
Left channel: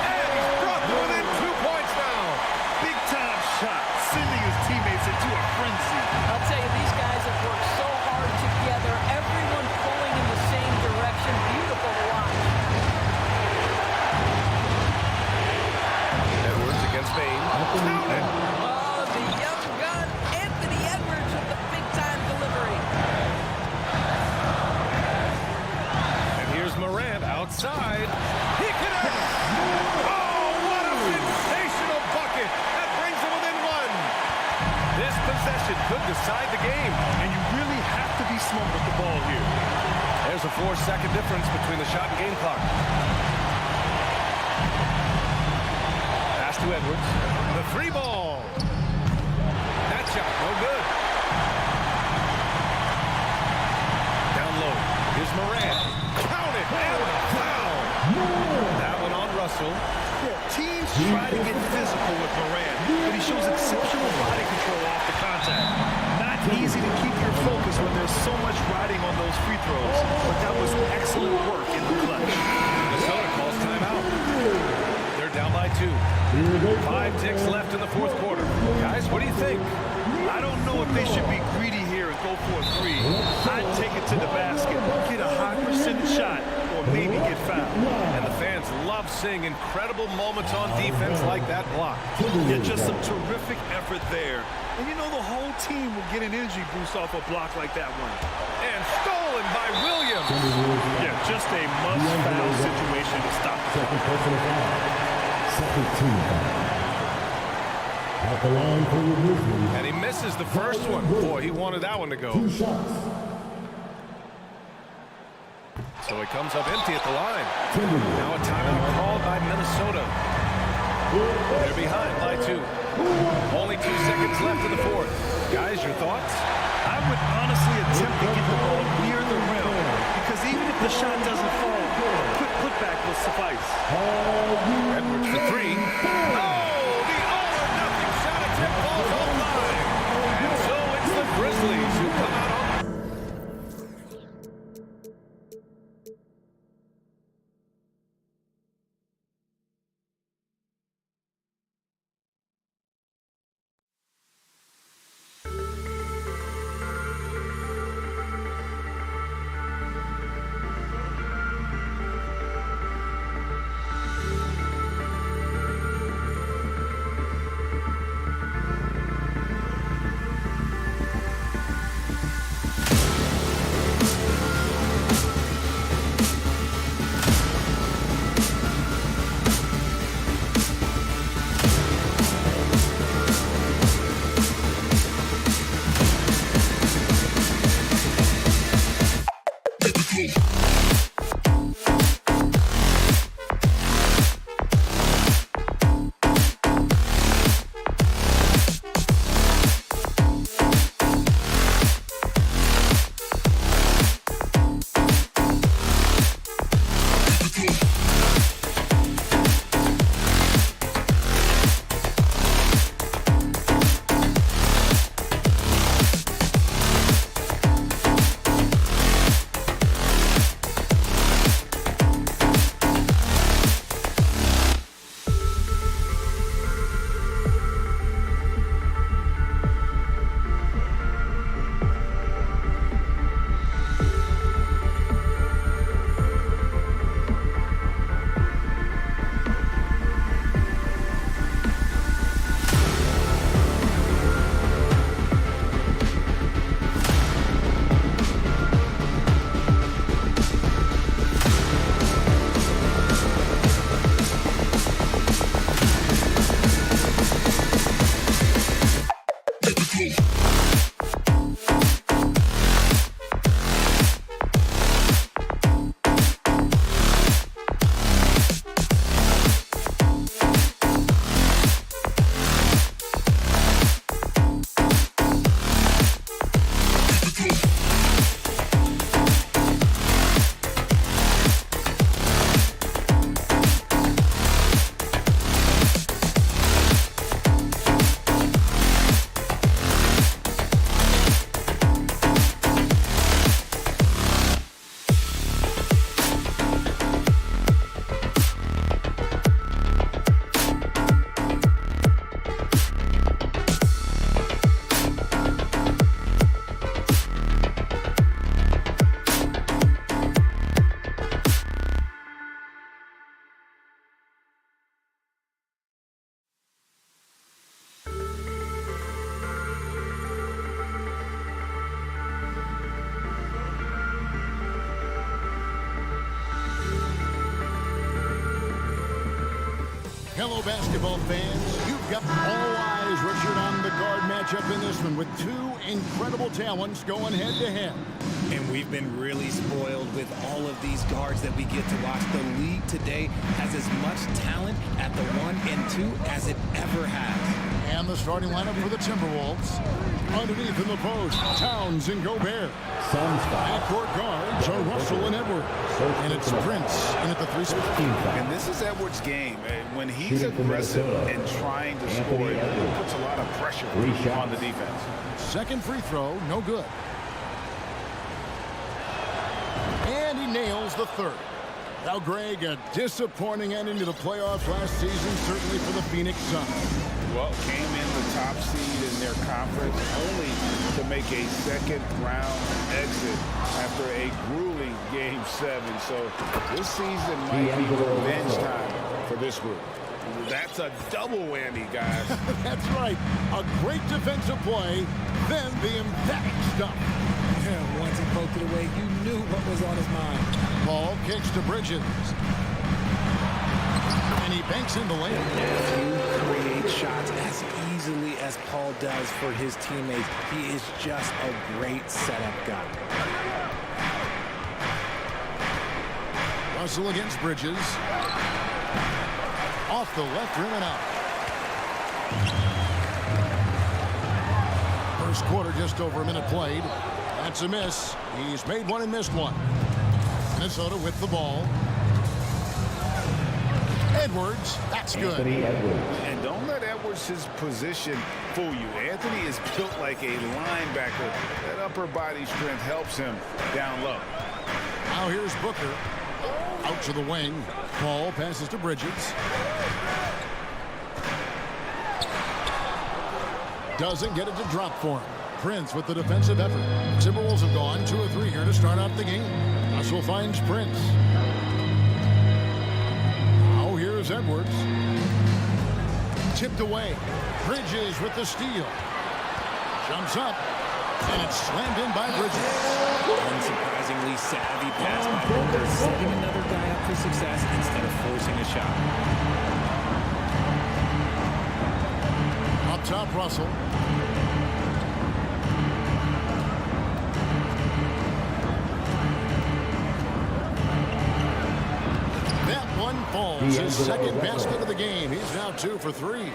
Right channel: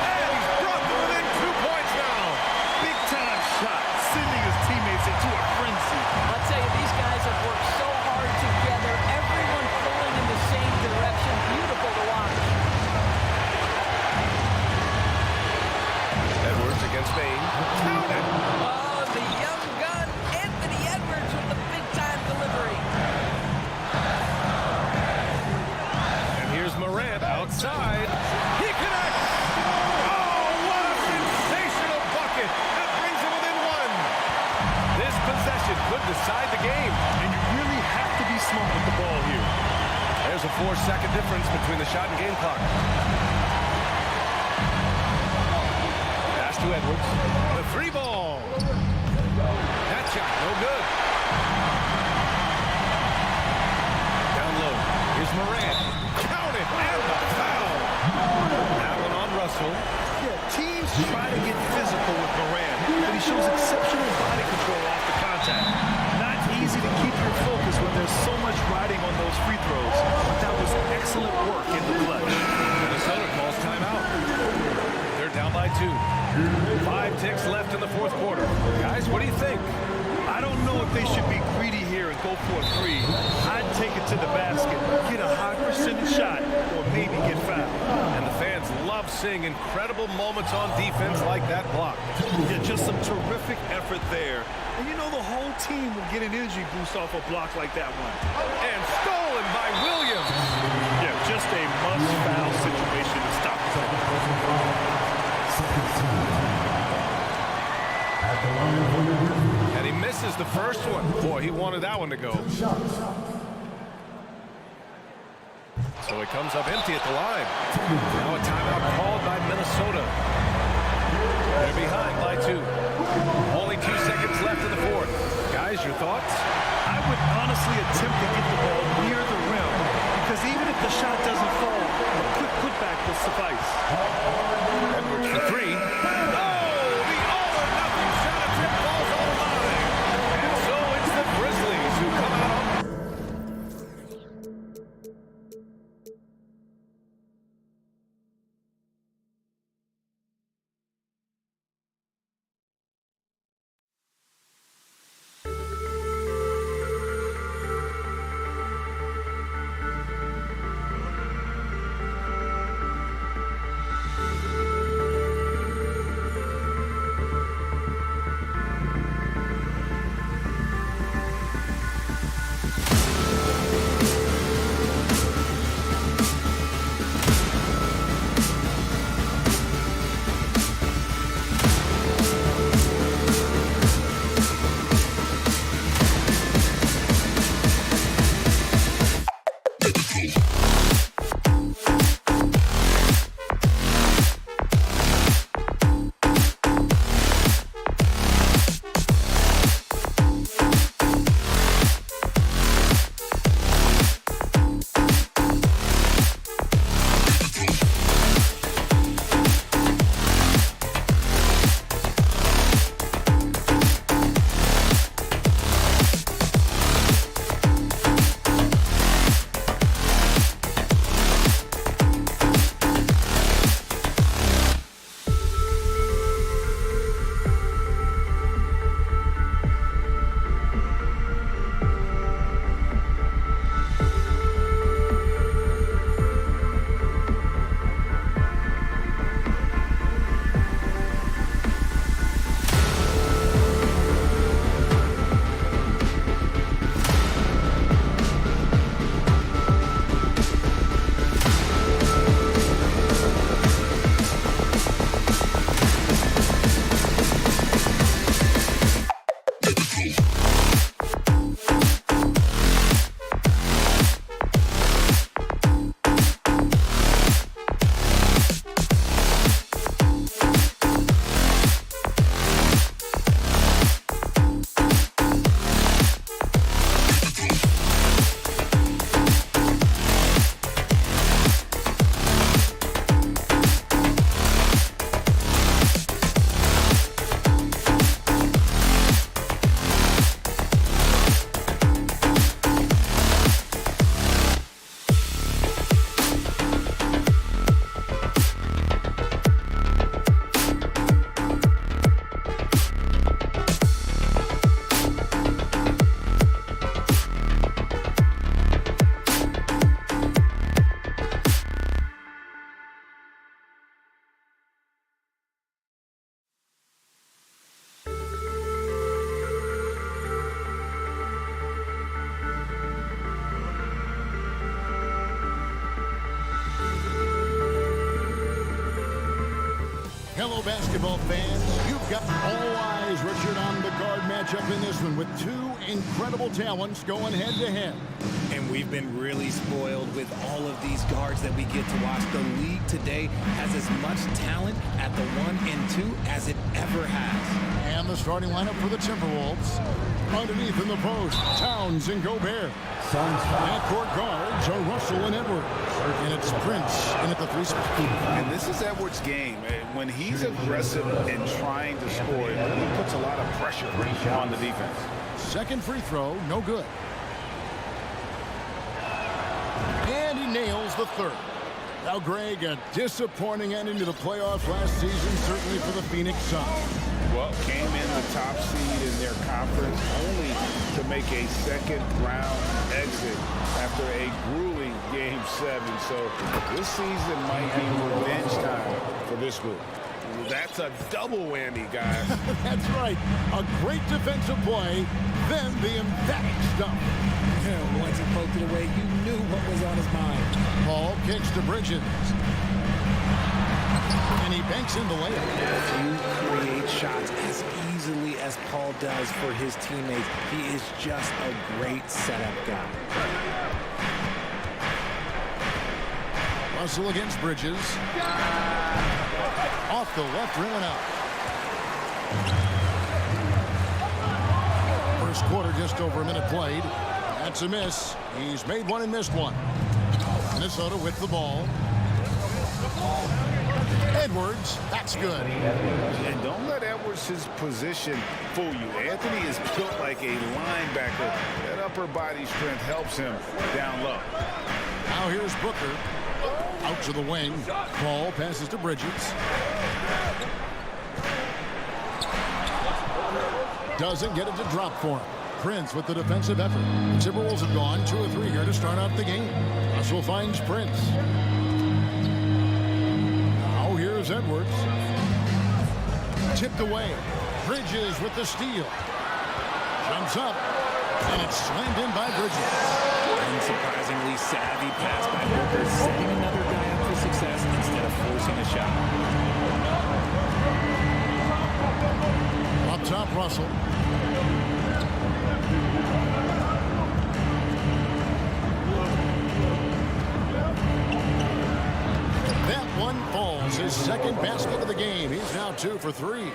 And he's brought them within 2 points now. Big time shot, sending his teammates into a frenzy. I'll tell you, these guys have worked so hard together. Everyone pulling in the same direction. Beautiful to watch. Edwards against Bane. Count it. Oh, the young gun, Anthony Edwards with the big-time delivery. And here's Morant outside. He connects. bucket. That brings him within one. This possession could decide the game. And you really have to be smart with the ball here. There's a 4-second difference between the shot and game clock. Pass to Edwards. The free ball. That shot, no good. Down low. Here's Moran. Count it, and the foul. That one on Russell. Yeah, teams try to get physical with Moran, but he shows exceptional body control off the contact. Not easy to keep your focus when there's so much riding on those free throws, but that was excellent work in the clutch. Minnesota calls timeout. They're down by 2. 5 ticks left in the fourth quarter. Guys, what do you think? I don't know if they should be greedy here and go for a 3. I'd take it to the basket, get a high percentage shot, or maybe get fouled. And the fans love seeing incredible moments on defense like that block. Yeah, just some terrific effort there. And you know the whole team will get an energy boost off a block like that one. And stolen by Williams. Yeah, just a must-foul situation to stop the clock. At the line for your Grizzlies. And he misses the first one. Boy, he wanted that one to go. 2 shots. So he comes up empty at the line. Now a timeout called by Minnesota. They're behind by 2. Only 2 seconds left in the fourth. Guys, your thoughts? I would honestly attempt to get the ball near the rim, because even if the shot doesn't fall, a quick putback will suffice. Edwards for 3. Oh, the all-or-nothing shot attempt falls offline. And so it's the Grizzlies who come out on. Hello, basketball fans. You've got all eyes, Richard, on the guard matchup in this one with two incredible talents going head-to-head. And we've been really spoiled with all of these guards that we get to watch. The league today has as much talent at the 1 and 2 as it ever has. And the starting lineup for the Timberwolves. Underneath in the post, Towns and Gobert. Backcourt guards are Russell and Edwards. And it's Prince in at the 3 spot. And this is Edwards' game. When he's aggressive and trying to score, it really puts a lot of pressure on the defense. Second free throw, no good. And he nails the third. Now, Greg, a disappointing ending to the playoffs last season, certainly for the Phoenix Suns. Well, came in the top seed in their conference only to make a second-round exit after a grueling Game 7. So this season might be revenge time for this group. That's a double whammy, guys. That's right. A great defensive play, then the emphatic stuff. Yeah, once he poked it away, you knew what was on his mind. Paul kicks to Bridges. And he banks in the layup. If you create shots as easily as Paul does for his teammates, he is just a great setup guy. Russell against Bridges. Off the left rim and out. First quarter, just over a minute played. That's a miss. He's made one and missed one. Minnesota with the ball. Edwards, that's good. And don't let Edwards' position fool you. Anthony is built like a linebacker. That upper body strength helps him down low. Now here's Booker. Out to the wing. Paul passes to Bridges. Doesn't get it to drop for him. Prince with the defensive effort. The Timberwolves have gone 2 of 3 here to start out the game. Russell finds Prince. Now here's Edwards. Tipped away. Bridges with the steal. Jumps up. And it's slammed in by Bridges. Unsurprisingly savvy pass by Booker, setting another guy up for success instead of forcing a shot. Up top, Russell. That one falls. His second basket of the game. He's now 2 for 3.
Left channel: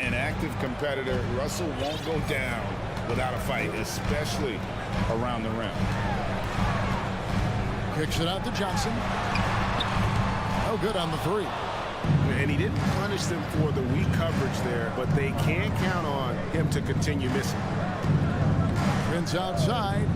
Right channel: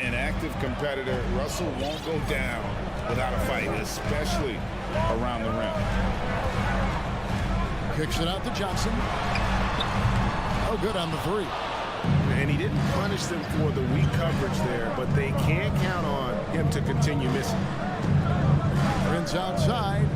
An active competitor, Russell won't go down without a fight, especially around the rim. Kicks it out to Johnson. No good on the 3. And he didn't punish them for the weak coverage there, but they can't count on him to continue missing. Prince outside.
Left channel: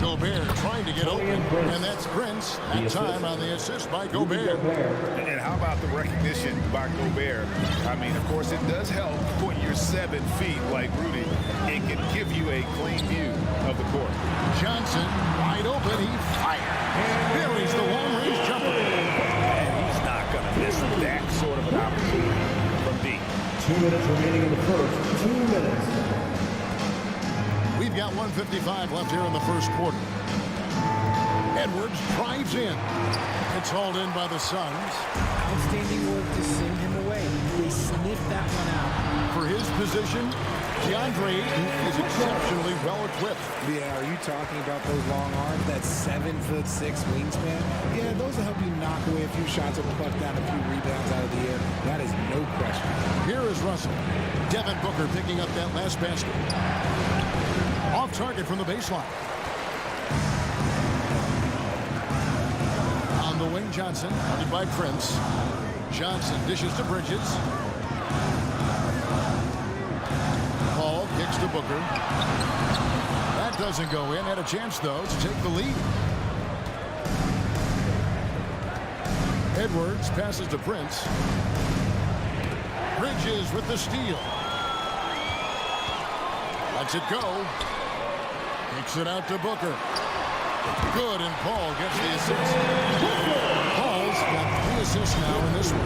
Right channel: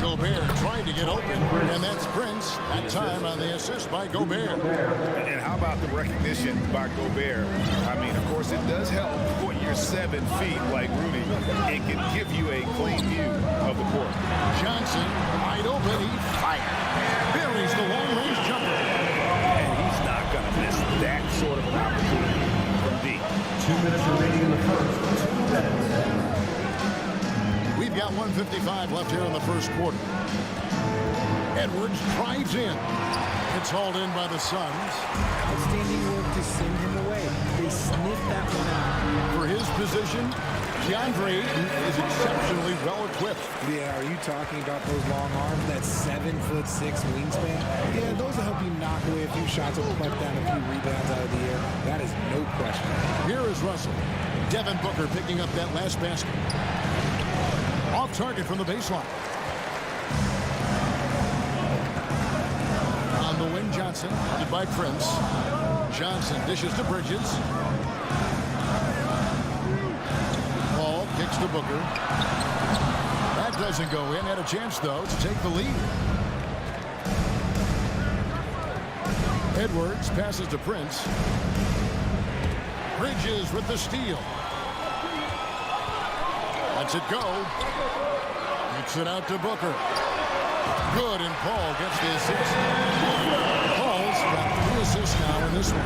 Gobert trying to get open, and that's Prince. That time on the assist by Gobert. And how about the recognition by Gobert? I mean, of course, it does help when you're 7 feet like Rudy. It can give you a clean view of the court. Johnson, wide open, he fires. Buries the long-range jumper. And he's not going to miss that sort of an opportunity from deep. 2 minutes remaining in the first. 2 minutes. We've got 1:55 left here in the first quarter. Edwards drives in. It's hauled in by the Suns. Outstanding work to send him away. They sniffed that one out. For his position, DeAndre Ayton is exceptionally well equipped. Yeah, are you talking about those long arms, that 7'6" wingspan? Yeah, those will help you knock away a few shots or pluck down a few rebounds out of the air. That is no question. Here is Russell. Devin Booker picking up that last basket. Off target from the baseline. On the wing, Johnson, guarded by Prince. Johnson dishes to Bridges. Paul kicks to Booker. That doesn't go in. Had a chance, though, to take the lead. Edwards passes to Prince. Bridges with the steal. Lets it go. Kicks it out to Booker. Good, and Paul gets the assist. Paul's got 3 assists now in this one.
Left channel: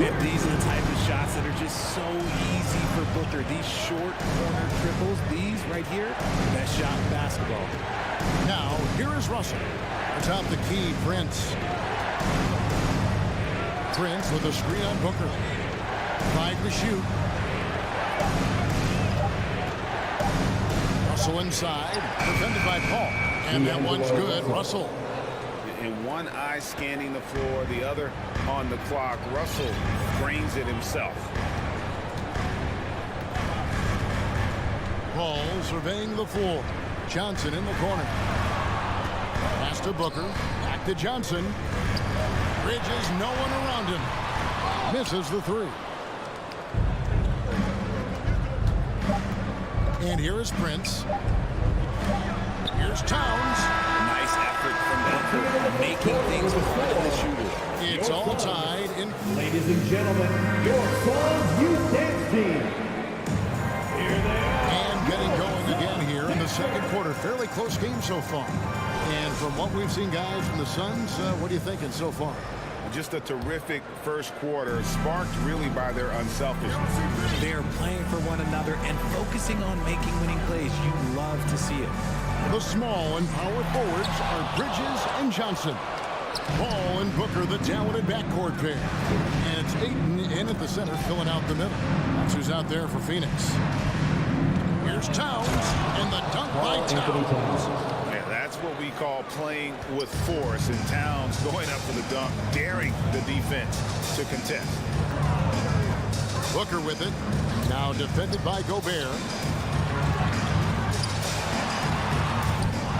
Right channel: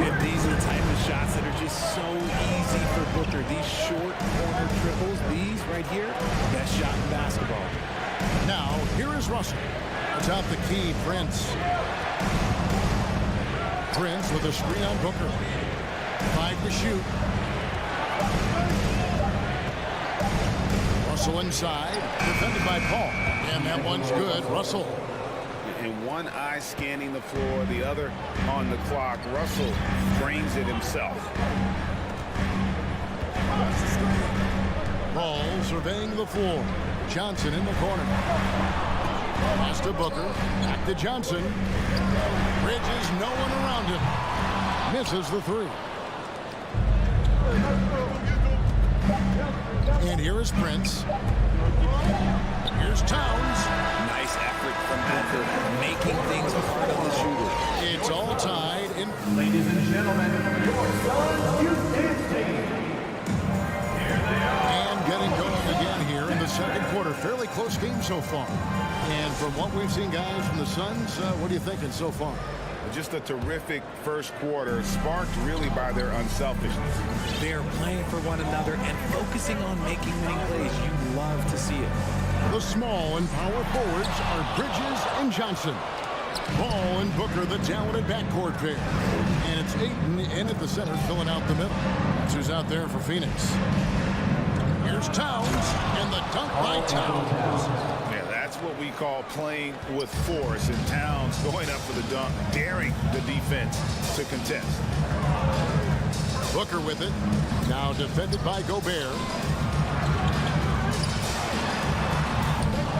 And these are the type of shots that are just so easy for Booker. These short corner triples, these right here, best shot in basketball. Now, here is Russell. Atop the key, Prince. Prince with a screen on Booker. 5 to shoot. Russell inside, defended by Paul. And that one's good. Russell. And one eye scanning the floor, the other on the clock. Russell drains it himself. Paul surveying the floor. Johnson in the corner. Pass to Booker. Back to Johnson. Bridges, no one around him. Misses the 3. And here is Prince. Here's Towns. Nice effort from Booker, making things hard on the shooter. It's all tied in. Ladies and gentlemen, your Suns Youth Dance Team. Here they are. And getting going again here in the second quarter. Fairly close game so far. And from what we've seen, guys, from the Suns, what are you thinking so far? Just a terrific first quarter, sparked really by their unselfishness. They're playing for one another and focusing on making winning plays. You love to see it. The small and power forwards are Bridges and Johnson. Paul and Booker, the talented backcourt pair. And it's Ayton in at the center, filling out the middle. That's who's out there for Phoenix. Here's Towns, and the dunk by Towns. Yeah, that's what we call playing with force. And Towns going up for the dunk, daring the defense to contest. Booker with it. Now defended by Gobert.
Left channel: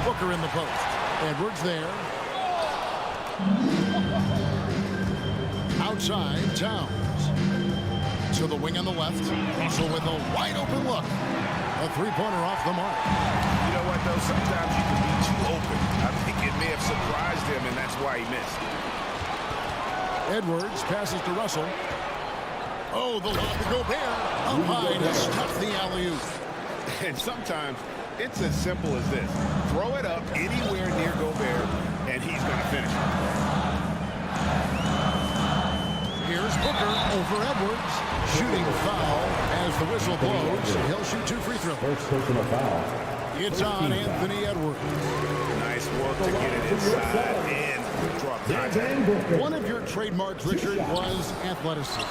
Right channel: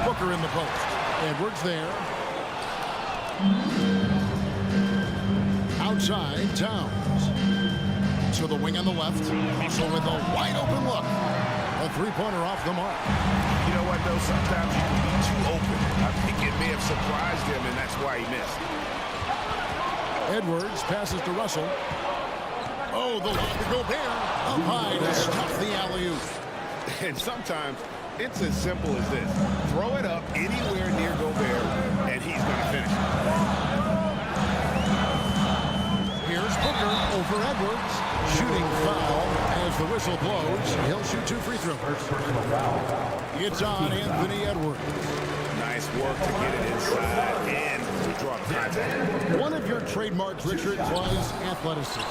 Booker in the post. Edwards there. Outside, Towns. To the wing on the left. Russell with a wide open look. A three-pointer off the mark. You know what, though? Sometimes you can be too open. I think it may have surprised him, and that's why he missed. Edwards passes to Russell. Oh, the lob to Gobert. Up high to stuff the alley-oop. And sometimes it's as simple as this. Throw it up anywhere near Gobert, and he's going to finish it. Here's Booker over Edwards. Shooting foul as the whistle blows. He'll shoot 2 free throws. First personal foul. It's on Anthony Edwards. Nice work to get it inside and draw the contact. One of your trademarks, Richard, was athleticism.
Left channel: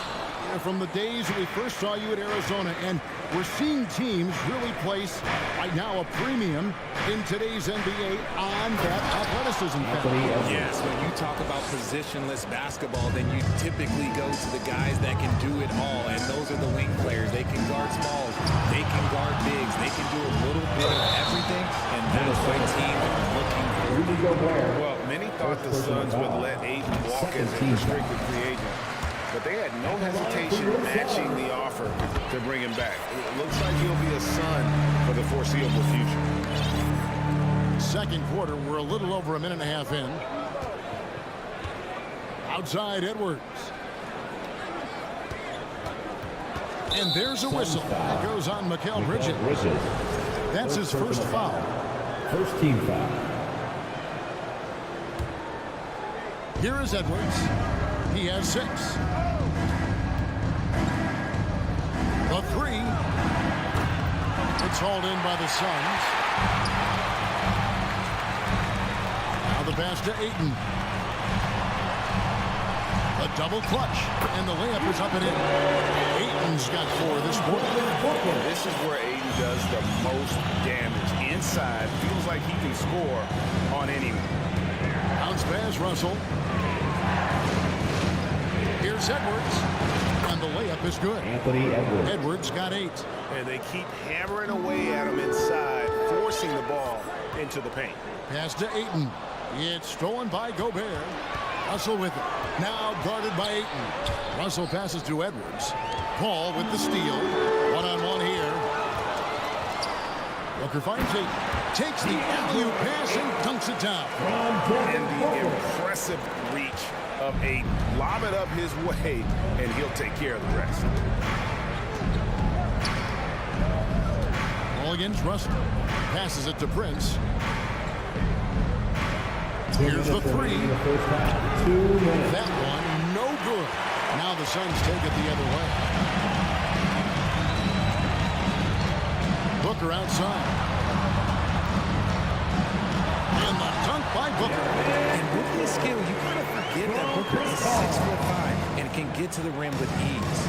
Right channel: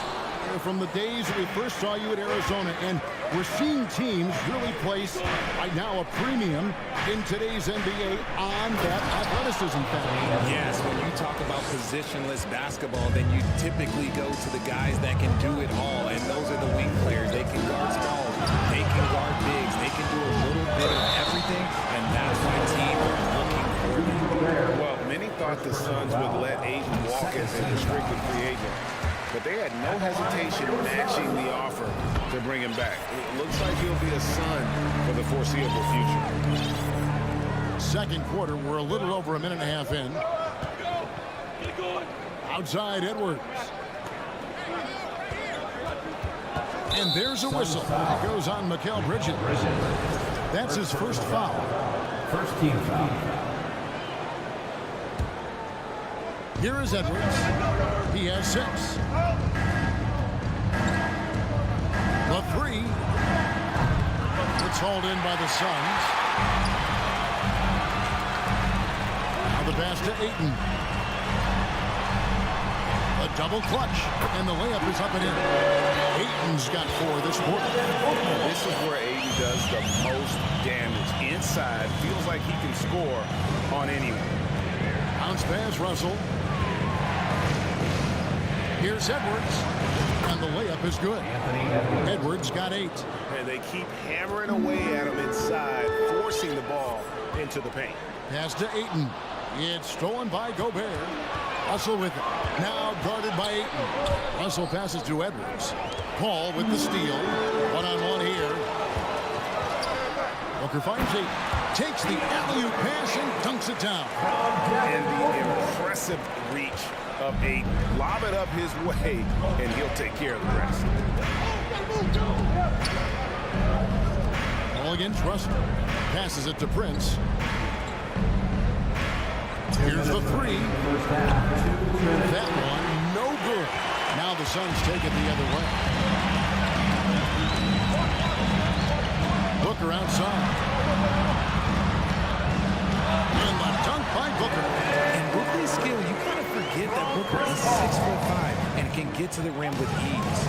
From the days that we first saw you at Arizona, and we're seeing teams really place right now a premium in today's NBA on that athleticism factor. Yes, when you talk about positionless basketball, then you typically go to the guys that can do it all, and those are the wing players. They can guard smalls, they can guard bigs, they can do a little bit of everything, and that's why teams are looking for them. Well, many thought the Suns would let Ayton walk as a restricted free agent. But they had no hesitation matching the offer to bring him back. It looks like he'll be a Sun for the foreseeable future. Second quarter, we're a little over a minute and a half in. Outside Edwards. And there's a whistle. That goes on Mikal Bridges. That's his first foul. First team foul. Here is Edwards. He has 6. The 3. It's hauled in by the Suns. Now the pass to Ayton. A double clutch. And the layup is up and in. Ayton's got 4 this quarter. This is where Ayton does the most damage. Inside, feels like he can score on anyone. Bounce pass, Russell. Here's Edwards, and the layup is good. Anthony Edwards. Edwards got 8. And they keep hammering away at him inside, forcing the ball into the paint. Pass to Ayton. It's stolen by Gobert. Russell with it. Now guarded by Ayton. Russell passes to Edwards. Paul with the steal. One-on-one here. Booker finds Ayton. Takes the alley-oop pass and dunks it down. And the impressive reach of Ayton. Lob it up his way, and he'll take care of the rest. Ball against Russell. Passes it to Prince. Here's the 3. That one, no good. Now the Suns take it the other way. Booker outside. And the dunk by Booker. And with this skill, you kind of forget that Booker is 6'5" and can get to the rim with ease.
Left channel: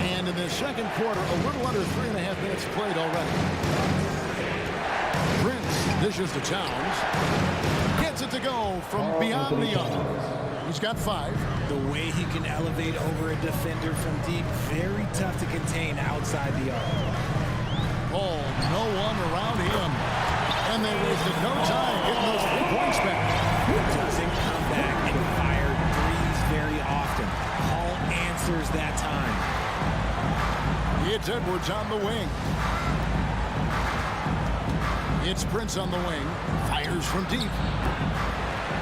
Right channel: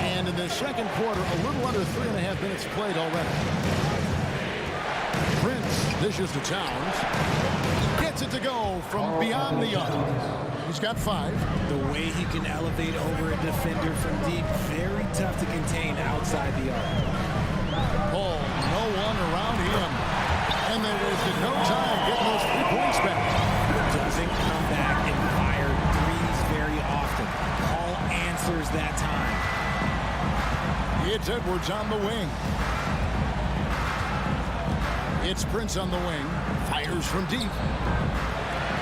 And in the second quarter, a little under 3.5 minutes played already. Prince dishes to Towns. Gets it to go from beyond the arc. He's got 5. The way he can elevate over a defender from deep, very tough to contain outside the arc. Paul, no one around him. And they wasted no time getting those 3 points back. Doesn't come back and fire threes very often. Paul answers that time. It's Edwards on the wing. It's Prince on the wing. Fires from deep.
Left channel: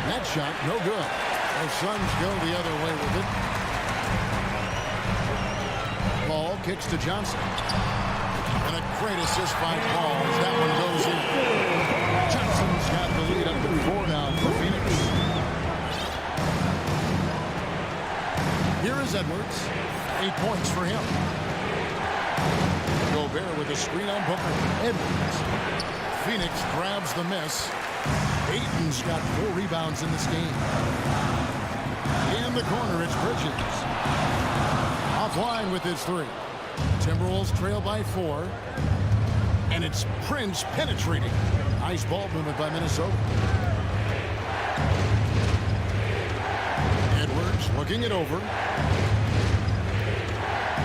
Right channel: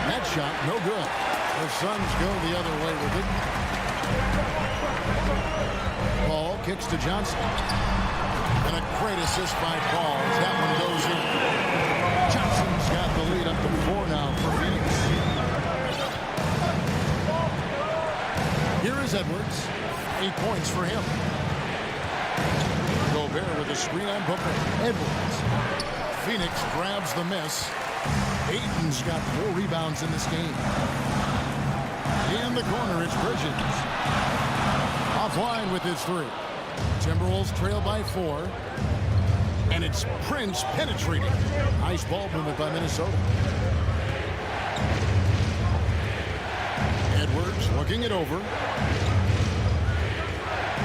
That shot, no good. The Suns go the other way with it. Paul kicks to Johnson. And a great assist by Paul as that one goes in. Johnson's got the lead up to 4 now for Phoenix. Here is Edwards. 8 points for him. Gobert with a screen on Booker. Edwards. Phoenix grabs the miss. Ayton's got 4 rebounds in this game. In the corner, it's Bridges. Offline with his 3. Timberwolves trail by 4. And it's Prince penetrating. Nice ball movement by Minnesota. Edwards looking it over.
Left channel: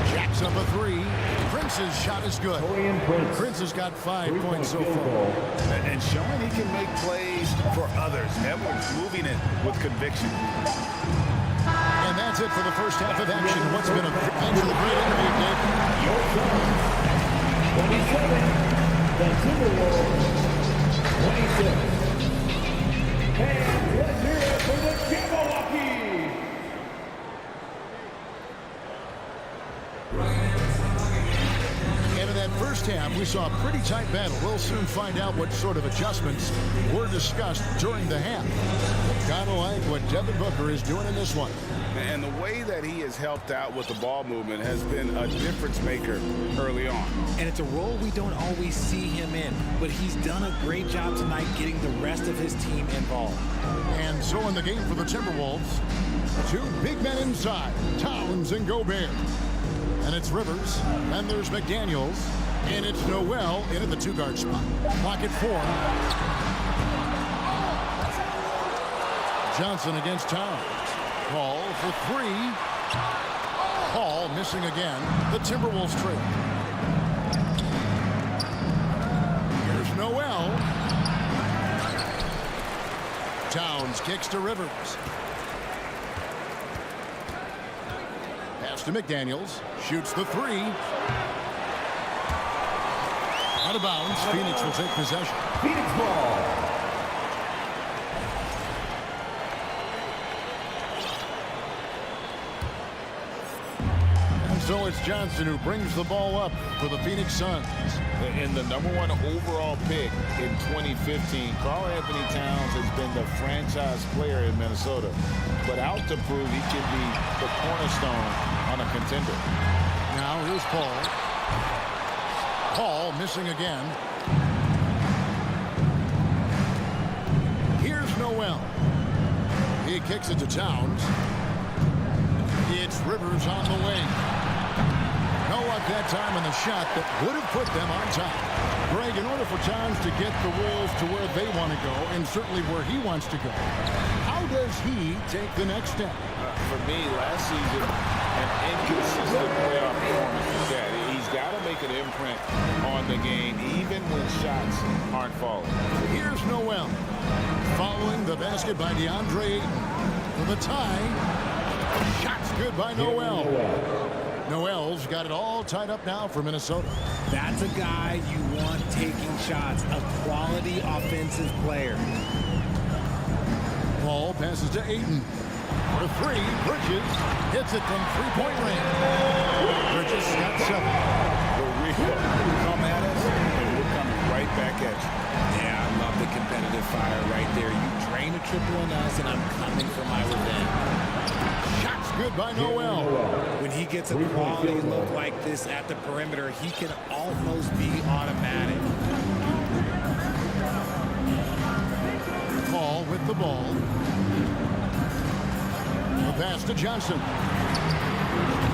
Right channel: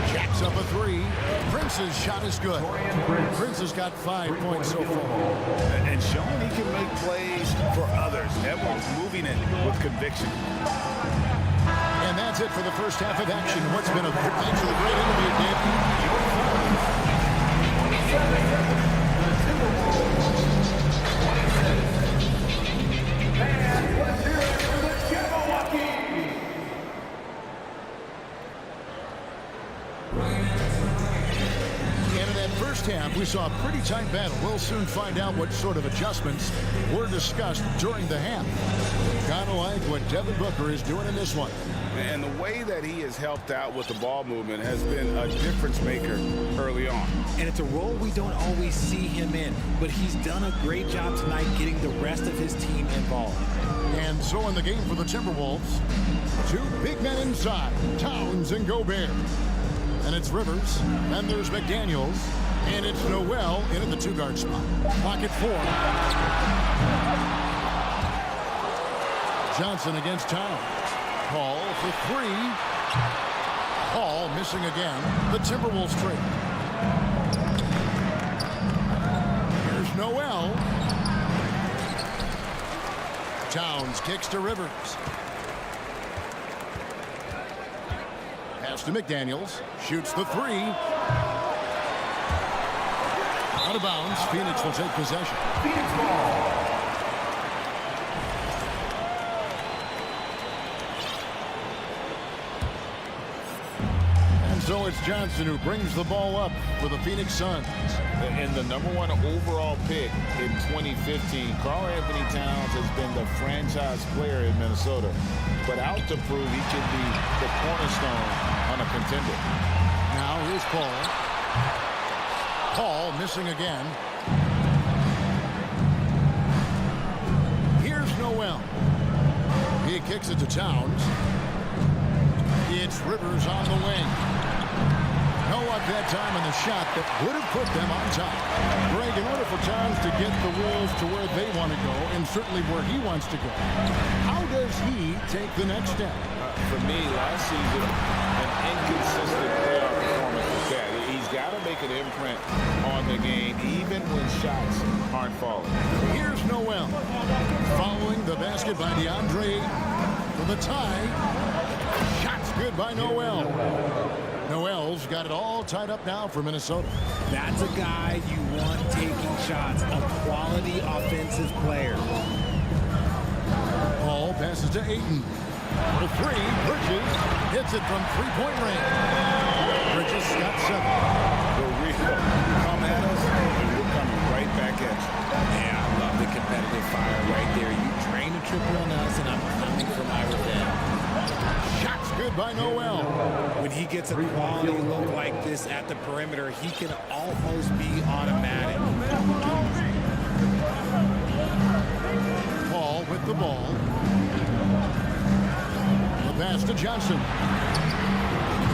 Jacks up a 3. Prince's shot is good. Prince has got 5 points so far. And showing he can make plays for others. Edwards moving it with conviction. And that's it for the first half of action. What's been a thanks for the great interview, Dave. Your Suns, 27. The Timberwolves, 26. And let's hear it for the Jabberwocky. And in that first half, we saw a pretty tight battle. We'll soon find out what sort of adjustments were discussed during the half. Kind of like what Devin Booker is doing in this one. And the way that he has helped out with the ball movement has been a difference maker early on. And it's a role we don't always see him in, but he's done a great job tonight getting the rest of his team involved. And so in the game for the Timberwolves, 2 big men inside, Towns and Gobert. And it's Rivers, and there's McDaniels, and it's Noel in at the 2-guard spot. Clock at 4. Johnson against Towns. Paul for 3. Paul missing again. The Timberwolves trail. Here's Noel. Towns kicks to Rivers. Pass to McDaniels. Shoots the 3. Out of bounds. Phoenix will take possession. Phoenix ball. So it's Johnson who brings the ball up for the Phoenix Suns. And the #1 overall pick in 2015, Karl Anthony Towns has been the franchise player in Minnesota, but out to prove he can be the cornerstone on a contender. Now here's Paul. Paul missing again. Here's Noel. He kicks it to Towns. It's Rivers on the wing. No luck that time on the shot that would have put them on top. Greg, in order for Towns to get the Wolves to where they want to go, and certainly where he wants to go, how does he take the next step? For me, last season, an inconsistent playoff performance was that. He's got to make an imprint on the game, even when shots aren't falling. Here's Noel. Following the basket by DeAndre Ayton. For the tie. Shots good by Noel. Noel's got it all tied up now for Minnesota. That's a guy you want taking shots, a quality offensive player. Paul passes to Ayton. For 3, Bridges hits it from 3-point range. Bridges got 7. The real come at us, and we're coming right back at you. Yeah, I love the competitive fire right there. You drain a triple on us, and I'm coming for my revenge. Shots good by Noel. When he gets a quality look like this at the perimeter, he can almost be automatic. Paul with the ball. The pass to Johnson.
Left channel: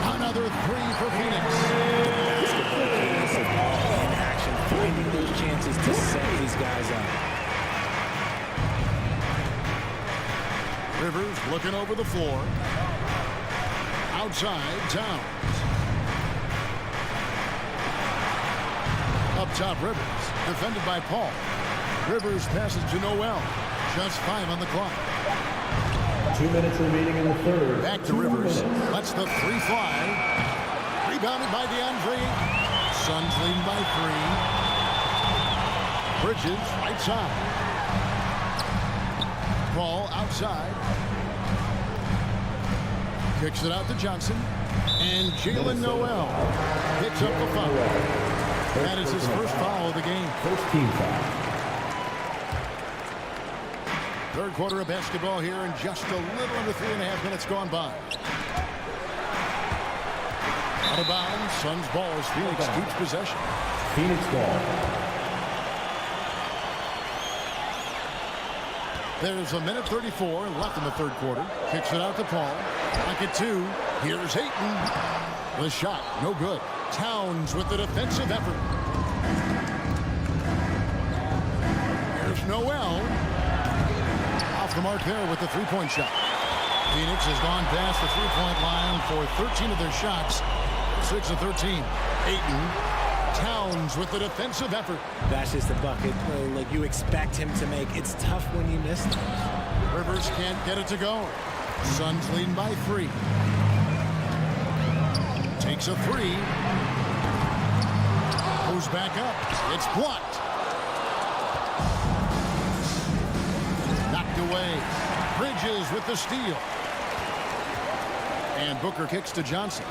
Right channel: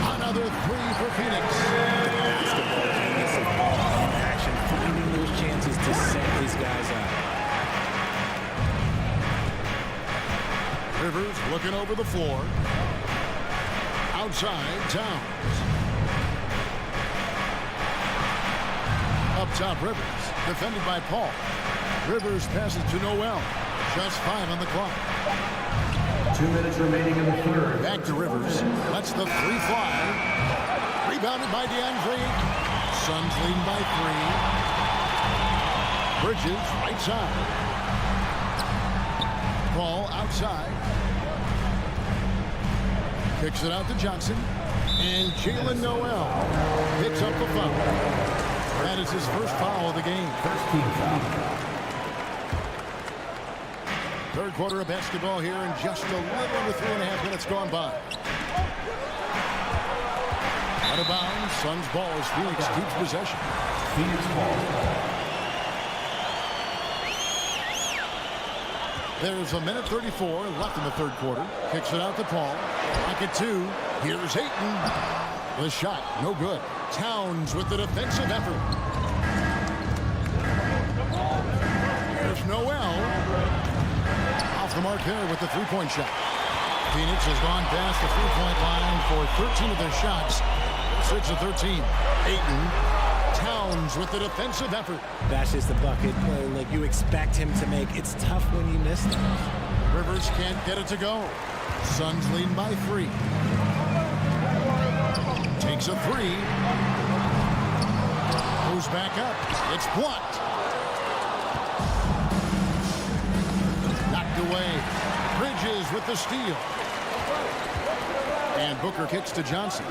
Another three for Phoenix. The basketball genius of Paul in action, finding those chances to set his guys up. Rivers looking over the floor. Outside, Towns. Up top, Rivers. Defended by Paul. Rivers passes to Noel. Just 5 on the clock. 2 minutes remaining in the third. Back to Rivers. Lets the three fly. Rebounded by DeAndre. Suns leading by 3. Bridges, right side. Paul outside. Kicks it out to Johnson. And Jalen Noel picks up the foul. That is his first foul of the game. First team foul. Third quarter of basketball here, and just a little under 3.5 minutes gone by. Out of bounds, Suns ball as Phoenix keeps possession. Phoenix ball. There's a minute 34 left in the third quarter. Kicks it out to Paul. Pocket 2. Here's Ayton. The shot, no good. Towns with the defensive effort. Here's Noel. Off the mark there with the three-point shot. Phoenix has gone past the three-point line for 13 of their shots. 6 of 13. Ayton. Towns with the defensive effort. That's just a bucket like you expect him to make. It's tough when you miss them. Rivers can't get it to go. Suns leading by 3. Takes a 3. Goes back up. It's blocked. Knocked away. Bridges with the steal. And Booker kicks to Johnson.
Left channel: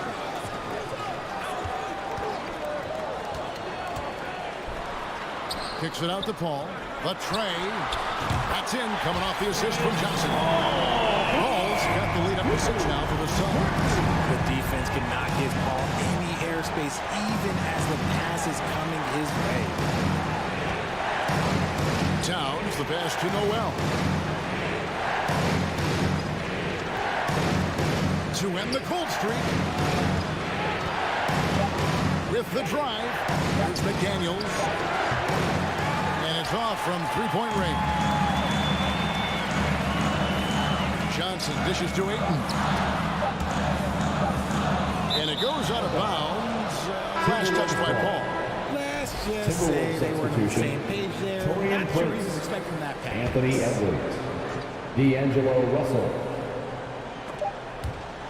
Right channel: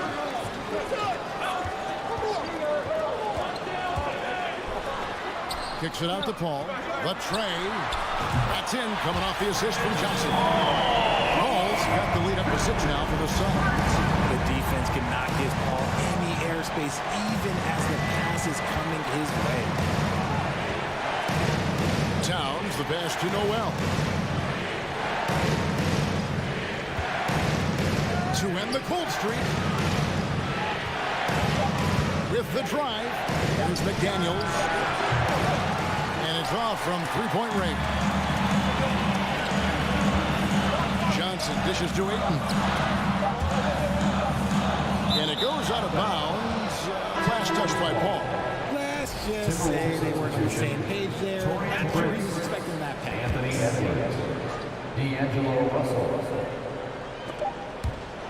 Kicks it out to Paul. The tray. That's in, coming off the assist from Johnson. Paul's got the lead up to 6 now for the Suns. The defense cannot give Paul any airspace, even as the pass is coming his way. Towns, the pass to Noel. To end the cold streak. With the drive. Here's McDaniels. And it's off from three-point range. Johnson dishes to Ayton. And it goes out of bounds. Last touch by Paul. Let's just say they weren't on the same page there. Not sure he was expecting that pass. Anthony Edwards. D'Angelo Russell.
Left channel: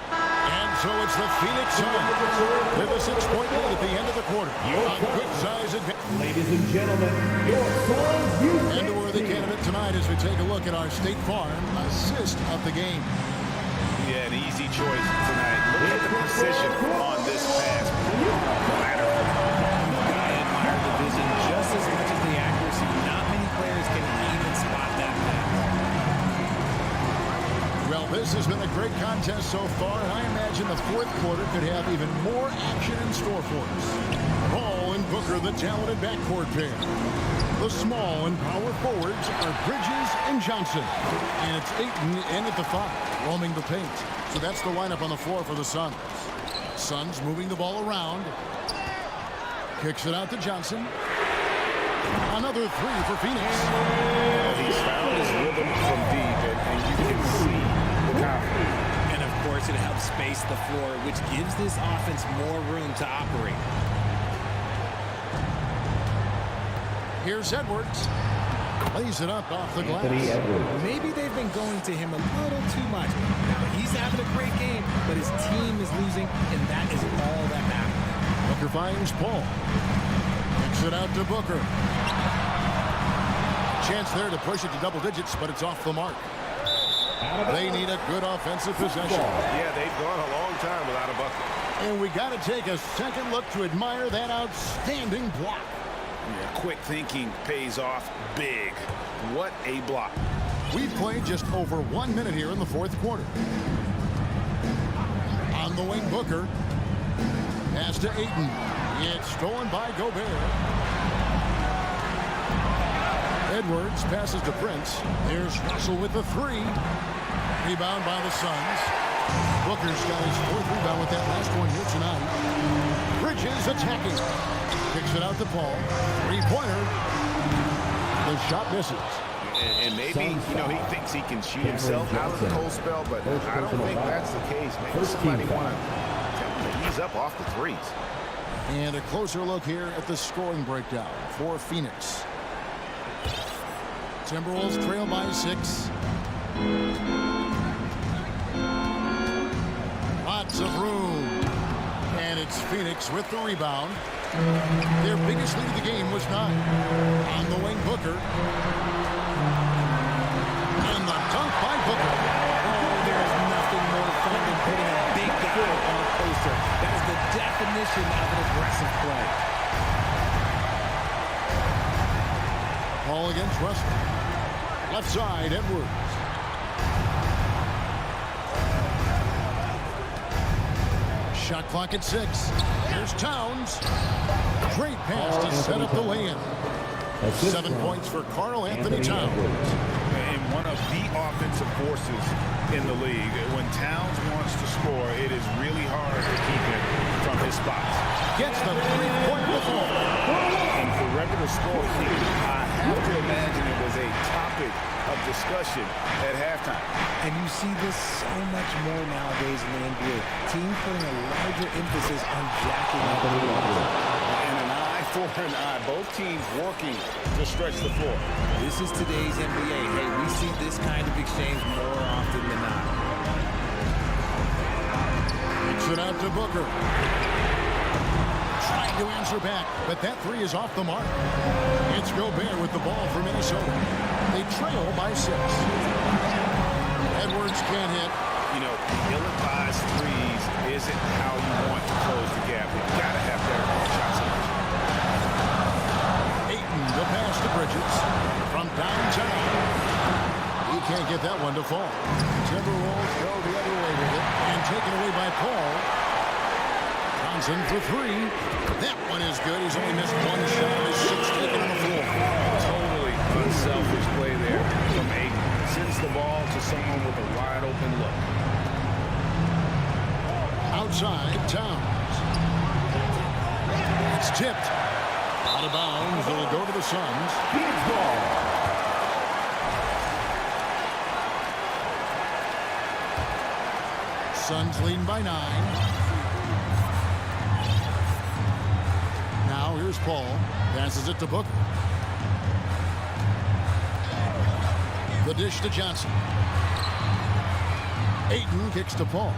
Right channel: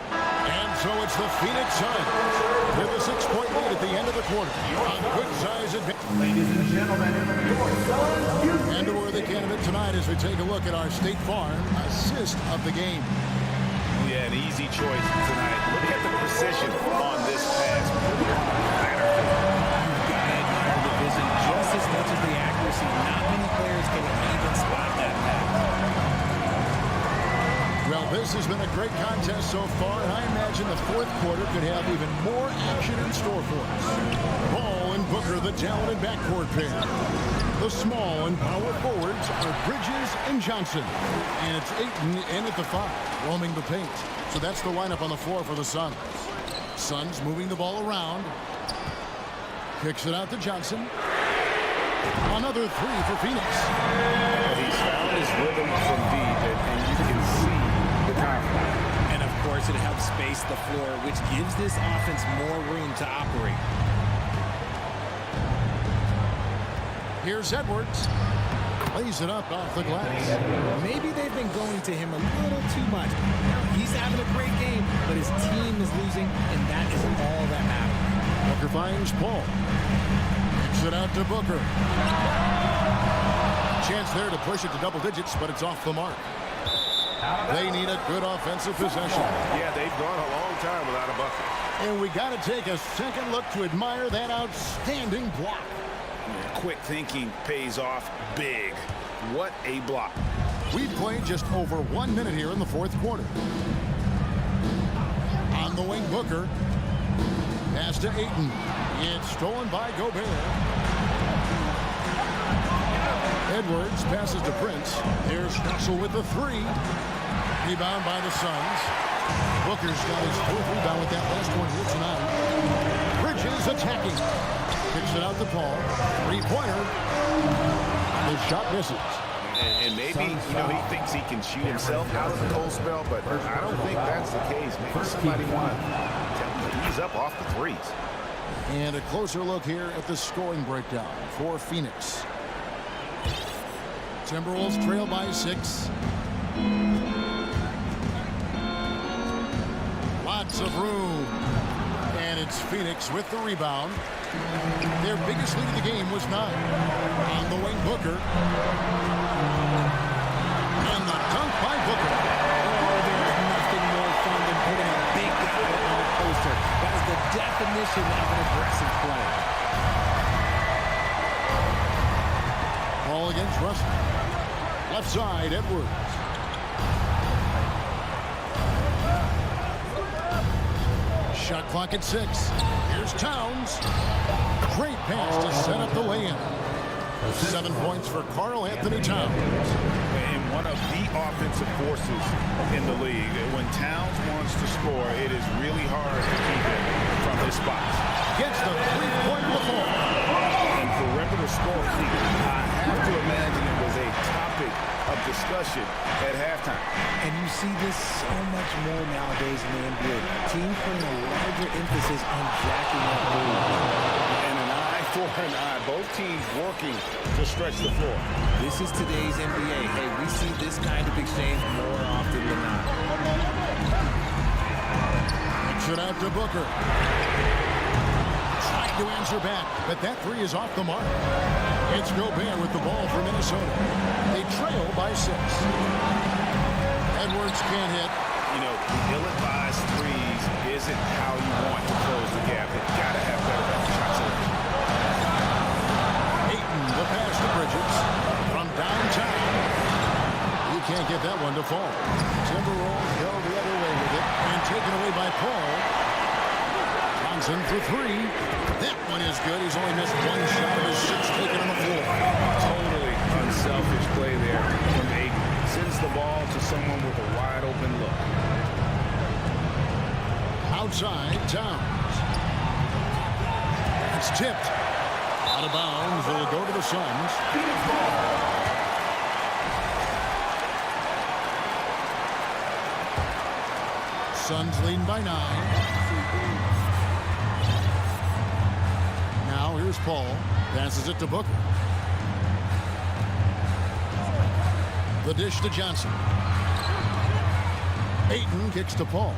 And so it's the Phoenix Suns with a 6-point lead at the end of the quarter. A good size advantage. Ladies and gentlemen, your Suns youth. And a worthy candidate tonight as we take a look at our State Farm assist of the game. Yeah, an easy choice tonight. Look at the precision on this pass. Put it on a platter. You've got to admire the vision just as much as the accuracy. Not many players can even spot that pass. Well, this has been a great contest so far, and I imagine the fourth quarter could have even more action in store for us. Paul and Booker, the talented backcourt pair. The small and power forwards are Bridges and Johnson. And it's Ayton in at the 5, roaming the paint. So that's the lineup on the floor for the Suns. Suns moving the ball around. Kicks it out to Johnson. Another 3 for Phoenix. He's found his rhythm from deep, and you can see the confidence. And of course, it helps space the floor, which gives this offense more room to operate. Here's Edwards. Lays it up off the glass. Maybe they've been going to him a little too much. Now, he's having a great game, but his team is losing, and that is all that matters. Booker finds Paul. Kicks it out to Booker. Chance there to push it to double digits, but it's off the mark. They need a good offensive possession. Yeah, they've gone a long time without a bucket. And we got to take a second look to admire that outstanding block. Yeah, quick thinking pays off big. What a block. We've played just over 1 minute here in the fourth quarter. the wing, Booker. Pass to Ayton. It's stolen by Gobert. Edwards passes to Prince. There's Russell with the three. Rebound by the Suns. Booker's got his 4th rebound with that last one here tonight. Bridges attacking. Kicks it out to Paul. 3-pointer. The shot misses. And maybe, you know, he thinks he can shoot himself out of the cold spell, but I don't think that's the case. Maybe somebody want to tell him to ease up off the threes. And a closer look here at the scoring breakdown for Phoenix. Timberwolves trail by 6. Lots of room. And it's Phoenix with the rebound. Their biggest lead of the game was 9. On the wing, Booker. And the dunk by Booker. Oh, there is nothing more fun than putting a big guy on a poster. That is the definition of an aggressive play. Ball against Russell. Left side, Edwards. Shot clock at 6. Here's Towns. Great pass to set up the lay-in. 7 points for Karl Anthony Towns. And one of the offensive forces in the league. When Towns wants to score, it is really hard to keep him from his spots. Gets the 3-pointer to fall. And perimeter scoring, I have to imagine it was a topic of discussion at halftime. And you see this so much more nowadays in the NBA. Teams putting a larger emphasis on jacking up moves. And an eye for an eye. Both teams working to stretch the floor. This is today's NBA. Hey, we see this kind of exchange more often than not. Kicks it out to Booker. Trying to answer back, but that 3 is off the mark. It's Gobert with the ball for Minnesota. They trail by 6. Edwards can't hit. You know, the ill-advised threes isn't how you want to close the gap. You've got to have better shot selection. Ayton, the pass to Bridges. From downtown. He can't get that one to fall. Timberwolves go the other way with it. And taken away by Paul. Johnson for 3. That one is good. He's only missed 1 shot of his 6 taken on the floor. Totally unselfish play there from Ayton. Sends the ball to someone with a wide open look. Outside, Towns. It's tipped. Out of bounds. It'll go to the Suns. Phoenix ball. Suns leading by 9. Now here's Paul. Passes it to Booker. The dish to Johnson. Ayton kicks to Paul.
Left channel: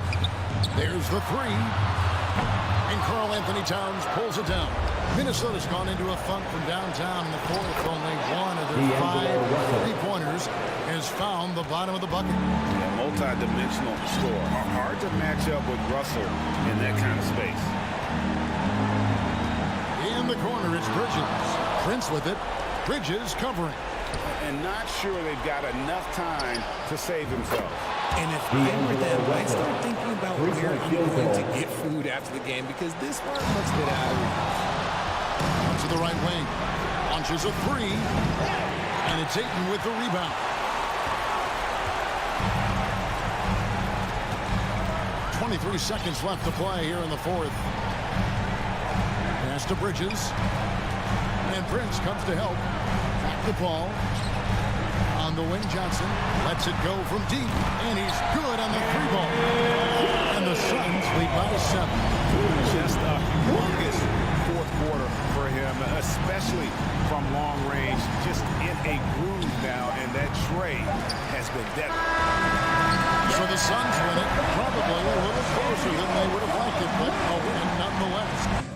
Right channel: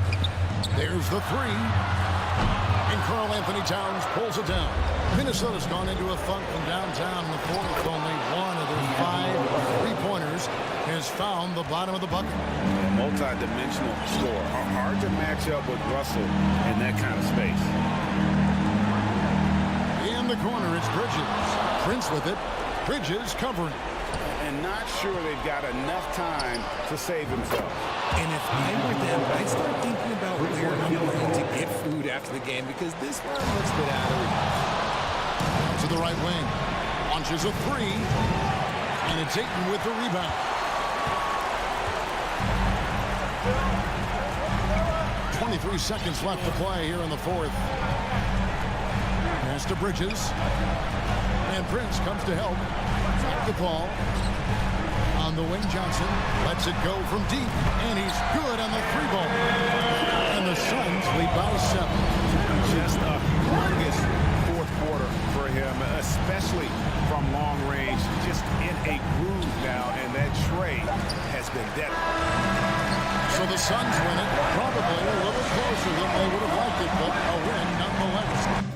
There's the 3. And Karl Anthony Towns pulls it down. Minnesota's gone into a funk from downtown in the 4th. Only one of their 5 3-pointers has found the bottom of the bucket. Yeah, multi-dimensional score. Hard to match up with Russell in that kind of space. In the corner, it's Bridges. Prince with it. Bridges covering. And not sure they've got enough time to save themselves. And if I were them, I'd start thinking about where I'm going to get food after the game because this one looks a bit out of reach. Out to the right wing. Launches a 3. And it's Ayton with the rebound. 23 seconds left to play here in the 4th. Pass to Bridges. And Prince comes to help. Back to Paul. On the wing, Johnson lets it go from deep. And he's good on the 3-ball. And the Suns lead by 7. Just a humongous 4th quarter for him, especially from long range. Just in a groove now, and that trade has been deadly. So the Suns win it, probably a little closer than they would have liked it, but a win nonetheless.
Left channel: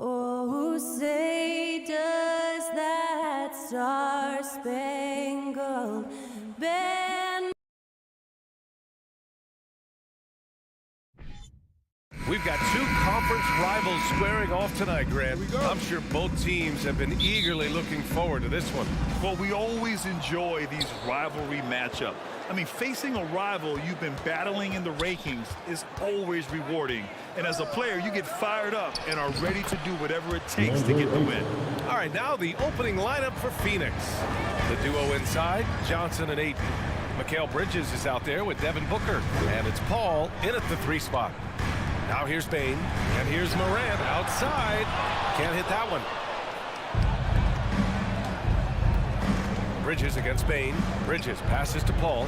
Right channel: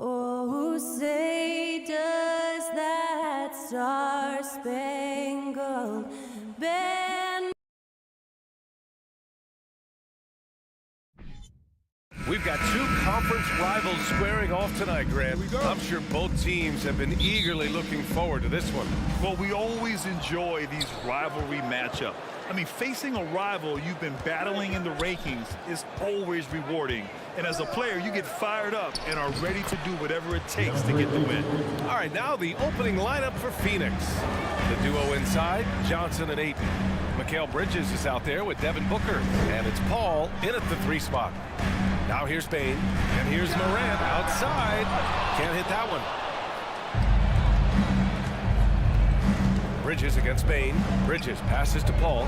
Oh, say does that star-spangled banner. We've got two conference rivals squaring off tonight, Grant. Here we go. I'm sure both teams have been eagerly looking forward to this one. Well, we always enjoy these rivalry matchups. I mean, facing a rival you've been battling in the rankings is always rewarding. And as a player, you get fired up and are ready to do whatever it takes to get the win. All right, now the opening lineup for Phoenix. The duo inside, Johnson and Ayton. Mikal Bridges is out there with Devin Booker. And it's Paul in at the 3 spot. Now here's Bane, and here's Morant outside. Can't hit that one. Bridges against Bane. Bridges passes to Paul.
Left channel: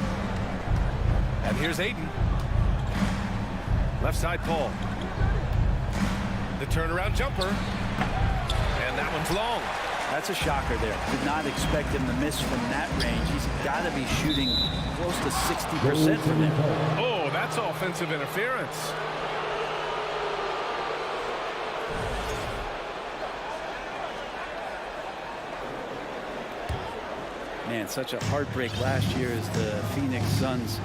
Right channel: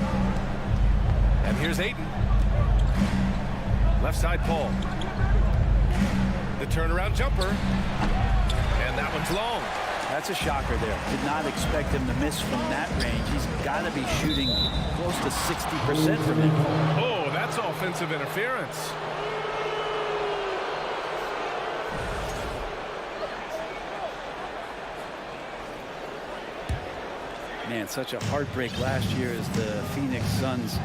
And here's Ayton. Left side, Paul. The turnaround jumper. And that one's long. That's a shocker there. Did not expect him to miss from that range. He's got to be shooting close to 60% from there. Oh, that's offensive interference. Man, such a heartbreak last year as the Phoenix Suns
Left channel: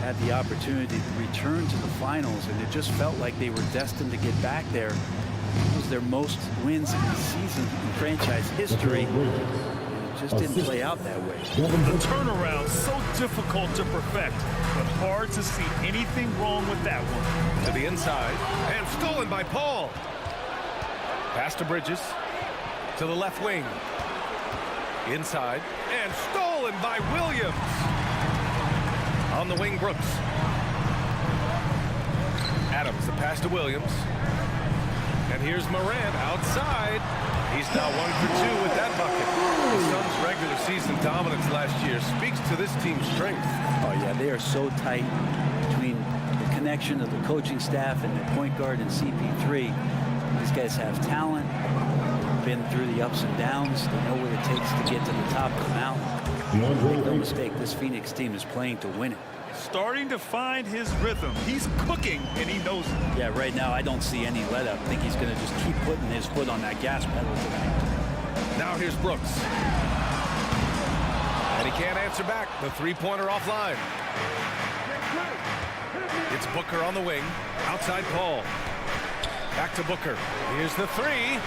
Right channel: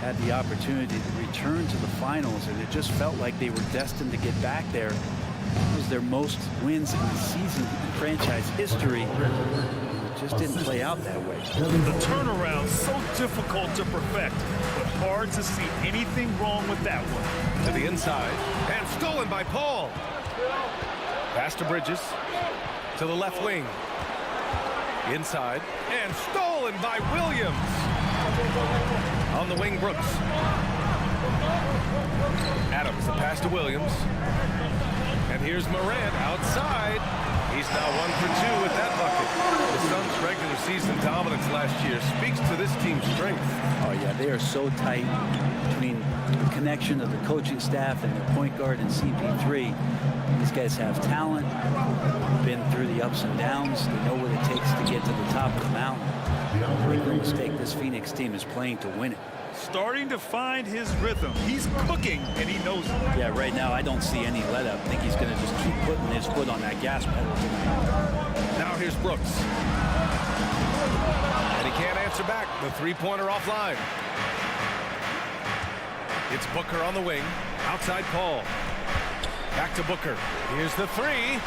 had the opportunity to return to the finals, and it just felt like they were destined to get back there. It was their most wins in the season in franchise history. And it just didn't play out that way. The turnaround so difficult to perfect, but hard to see anything wrong with that one. To the inside, and stolen by Paul. Pass to Bridges. To the left wing. Inside, and stolen by Williams. On the wing, Brooks. Adams, the pass to Williams. And here's Morant outside. He's now 1 for 2 with that bucket. The Suns' regular season dominance last year speaks to this team's strength. Oh, yeah, they are so tight between the connection of the coaching staff and their point guard and CP3. These guys have talent. Been through the ups and downs. They know what it takes to get to the top of the mountain. Make no mistake, this Phoenix team is playing to win it. Starting to find his rhythm. He's cooking, and he knows it. Yeah, right now I don't see any let up. I think he's going to just keep putting his foot on that gas pedal tonight. Now here's Brooks. And he can't answer back. The three-pointer offline. It's Booker on the wing. Outside Paul. Back to Booker. Here's the 3.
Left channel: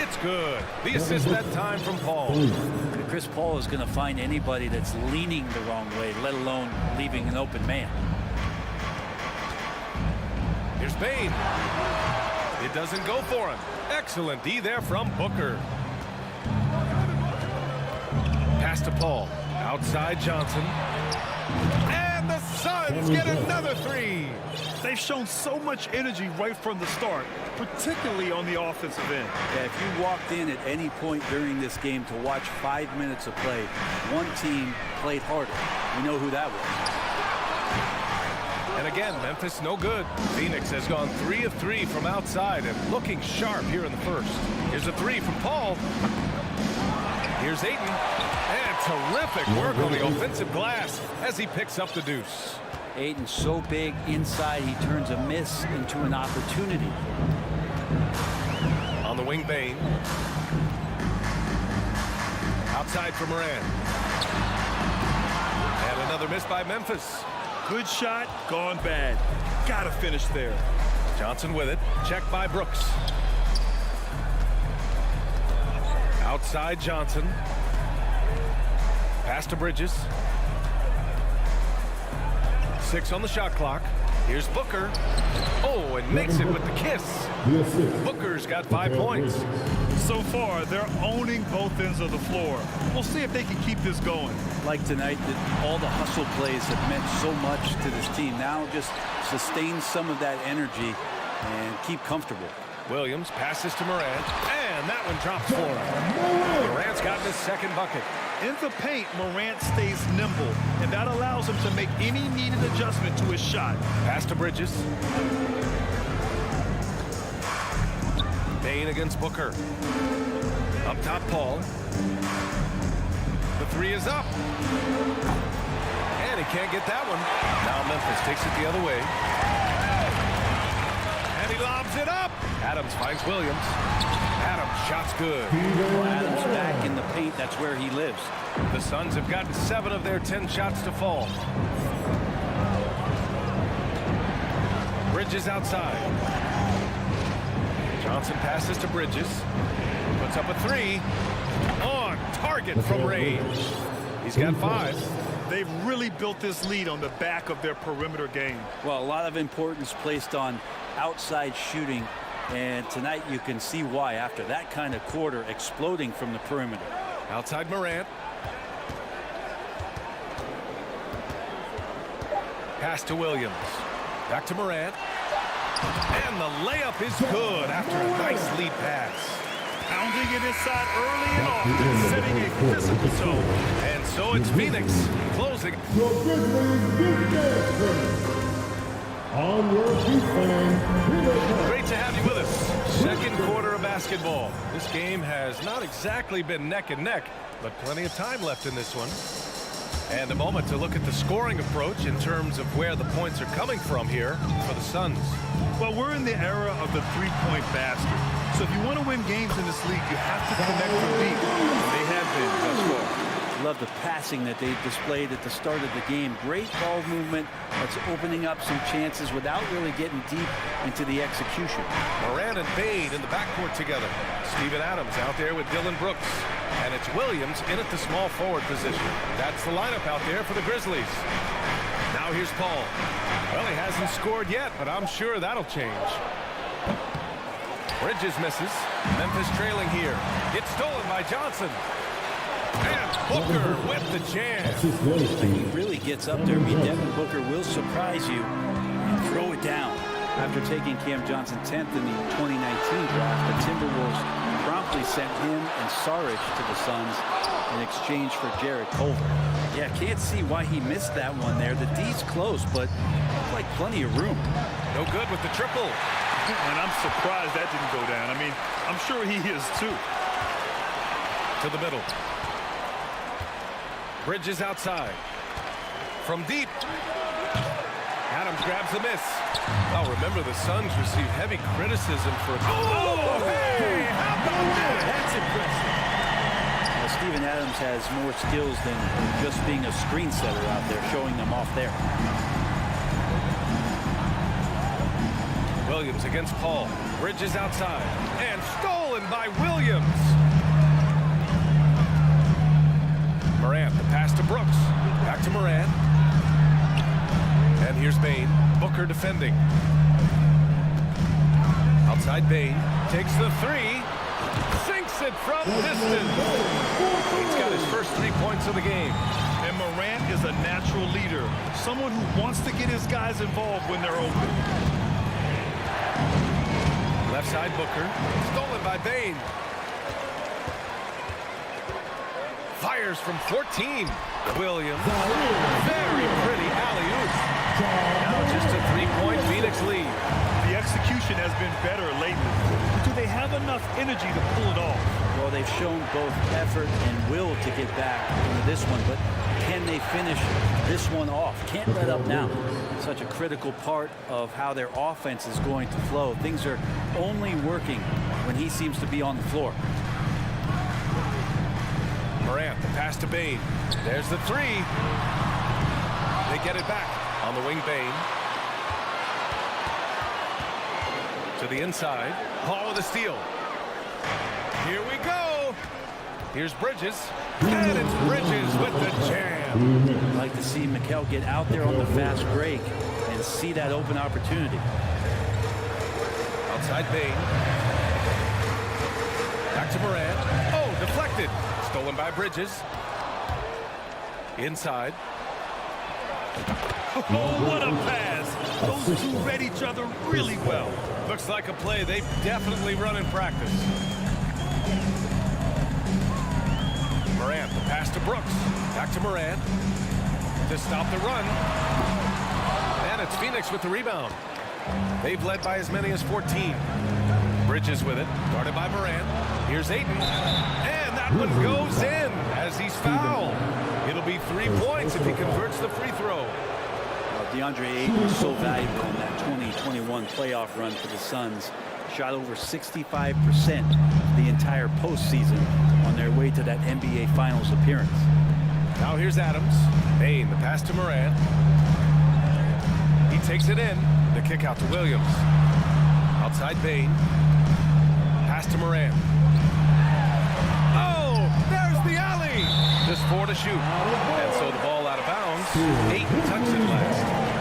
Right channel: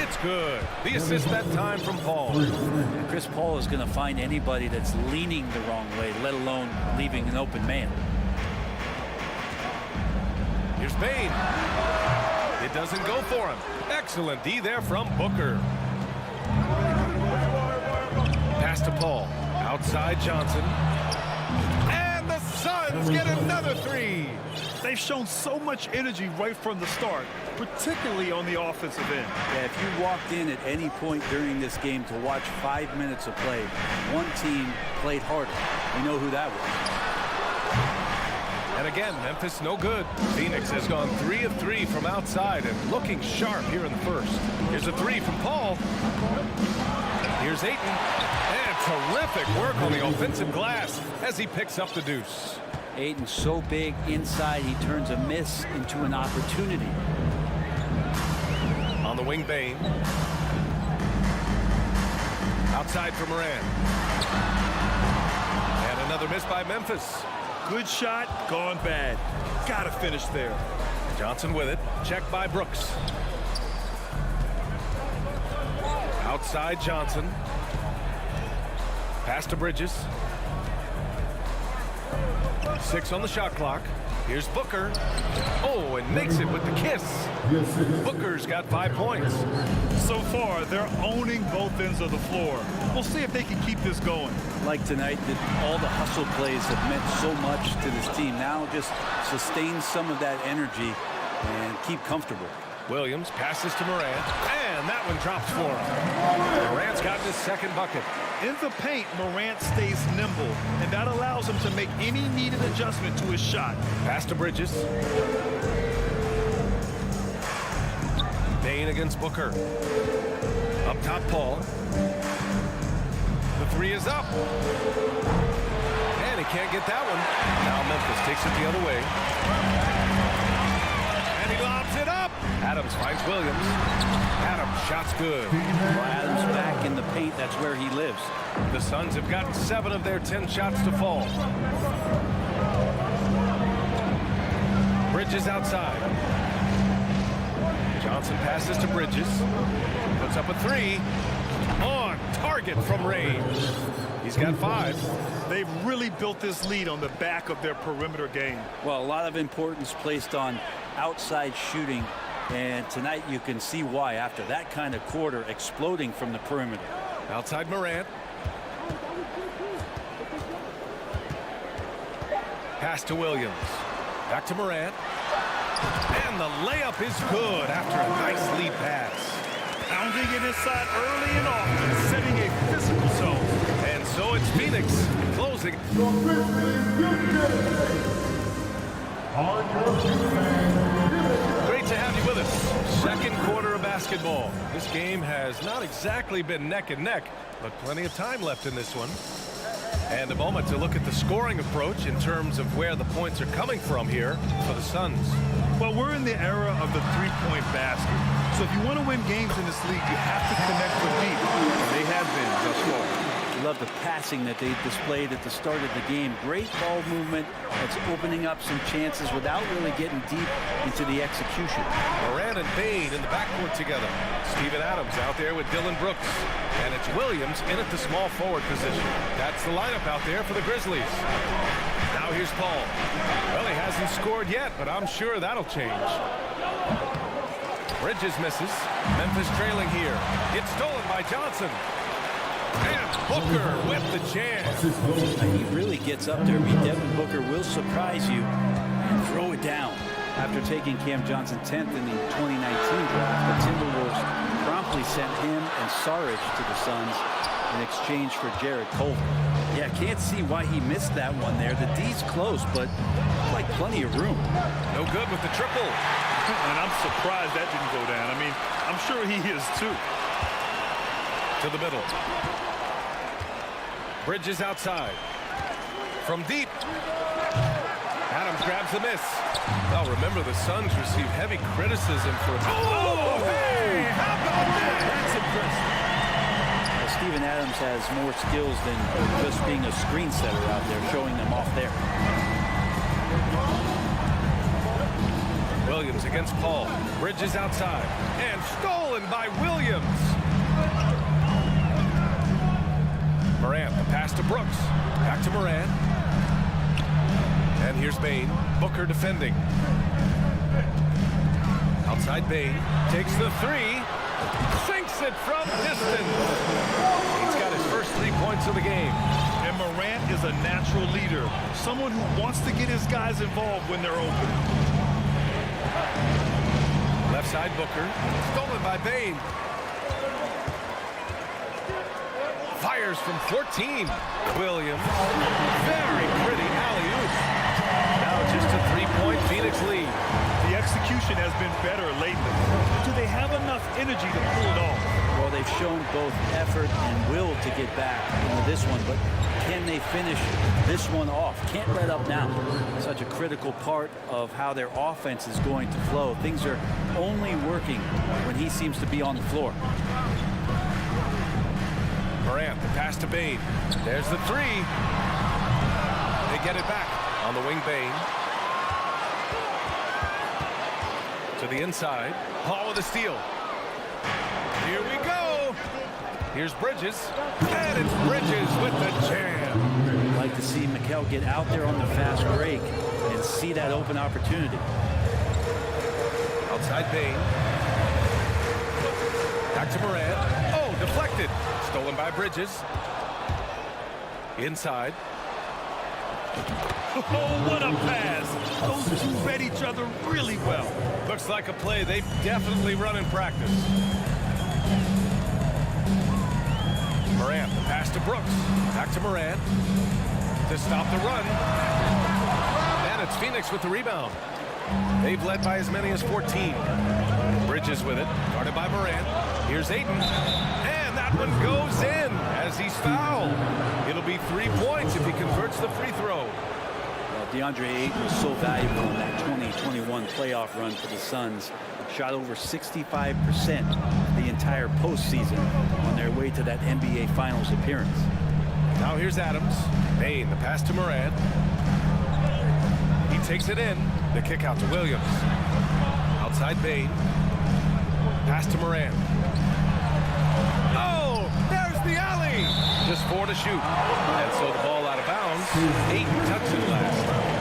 It's good. The assist that time from Paul. And Chris Paul is going to find anybody that's leaning the wrong way, let alone leaving an open man. Here's Bane. It doesn't go for him. Excellent D there from Booker. Pass to Paul. Outside Johnson. And the Suns get another 3. They've shown so much energy right from the start, particularly on the offensive end. Yeah, if you walked in at any point during this game to watch 5 minutes of play, one team played harder. We know who that was. And again, Memphis no good. Phoenix has gone 3 of 3 from outside and looking sharp here in the first. Here's a 3 from Paul. Here's Ayton. And terrific work on the offensive glass as he picks up the deuce. Ayton's so big inside, he turns a miss into an opportunity. On the wing, Bane. Outside for Morant. And another miss by Memphis. Good shot, gone bad. Gotta finish there. Johnson with it. Checked by Brooks. Outside Johnson. Pass to Bridges. 6 on the shot clock. Here's Booker. Oh, and makes it with the kiss. Booker's got 5 points. So far, they're owning both ends of the floor. We'll see if they can keep this going. Like tonight, that all the hustle plays have meant so much to this team. Now just sustain some of that energy and keep comfortable. Williams passes to Morant, and that one drops for him. Morant's gotten his second bucket. In the paint, Morant stays nimble, and that allows him to make any needed adjustment to his shot. Pass to Bridges. Bane against Booker. Up top, Paul. The 3 is up. And he can't get that one. Now Memphis takes it the other way. And he lobs it up. Adams finds Williams. Adams, shot's good. Well, Adams back in the paint. That's where he lives. The Suns have gotten 7 of their 10 shots to fall. Bridges outside. Johnson passes to Bridges. Puts up a 3. On target from range. He's got 5. They've really built this lead on the back of their perimeter game. Well, a lot of importance placed on outside shooting. And tonight you can see why after that kind of quarter exploding from the perimeter. Outside Morant. Pass to Williams. Back to Morant. And the layup is good after a nice lead pass. Pounding it inside early and often, setting a physical tone. And so it's Phoenix closing. On your defense. Great to have you with us. Second quarter of basketball. This game has not exactly been neck and neck, but plenty of time left in this one. And a moment to look at the scoring approach in terms of where the points are coming from here for the Suns. Well, we're in the era of the three-point basket. So if you want to win games in this league, you have to connect from deep. And they have been thus far. Love the passing that they displayed at the start of the game. Great ball movement that's opening up some chances without really getting deep into the execution. Morant and Bane in the backcourt together. Steven Adams out there with Dylan Brooks. And it's Williams in at the small forward position. That's the lineup out there for the Grizzlies. Now here's Paul. Well, he hasn't scored yet, but I'm sure that'll change. Bridges misses. Memphis trailing here. It's stolen by Johnson. And Booker with the jam. He really gets up there. I mean, Devin Booker will surprise you and throw it down. After taking Cam Johnson 10th in the 2019 draft, the Timberwolves promptly sent him and Saric to the Suns in exchange for Jared Culver. Yeah, can't see why he missed that one there. The D's close, but like plenty of room. No good with the triple. And I'm surprised that didn't go down. I mean, I'm sure he is too. To the middle. Bridges outside. From deep. Adams grabs the miss. Well, remember the Suns received heavy criticism for a... Oh, hey! How about that? That's impressive. Steven Adams has more skills than just being a screen setter out there, showing them off there. Williams against Paul. Bridges outside. And stolen by Williams. Morant, the pass to Brooks. Back to Morant. And here's Bane. Booker defending. Outside Bane. Takes the 3. Sinks it from distance. He's got his first 3 points of the game. And Morant is a natural leader. Someone who wants to get his guys involved when they're open. Left side Booker. Stolen by Bane. Fires from 14. Williams. Very pretty alley-oop. Now just a 3-point Phoenix lead. The execution has been better lately. But do they have enough energy to pull it off? Well, they've shown both effort and will to get back into this one, but can they finish this one off? Can't let up now. Such a critical part of how their offense is going to flow. Things are only working when he seems to be on the floor. Morant, the pass to Bane. There's the 3. They get it back on the wing. Bane to the inside. Paul with a steal. Here we go. Here's Bridges. And it's Bridges with the jam. Like to see Mikal get out there on the fast break and see that open opportunity. Outside Bane. Back to Morant. Oh, deflected. Stolen by Bridges. Inside. Oh, what a pass. Those two read each other really well. Looks like a play they've definitely run in practice. Morant, the pass to Brooks. Back to Morant to stop the run. And it's Phoenix with the rebound. They've led by as many as 14. Bridges with it, guarded by Morant. Here's Ayton. And that one goes in as he's fouled. It'll be 3 points if he converts the free throw. Well, DeAndre Ayton was so valuable in that 2021 playoff run for the Suns. Shot over 65% the entire postseason on their way to that NBA Finals appearance. Now here's Adams. Bane, the pass to Morant. He takes it in. The kick out to Williams. Outside Bane. Pass to Morant. Oh, there's the alley. Just 4 to shoot. And so the ball out of bounds. Ayton touched it last.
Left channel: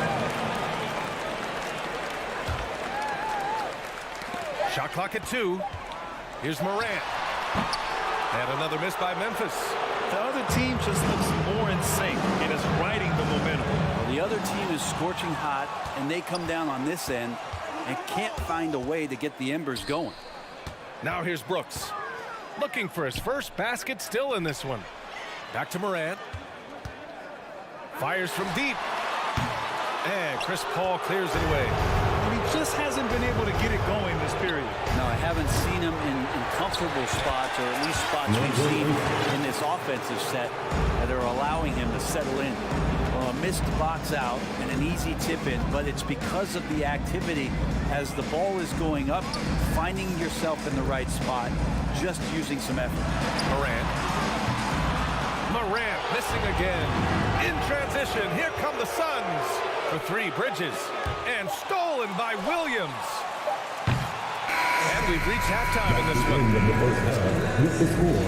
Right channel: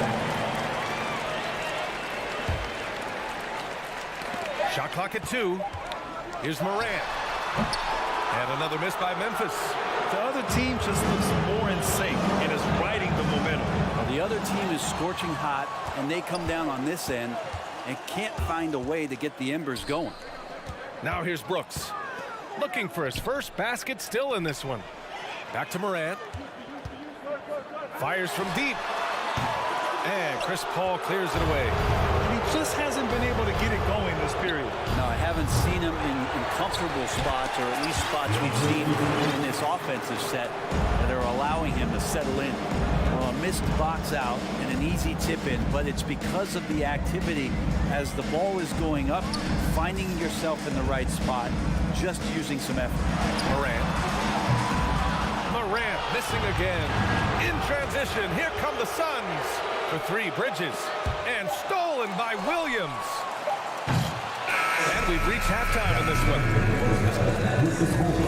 Shot clock at 2. Here's Morant. And another miss by Memphis. The other team just looks more in sync and is riding the momentum. Well, the other team is scorching hot, and they come down on this end and can't find a way to get the embers going. Now here's Brooks. Looking for his first basket, still in this one. Back to Morant. Fires from deep. And Chris Paul clears it away. And he just hasn't been able to get it going this period. No, I haven't seen him in comfortable spots, or at least spots we've seen in this offensive set that are allowing him to settle in. Well, a missed box out and an easy tip in, but it's because of the activity as the ball is going up, finding yourself in the right spot, just using some effort. Morant missing again. In transition, here come the Suns. For 3, Bridges. And stolen by Williams. And we've reached halftime in this one. With the score,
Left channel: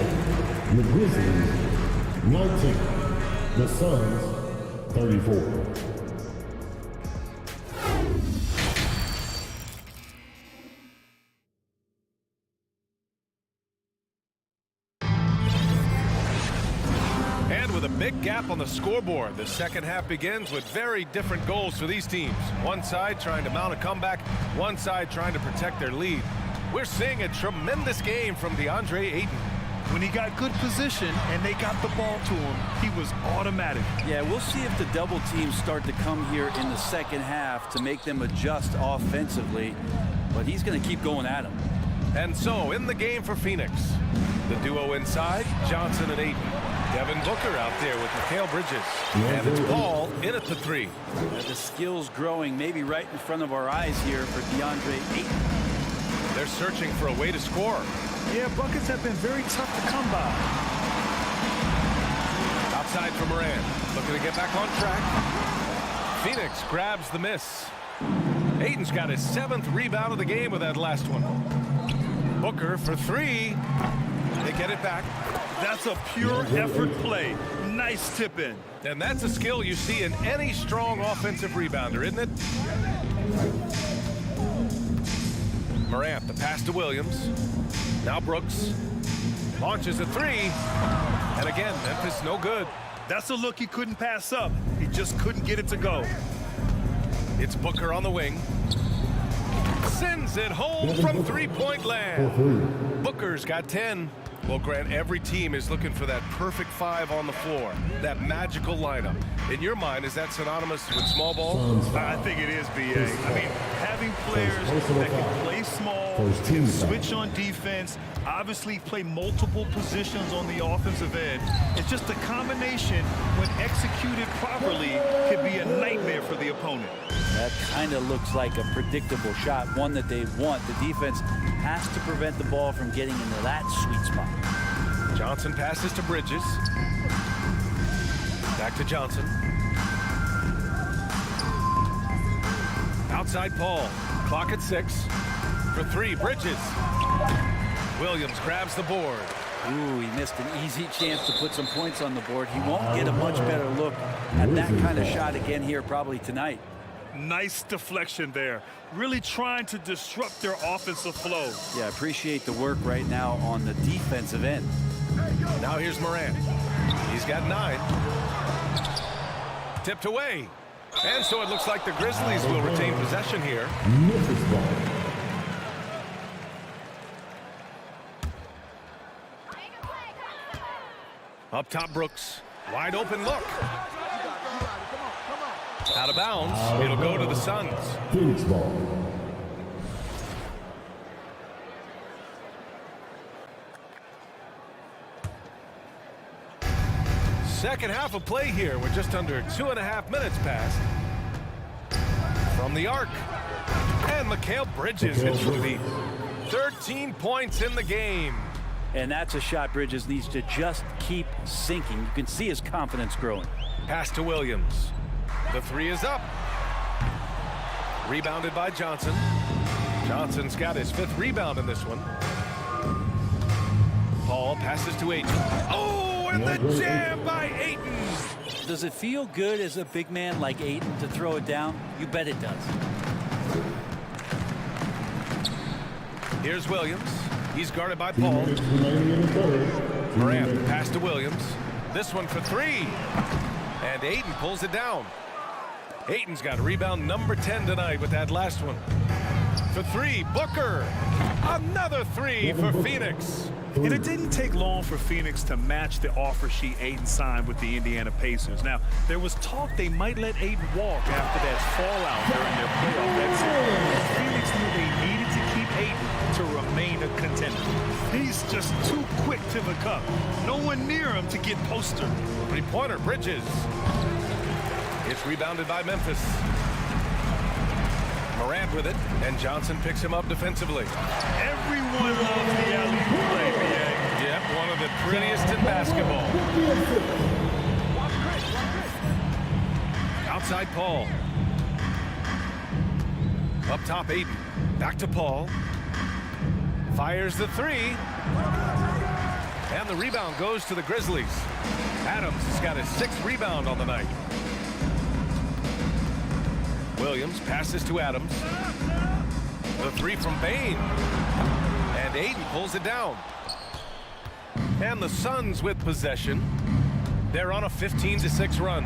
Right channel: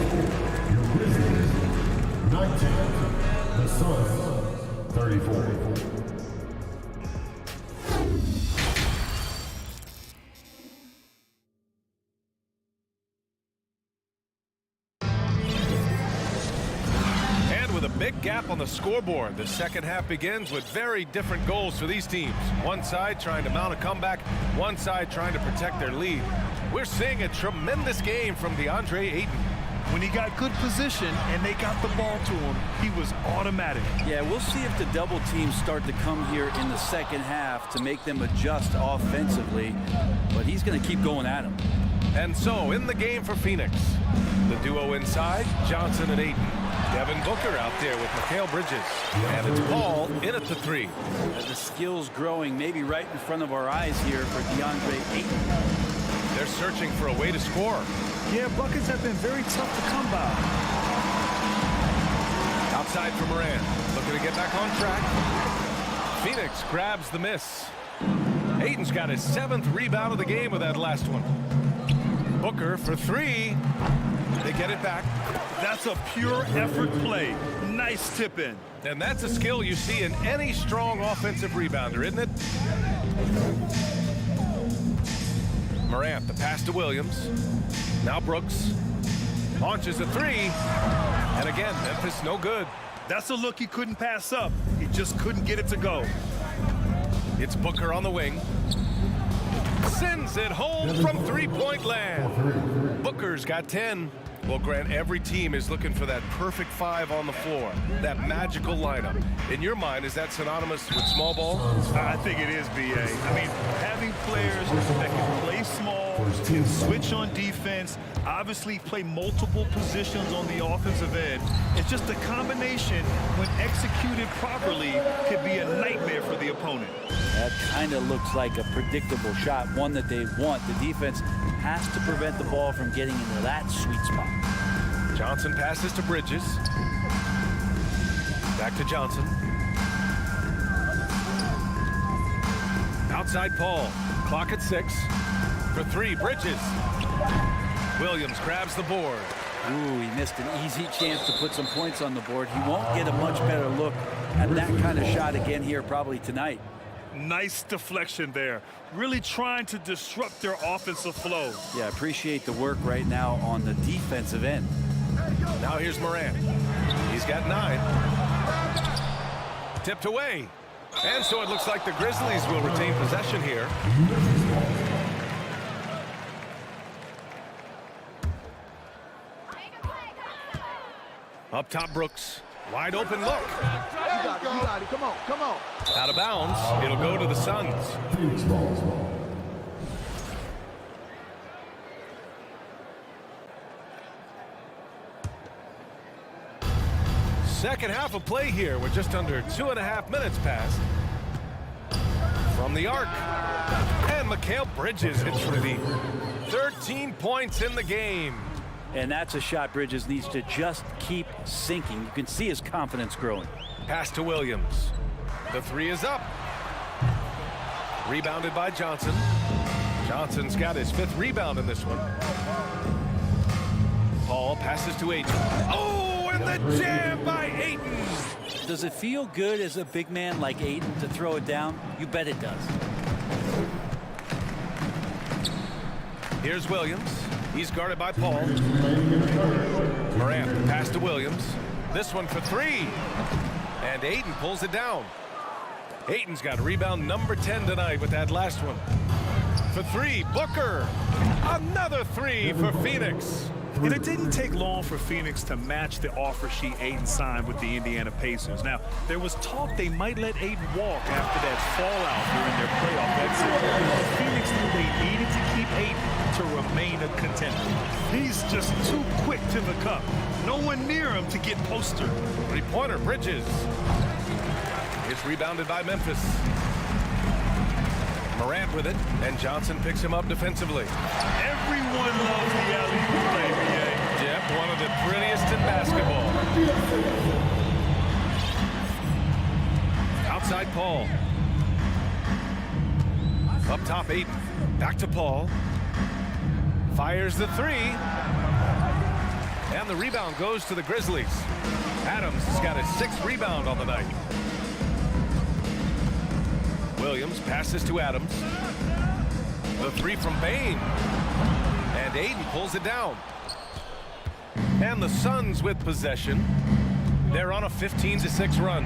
your Grizzlies 19, the Suns 34. With a big gap on the scoreboard, the second half begins with very different goals for these teams. One side trying to mount a comeback, one side trying to protect their lead. We're seeing a tremendous game from DeAndre Ayton. When he got good position and they got the ball to him, he was automatic. Yeah, we'll see if the double teams start to come here in the second half to make them adjust offensively, but he's going to keep going at him. And so in the game for Phoenix, the duo inside, Johnson and Ayton. Devin Booker out there with Mikal Bridges. And it's Paul in at the 3. The skills growing maybe right in front of our eyes here for DeAndre Ayton. They're searching for a way to score. Yeah, buckets have been very tough to come by. Outside for Morant. Looking to get back on track. Phoenix grabs the miss. Ayton's got his 7th rebound of the game with that last one. Booker for 3. They get it back. That's a pure effort play. Nice tip in. And that's a skill you see in any strong offensive rebounder, isn't it? Morant, the pass to Williams. Now Brooks. Launches a 3. And again, Memphis no good. That's a look he couldn't pass up. He just couldn't get it to go. It's Booker on the wing. Sends it home from three-point land. Booker's got 10. Well, Grant, every team is looking for that perfect 5 on the floor, that magical lineup. In your mind, is that synonymous with small ball? I think it is, B.A. I mean, having players that can play small, can switch on defense, obviously play multiple positions on the offensive end. It's just a combination, when executed properly, could be a nightmare for the opponent. That kind of looks like a predictable shot, one that they want. The defense has to prevent the ball from getting into that sweet spot. Johnson passes to Bridges. Back to Johnson. Outside Paul. Clock at 6. For 3, Bridges. Williams grabs the board. Ooh, he missed an easy chance to put some points on the board. He won't get a much better look at that kind of shot again here probably tonight. Nice deflection there. Really trying to disrupt their offensive flow. Yeah, appreciate the work right now on the defensive end. Now here's Morant. He's got 9. Tipped away. And so it looks like the Grizzlies will retain possession here. Up top, Brooks. Wide open look. You got it. Come on. Out of bounds. It'll go to the Suns. Phoenix ball. Second half of play here with just under 2.5 minutes passed. from the arc. And Mikal Bridges hits from deep. 13 points in the game. And that's a shot Bridges needs to just keep sinking. You can see his confidence growing. Pass to Williams. The three is up. Rebounded by Johnson. Johnson's got his 5th rebound in this one. Paul passes to Ayton. Oh, and the jam by Ayton. Does it feel good as a big man like Ayton to throw it down? You bet it does. Here's Williams. He's guarded by Paul. Morant, the pass to Williams. This one for 3. And Ayton pulls it down. Ayton's got rebound number 10 tonight with that last one. For 3, Booker. Another 3 for Phoenix. And it didn't take long for Phoenix to match the offer sheet Ayton signed with the Indiana Pacers. Now, there was talk they might let Ayton walk after that fallout during their playoff exit. But Phoenix knew they needed to keep Ayton to remain a contender. He's just too quick to the cup. No one near him to get postered. 3-pointer, Bridges. It's rebounded by Memphis. Morant with it, and Johnson picks him up defensively. Everyone loves the alley-oop play, B.A. Yep, one of the prettiest in basketball. Outside Paul. Up top, Ayton. Back to Paul. Fires the 3. And the rebound goes to the Grizzlies. Adams has got his 6th rebound on the night. Williams passes to Adams. The 3 from Bane. And Ayton pulls it down. And the Suns with possession. They're on a 15-6 run.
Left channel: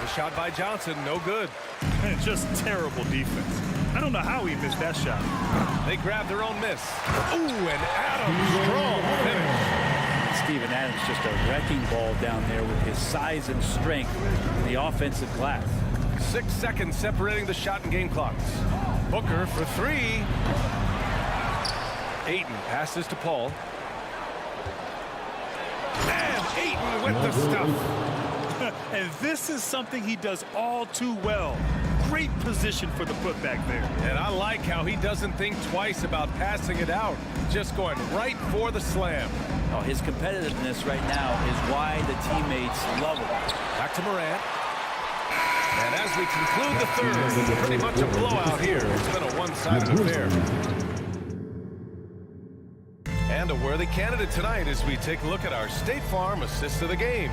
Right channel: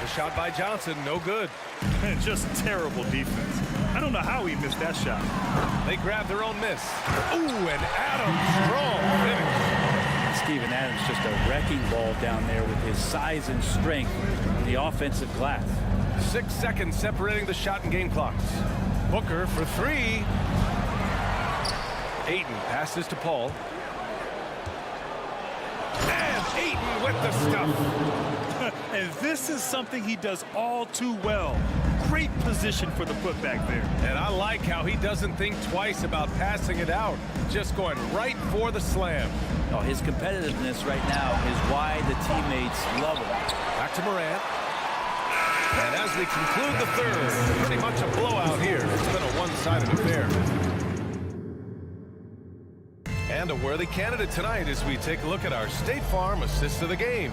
The shot by Johnson, no good. Just terrible defense. I don't know how he missed that shot. They grab their own miss. Ooh, and Adams, strong finish. Steven Adams just a wrecking ball down there with his size and strength in the offensive glass. 6 seconds separating the shot and game clocks. Booker for 3. Ayton passes to Paul. And Ayton with the stuff. And this is something he does all too well. Great position for the putback there. And I like how he doesn't think twice about passing it out. Just going right for the slam. Oh, his competitiveness right now is why the teammates love him. Back to Morant. And as we conclude the 3rd, pretty much a blowout here. It's been a one-sided affair. And a worthy candidate tonight as we take a look at our State Farm assist of the game.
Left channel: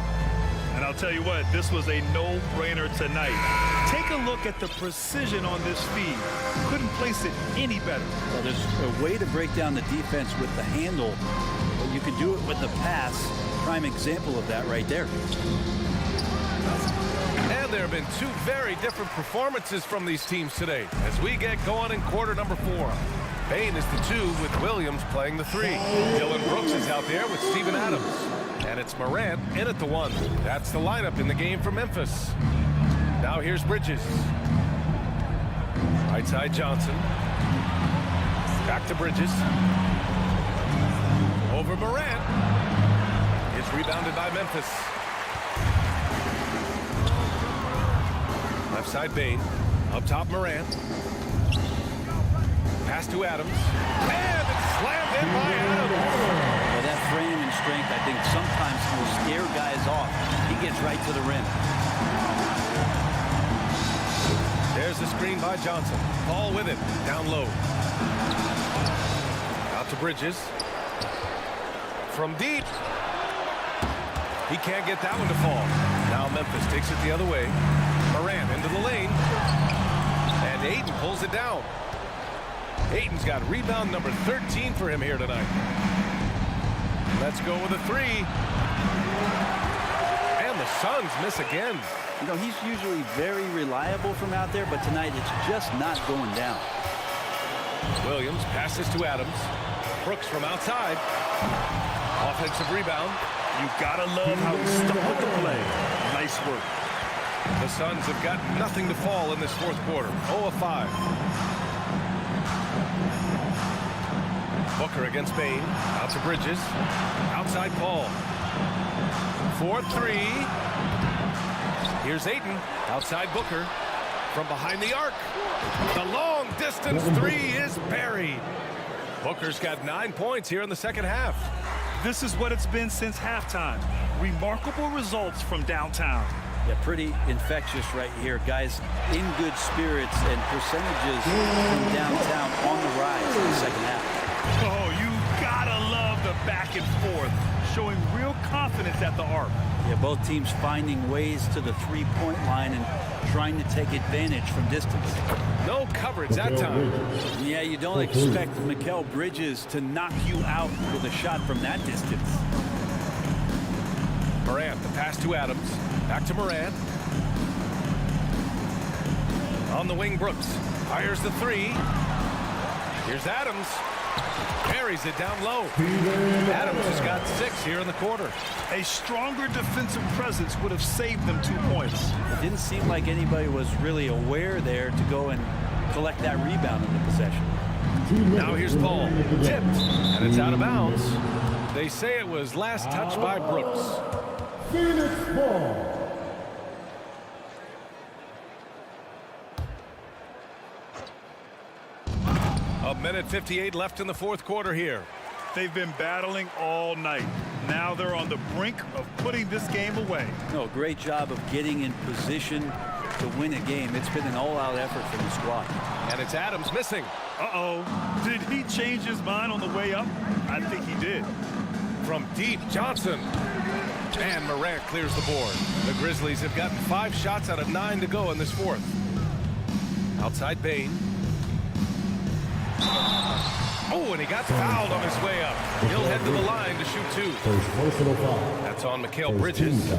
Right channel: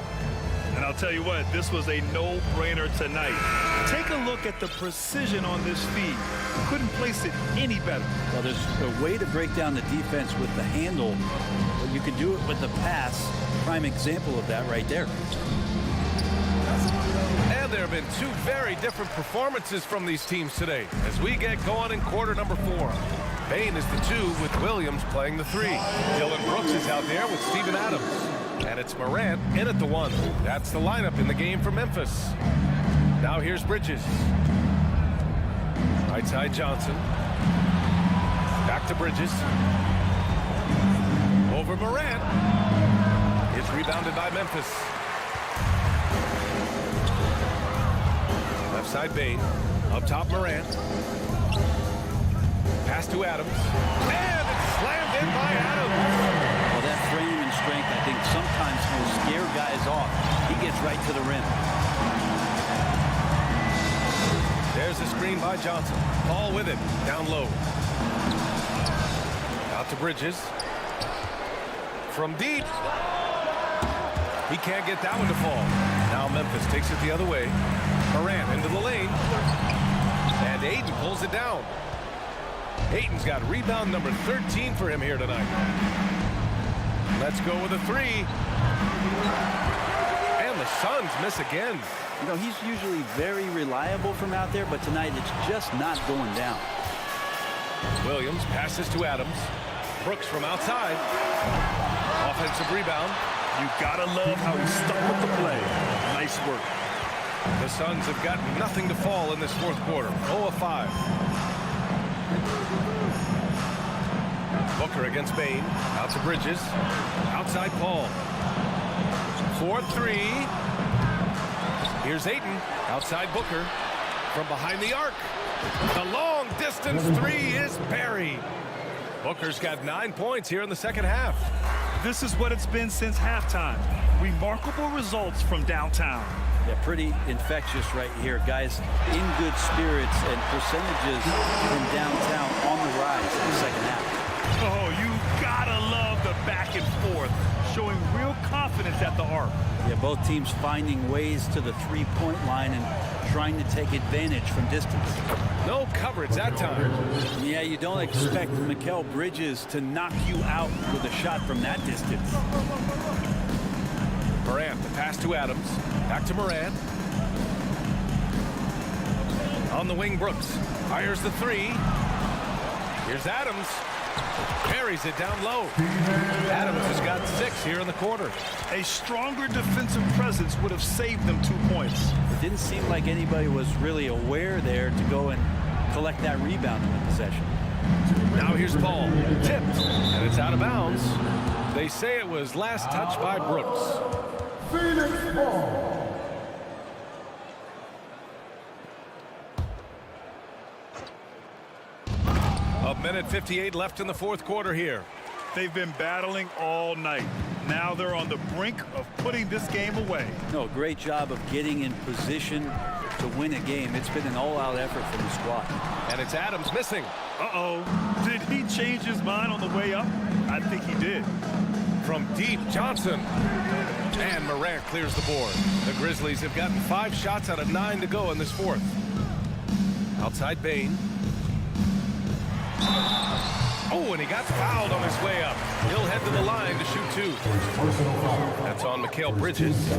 And I'll tell you what, this was a no-brainer tonight. Take a look at the precision on this feed. Couldn't place it any better. Well, there's a way to break down the defense with the handle, but you can do it with the pass. Prime example of that right there. And there have been 2 very different performances from these teams today as we get going in quarter number 4. Bane is the 2 with Williams playing the 3. Dylan Brooks is out there with Steven Adams. And it's Morant in at the 1. That's the lineup in the game for Memphis. Now here's Bridges. Right side Johnson. Back to Bridges. Over Morant. It's rebounded by Memphis. Left side Bane. Up top Morant. Pass to Adams. And it's slammed in by Adams. Well, that frame and strength, I think, sometimes will scare guys off. He gets right to the rim. There's a screen by Johnson. Paul with it. Down low. Out to Bridges. From deep. He can't get that one to fall. Now Memphis takes it the other way. Morant into the lane. And Ayton pulls it down. Ayton's got rebound number 13 for him here tonight. Let's go with a 3. And the Suns miss again. You know, he's usually very reliable from out there, but tonight it's just not going down. Williams passes to Adams. Brooks from outside. Offensive rebound. You gotta love how he stuck with the play. Nice work. The Suns have got nothing to fall in this 4th quarter. 0 of 5. Booker against Bane. Out to Bridges. Outside Paul. 4-3. Here's Ayton. Outside Booker. From behind the arc. The long distance three is buried. Booker's got 9 points here in the second half. This is what it's been since halftime. Remarkable results from downtown. Yeah, pretty infectious right here. Guys in good spirits and percentages from downtown on the rise in the second half. Oh, you gotta love the back and forth, showing real confidence at the arc. Yeah, both teams finding ways to the three-point line and trying to take advantage from distance. No coverage that time. Yeah, you don't expect Mikal Bridges to knock you out with a shot from that distance. Morant, the pass to Adams. Back to Morant. On the wing, Brooks. Fires the three. Here's Adams. Buries it down low. Adams has got 6 here in the quarter. A stronger defensive presence would have saved them 2 points. It didn't seem like anybody was really aware there to go and collect that rebound in the possession. Now here's Paul. Tipped. And it's out of bounds. They say it was last touched by Brooks. Phoenix ball. A minute 58 left in the fourth quarter here. They've been battling all night. Now they're on the brink of putting this game away. No, great job of getting in position to win a game. It's been an all-out effort from the squad. And it's Adams missing. Uh-oh. Did he change his mind on the way up? I think he did. From deep, Johnson. And Morant clears the board. The Grizzlies have gotten 5 shots out of 9 to go in this fourth. Outside Bane. Oh, and he got fouled on his way up. He'll head to the line to shoot 2. That's on Mikal Bridges.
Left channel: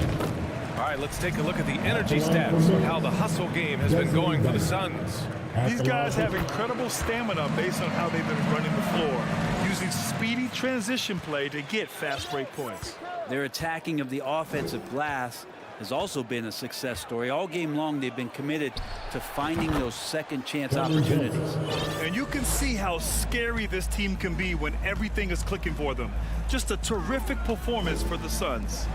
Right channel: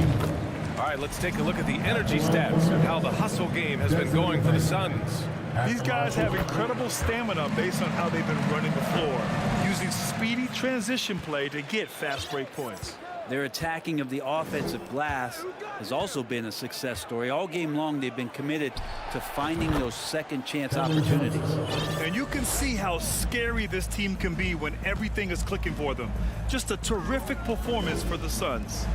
All right, let's take a look at the energy stats and how the hustle game has been going for the Suns. These guys have incredible stamina based on how they've been running the floor, using speedy transition play to get fast break points. Their attacking of the offensive glass has also been a success story. All game long, they've been committed to finding those second chance opportunities. And you can see how scary this team can be when everything is clicking for them. Just a terrific performance for the Suns.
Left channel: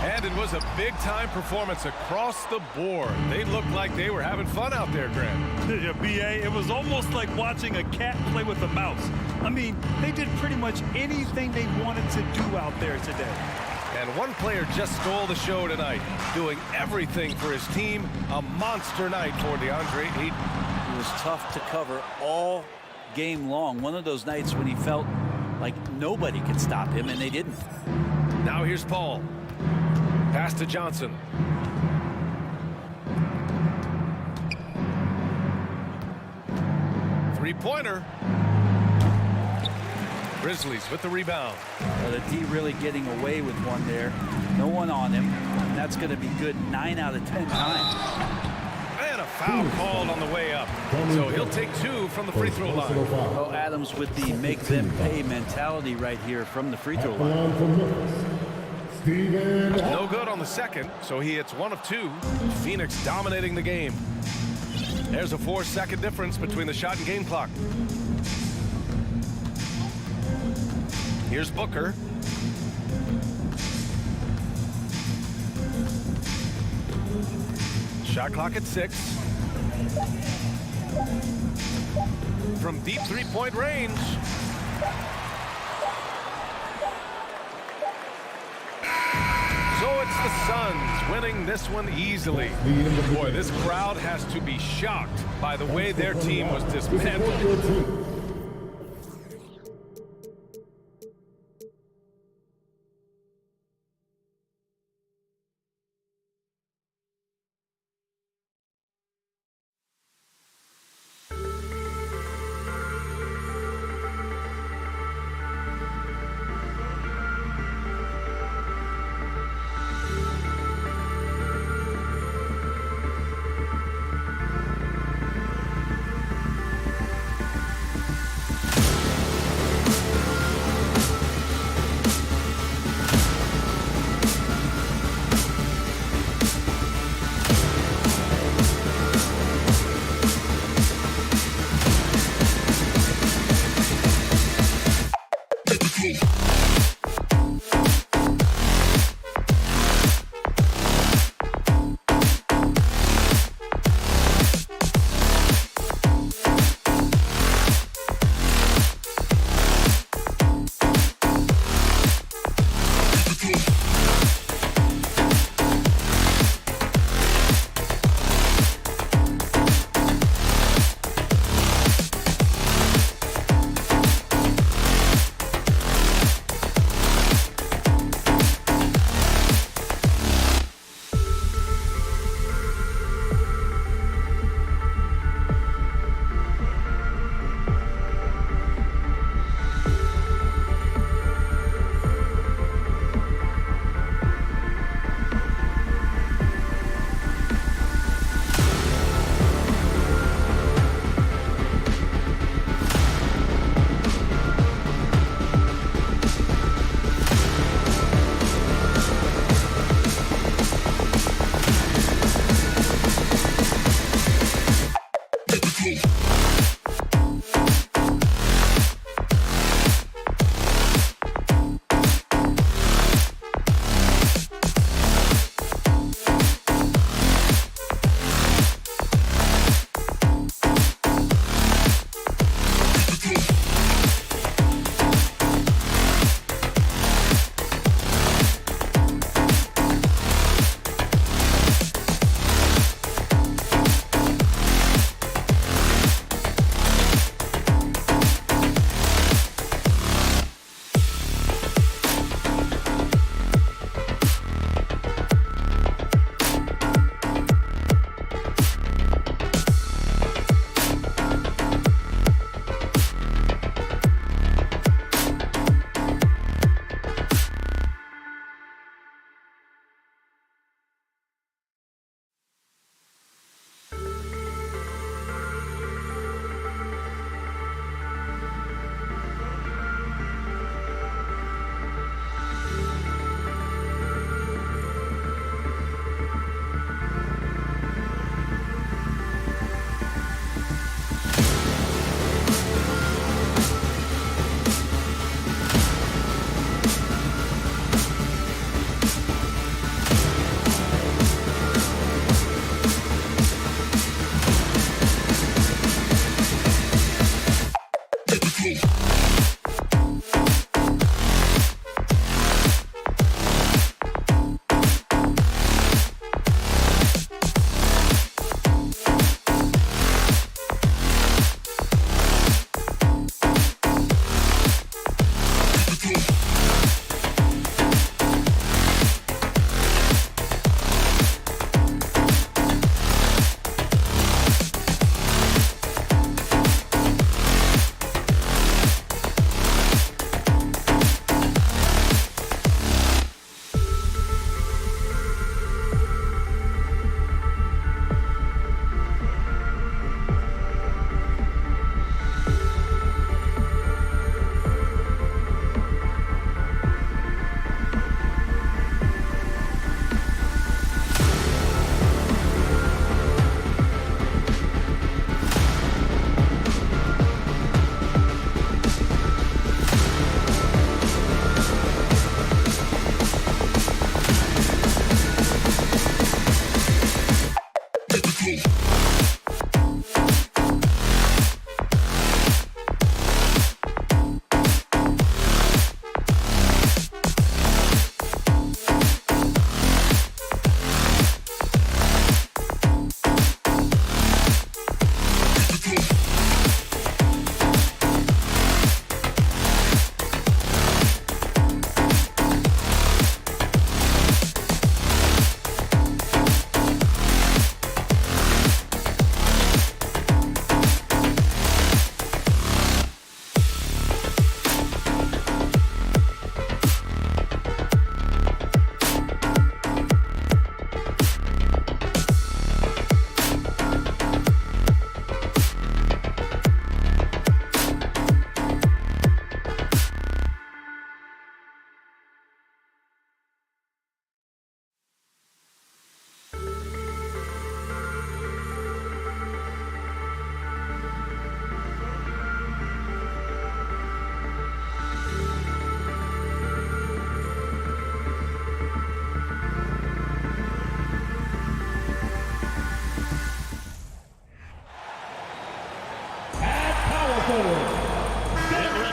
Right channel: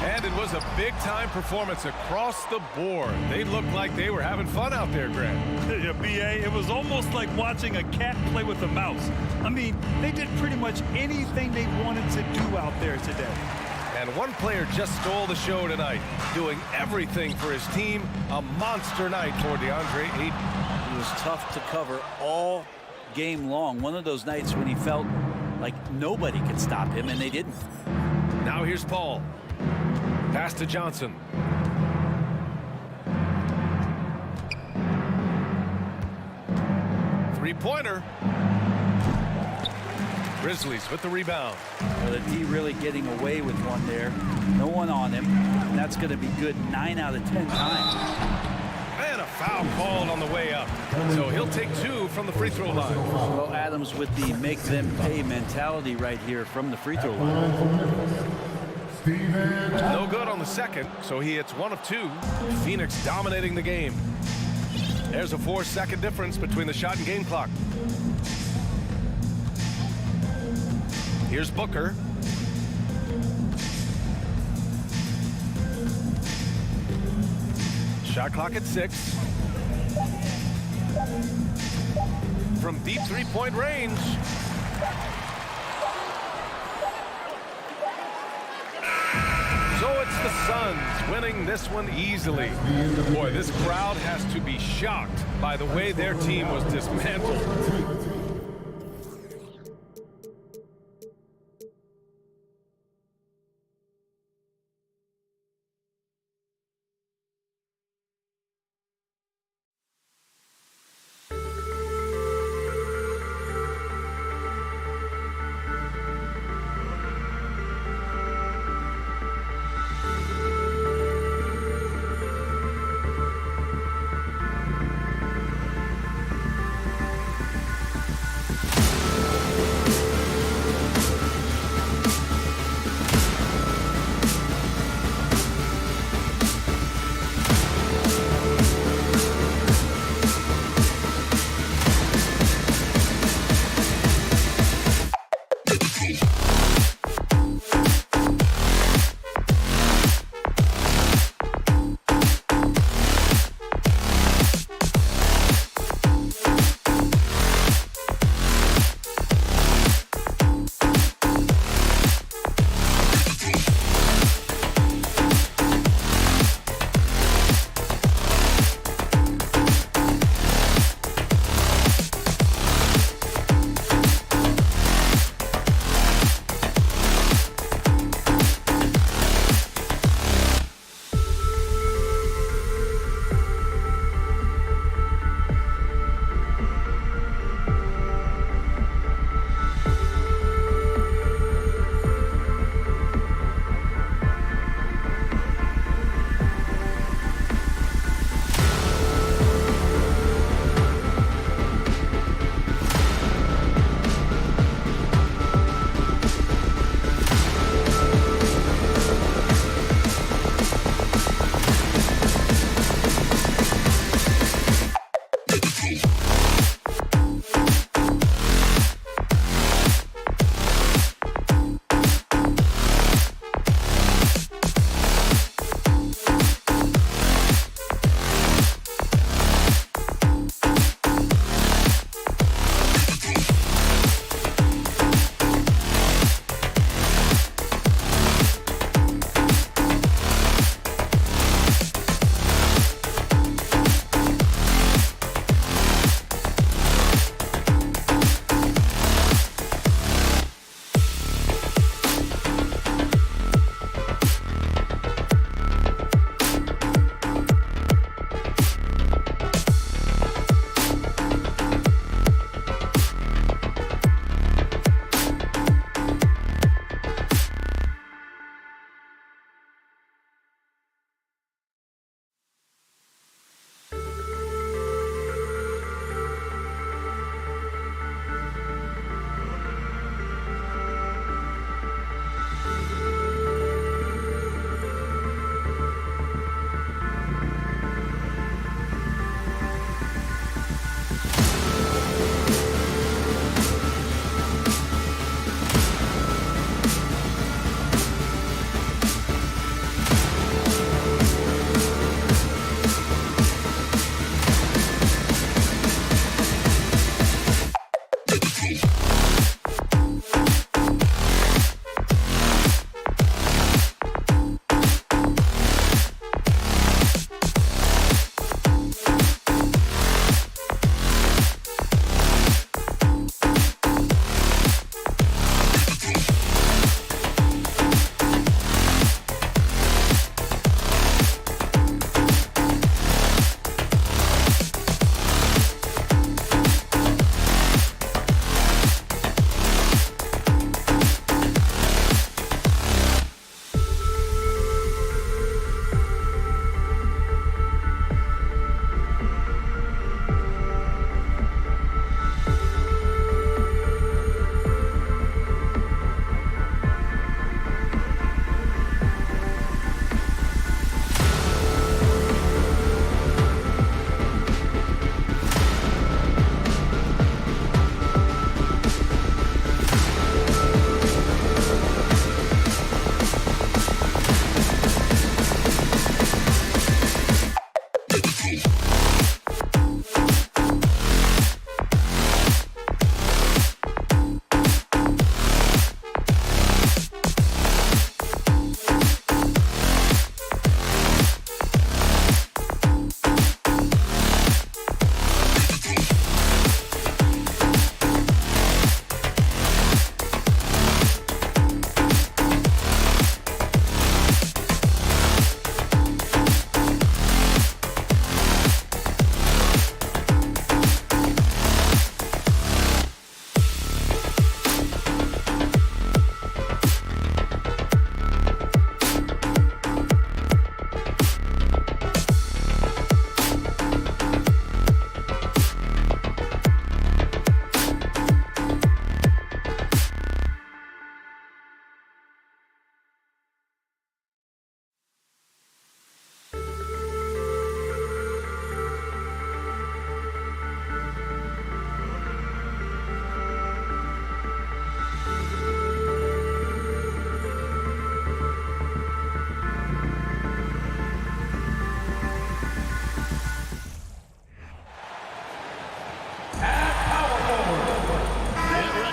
And it was a big-time performance across the board. They looked like they were having fun out there, Grant. Yeah, B.A., it was almost like watching a cat play with a mouse. I mean, they did pretty much anything they wanted to do out there today. And one player just stole the show tonight, doing everything for his team. A monster night for DeAndre Ayton. He was tough to cover all game long. One of those nights when he felt like nobody could stop him, and they didn't. Now here's Paul. Pass to Johnson. Three-pointer. Grizzlies with the rebound. Well, the D really getting away with one there. No one on him. And that's going to be good 9 out of 10 times. And a foul called on the way up. So he'll take 2 from the free throw line. Well, Adams with the make them pay mentality right here from the free throw line. No good on the second, so he hits 1 of 2. Phoenix dominating the game. There's a 4-second difference between the shot and game clock. Here's Booker. Shot clock at 6. From deep three-point range. So it's the Suns winning this one easily. Boy, this crowd has to be shocked by the way their team was dismantled.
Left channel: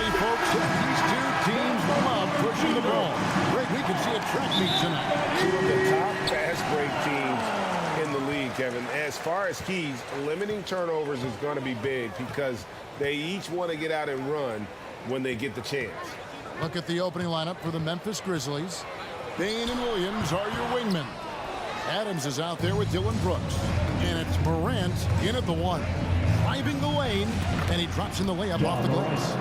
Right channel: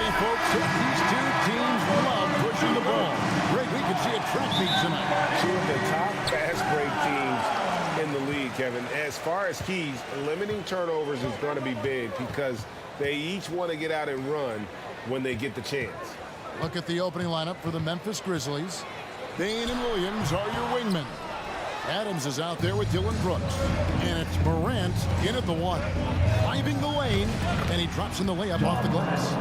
Alrighty, folks. These two teams love pushing the ball. Greg, we can see a track meet tonight. Two of the top fast break teams in the league, Kevin. As far as keys, limiting turnovers is going to be big because they each want to get out and run when they get the chance. Look at the opening lineup for the Memphis Grizzlies. Bain and Williams are your wingmen. Adams is out there with Dylan Brooks. And it's Morant in at the 1. Driving the lane, and he drops in the layup off the glass.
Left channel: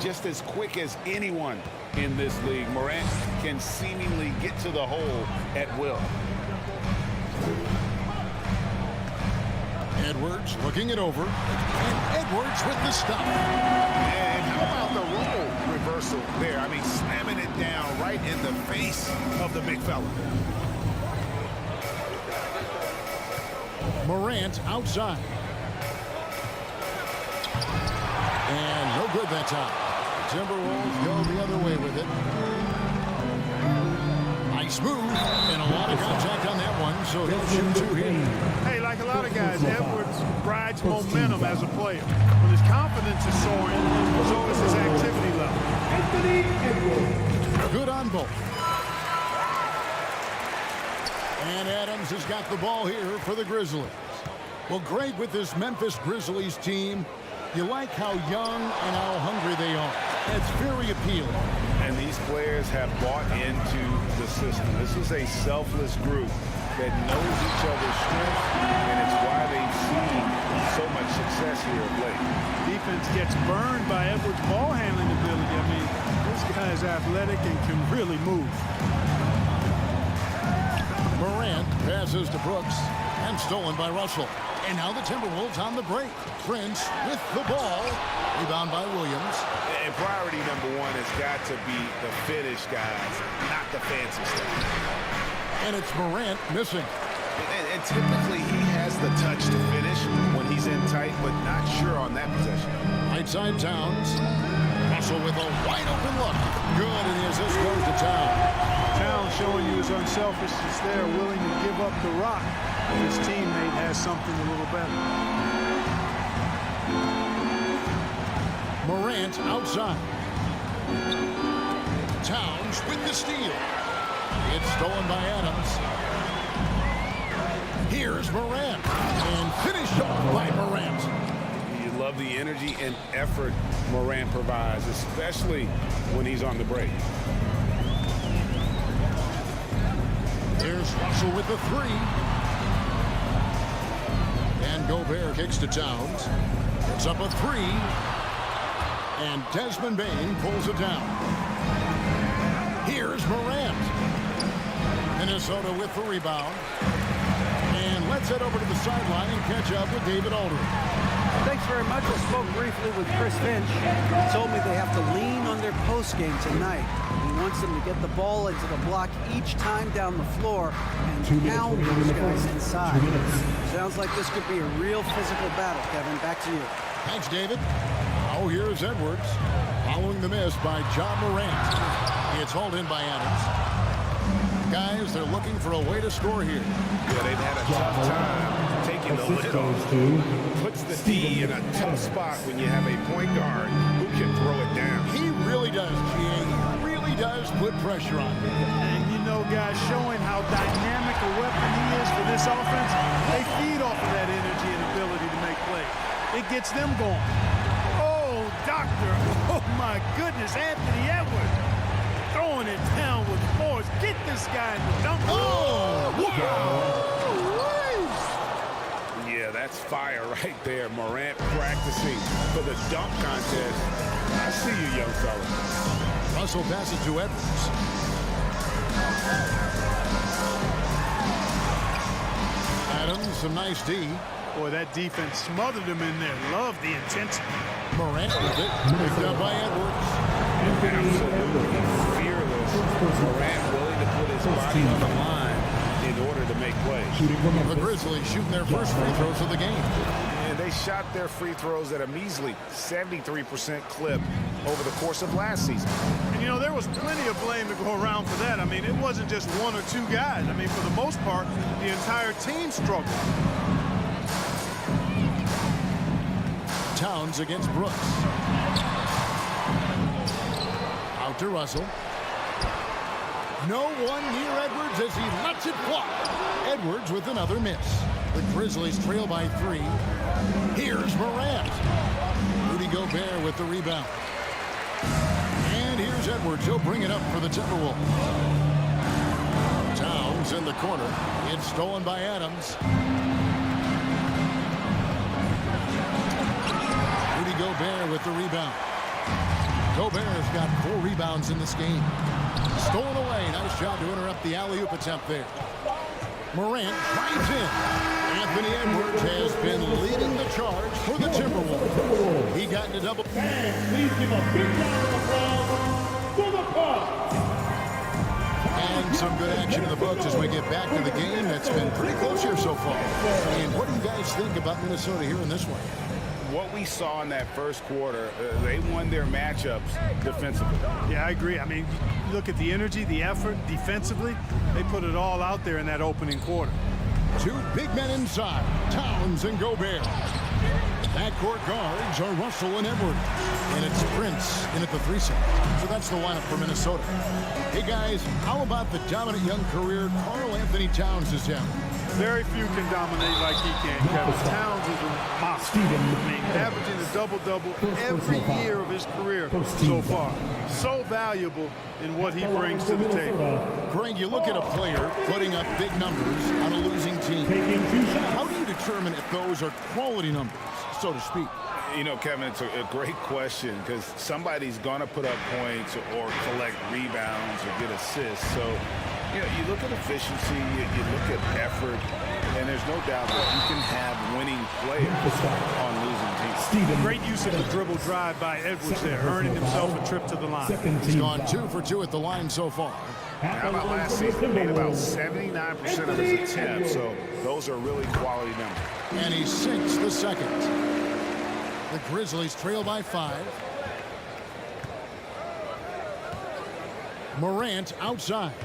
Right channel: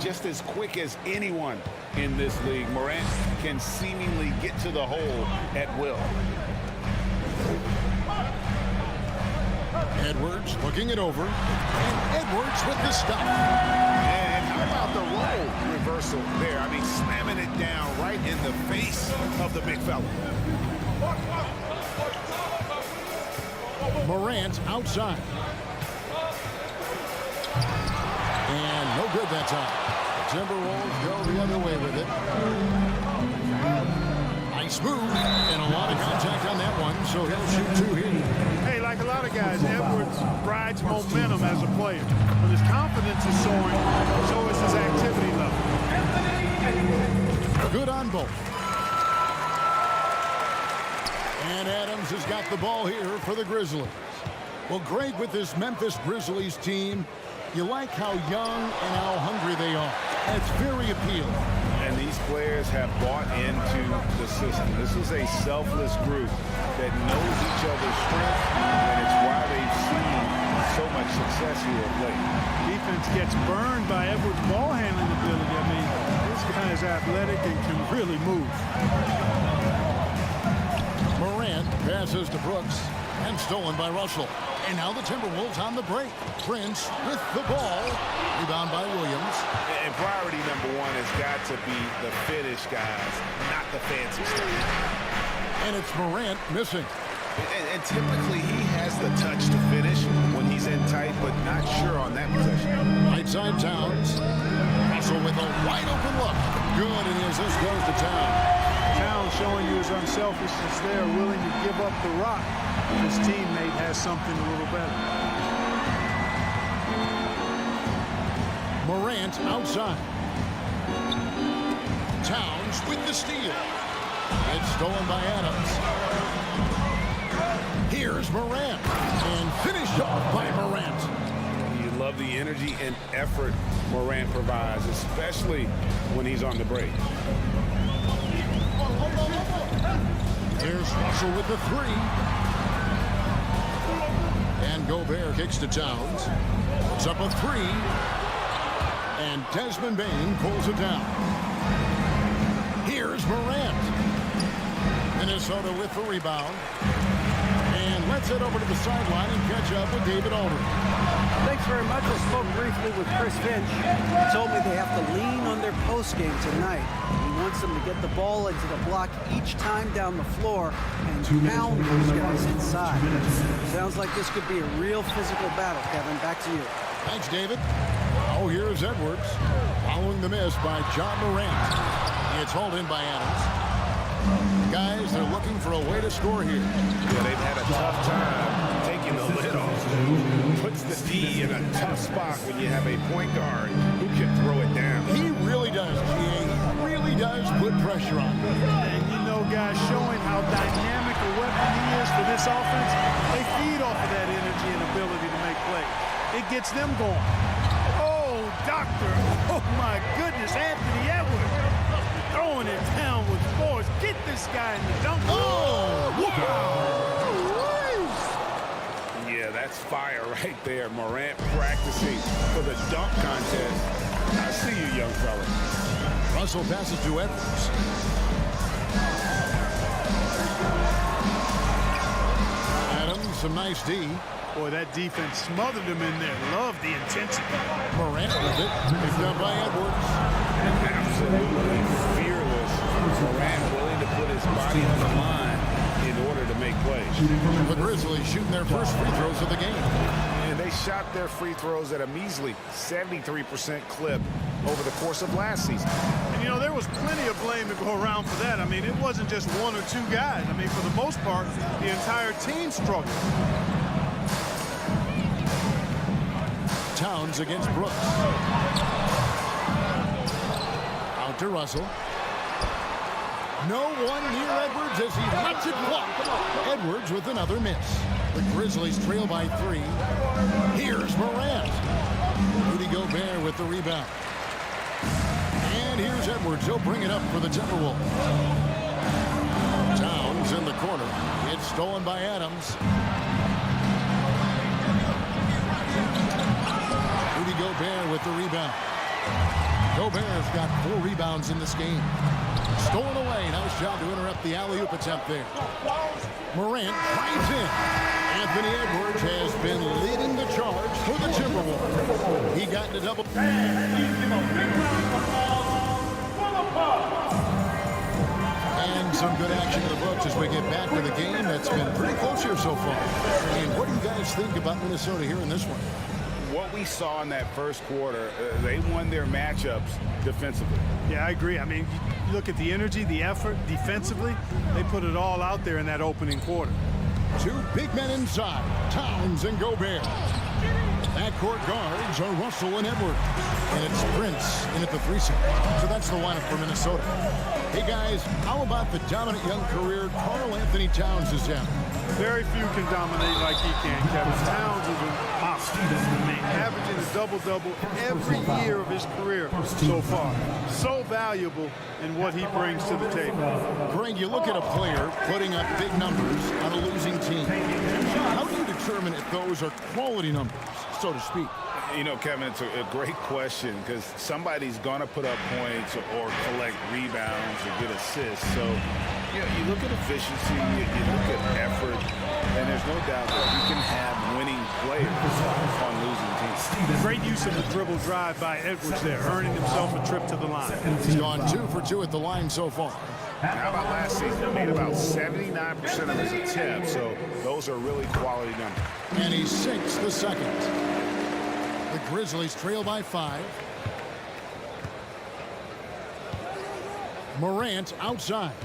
Just as quick as anyone in this league, Morant can seemingly get to the hole at will. Edwards looking it over. And Edwards with the stop. And how about the role reversal there? I mean, slamming it down right in the face of the big fella. Morant outside. And no good that time. The Timberwolves go the other way with it. Nice move. And a lot of contact on that one, so he'll shoot 2 here. Hey, like a lot of guys, Edwards rides momentum as a player. When his confidence is soaring, so is his activity level. Good on both. And Adams has got the ball here for the Grizzlies. Well, Greg, with this Memphis Grizzlies team, you like how young and how hungry they are. It's very appealing. And these players have bought into the system. This is a selfless group that knows each other's strengths, and it's why they've seen so much success here of late. Defense gets burned by Edwards' ball handling ability. I mean, this guy is athletic and can really move. Morant passes to Brooks and stolen by Russell. And now the Timberwolves on the break. Prince with the ball. Rebound by Williams. And priority number 1 has got to be the finish, guys, not the fancy stuff. And it's Morant missing. And typically he has the touch to finish when he's in tight, but not sure on that possession. Right side Towns. Russell with a wide open look. Good, and the assist goes to Towns. Towns showing you his unselfishness there, willing to give up the rock if his teammate has something a little better. Morant outside. Towns with the steal. It's stolen by Adams. Here's Morant. And finished off by Morant. You love the energy and effort Morant provides, especially when he's on the break. Here's Russell with the 3. And Gobert kicks to Towns. Puts up a 3. And Desmond Bain pulls it down. Here's Morant. Minnesota with the rebound. And let's head over to the sideline and catch up with David Aldridge. Thanks very much. I spoke briefly with Chris Finch. He told me they have to lean on their post game tonight. He wants them to get the ball into the block each time down the floor and pound those guys inside. Sounds like this could be a real physical battle, Kevin. Back to you. Thanks, David. Oh, here's Edwards. Following the miss by John Morant. It's hauled in by Adams. Guys, they're looking for a way to score here. Yeah, they've had a tough time taking the lid off. Puts the D in a tough spot when you have a point guard who can throw it down. He really does, G.A. He really does put pressure on. And you know, guys, showing how dynamic a weapon he is for this offense, they feed off of that energy and ability to make plays. It gets them going. Oh, doctor. Oh, my goodness, Anthony Edwards. Throwing it down with force. Get this guy in the dunk. Oh, wow. Yeah, that's fire right there. Morant practicing for the dunk contest. I see you, young fella. Russell passes to Edwards. Adams, some nice D. Boy, that defense smothered him in there. Love the intensity. Morant with it. Picked up by Edwards. Absolutely fearless. Morant willing to put his body on the line in order to make plays. The Grizzlies shooting their first free throws of the game. And they shot their free throws at a measly 73% clip over the course of last season. And, you know, there was plenty of blame to go around for that. I mean, it wasn't just 1 or 2 guys. I mean, for the most part, the entire team struggled. Towns against Brooks. Out to Russell. No one near Edwards as he lets it fly. Edwards with another miss. The Grizzlies trail by 3. Here's Morant. Rudy Gobert with the rebound. And here's Edwards. He'll bring it up for the Timberwolves. Towns in the corner. It's stolen by Adams. Rudy Gobert with the rebound. Gobert's got 4 rebounds in this game. Stolen away. Nice job to interrupt the alley-oop attempt there. Morant drives in. Anthony Edwards has been leading the charge for the Timberwolves. He got into double. And please give a big round of applause for the Pop. And some good action in the books as we get back to the game. That's been pretty close here so far. And what do you guys think about Minnesota here in this one? What we saw in that first quarter, they won their matchups defensively. Yeah, I agree. I mean, you look at the energy, the effort defensively. They put it all out there in that opening quarter. 2 big men inside, Towns and Gobert. Backcourt guards are Russell and Edwards. And it's Prince in at the 3 spot. So that's the lineup for Minnesota. Hey guys, how about the dominant young career Karl Anthony Towns is having? Very few can dominate like he can, Kevin. Towns is a monster. I mean, averaging a double-double every year of his career so far. So valuable in what he brings to the table. Greg, you look at a player putting up big numbers on a losing team. How do you determine if those are quality numbers, so to speak? You know, Kevin, it's a great question because somebody's going to put up points or collect rebounds or get assists. So, you know, you look at efficiency, you look at effort, and there's no doubt that you can have winning players on losing teams. Great use of the dribble drive by Edwards there, earning himself a trip to the line. He's gone 2 for 2 at the line so far. How about last season? Made about 79% of his attempts, so those are really quality numbers. And he sinks the second. The Grizzlies trail by 5. Morant outside.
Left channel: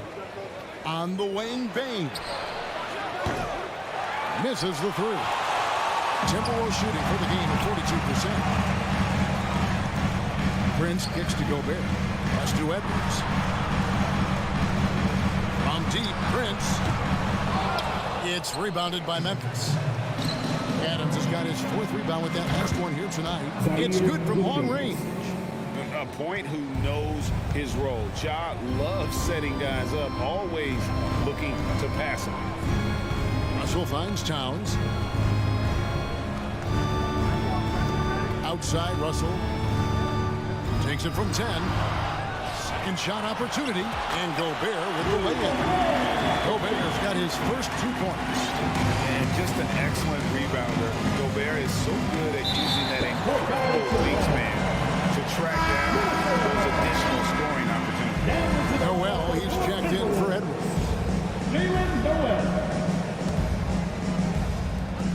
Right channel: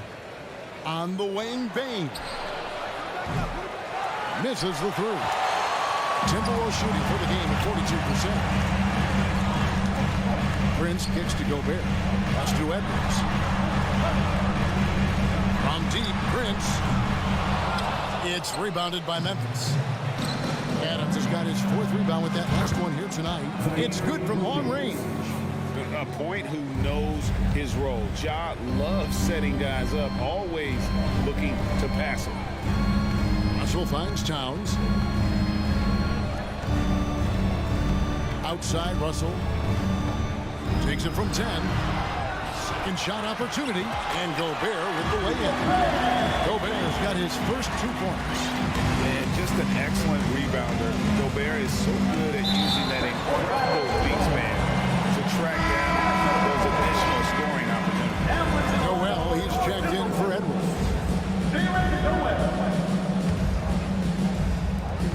On the wing, Bain. Misses the 3. Timberwolves shooting for the game at 42%. Prince kicks to Gobert. Pass to Edwards. From deep, Prince. It's rebounded by Memphis. Adams has got his 4th rebound with that last one here tonight. It's good from long range. A point who knows his role. Ja loves setting guys up, always looking to pass it. Russell finds Towns. Outside, Russell takes it from 10. Second shot opportunity, and Gobert with the lay-in. Gobert's got his first 2 points. And just an excellent rebounder. Gobert is so good at using that incredible wingspan to track down those additional scoring opportunities. Noel, he's checked in for Edwards.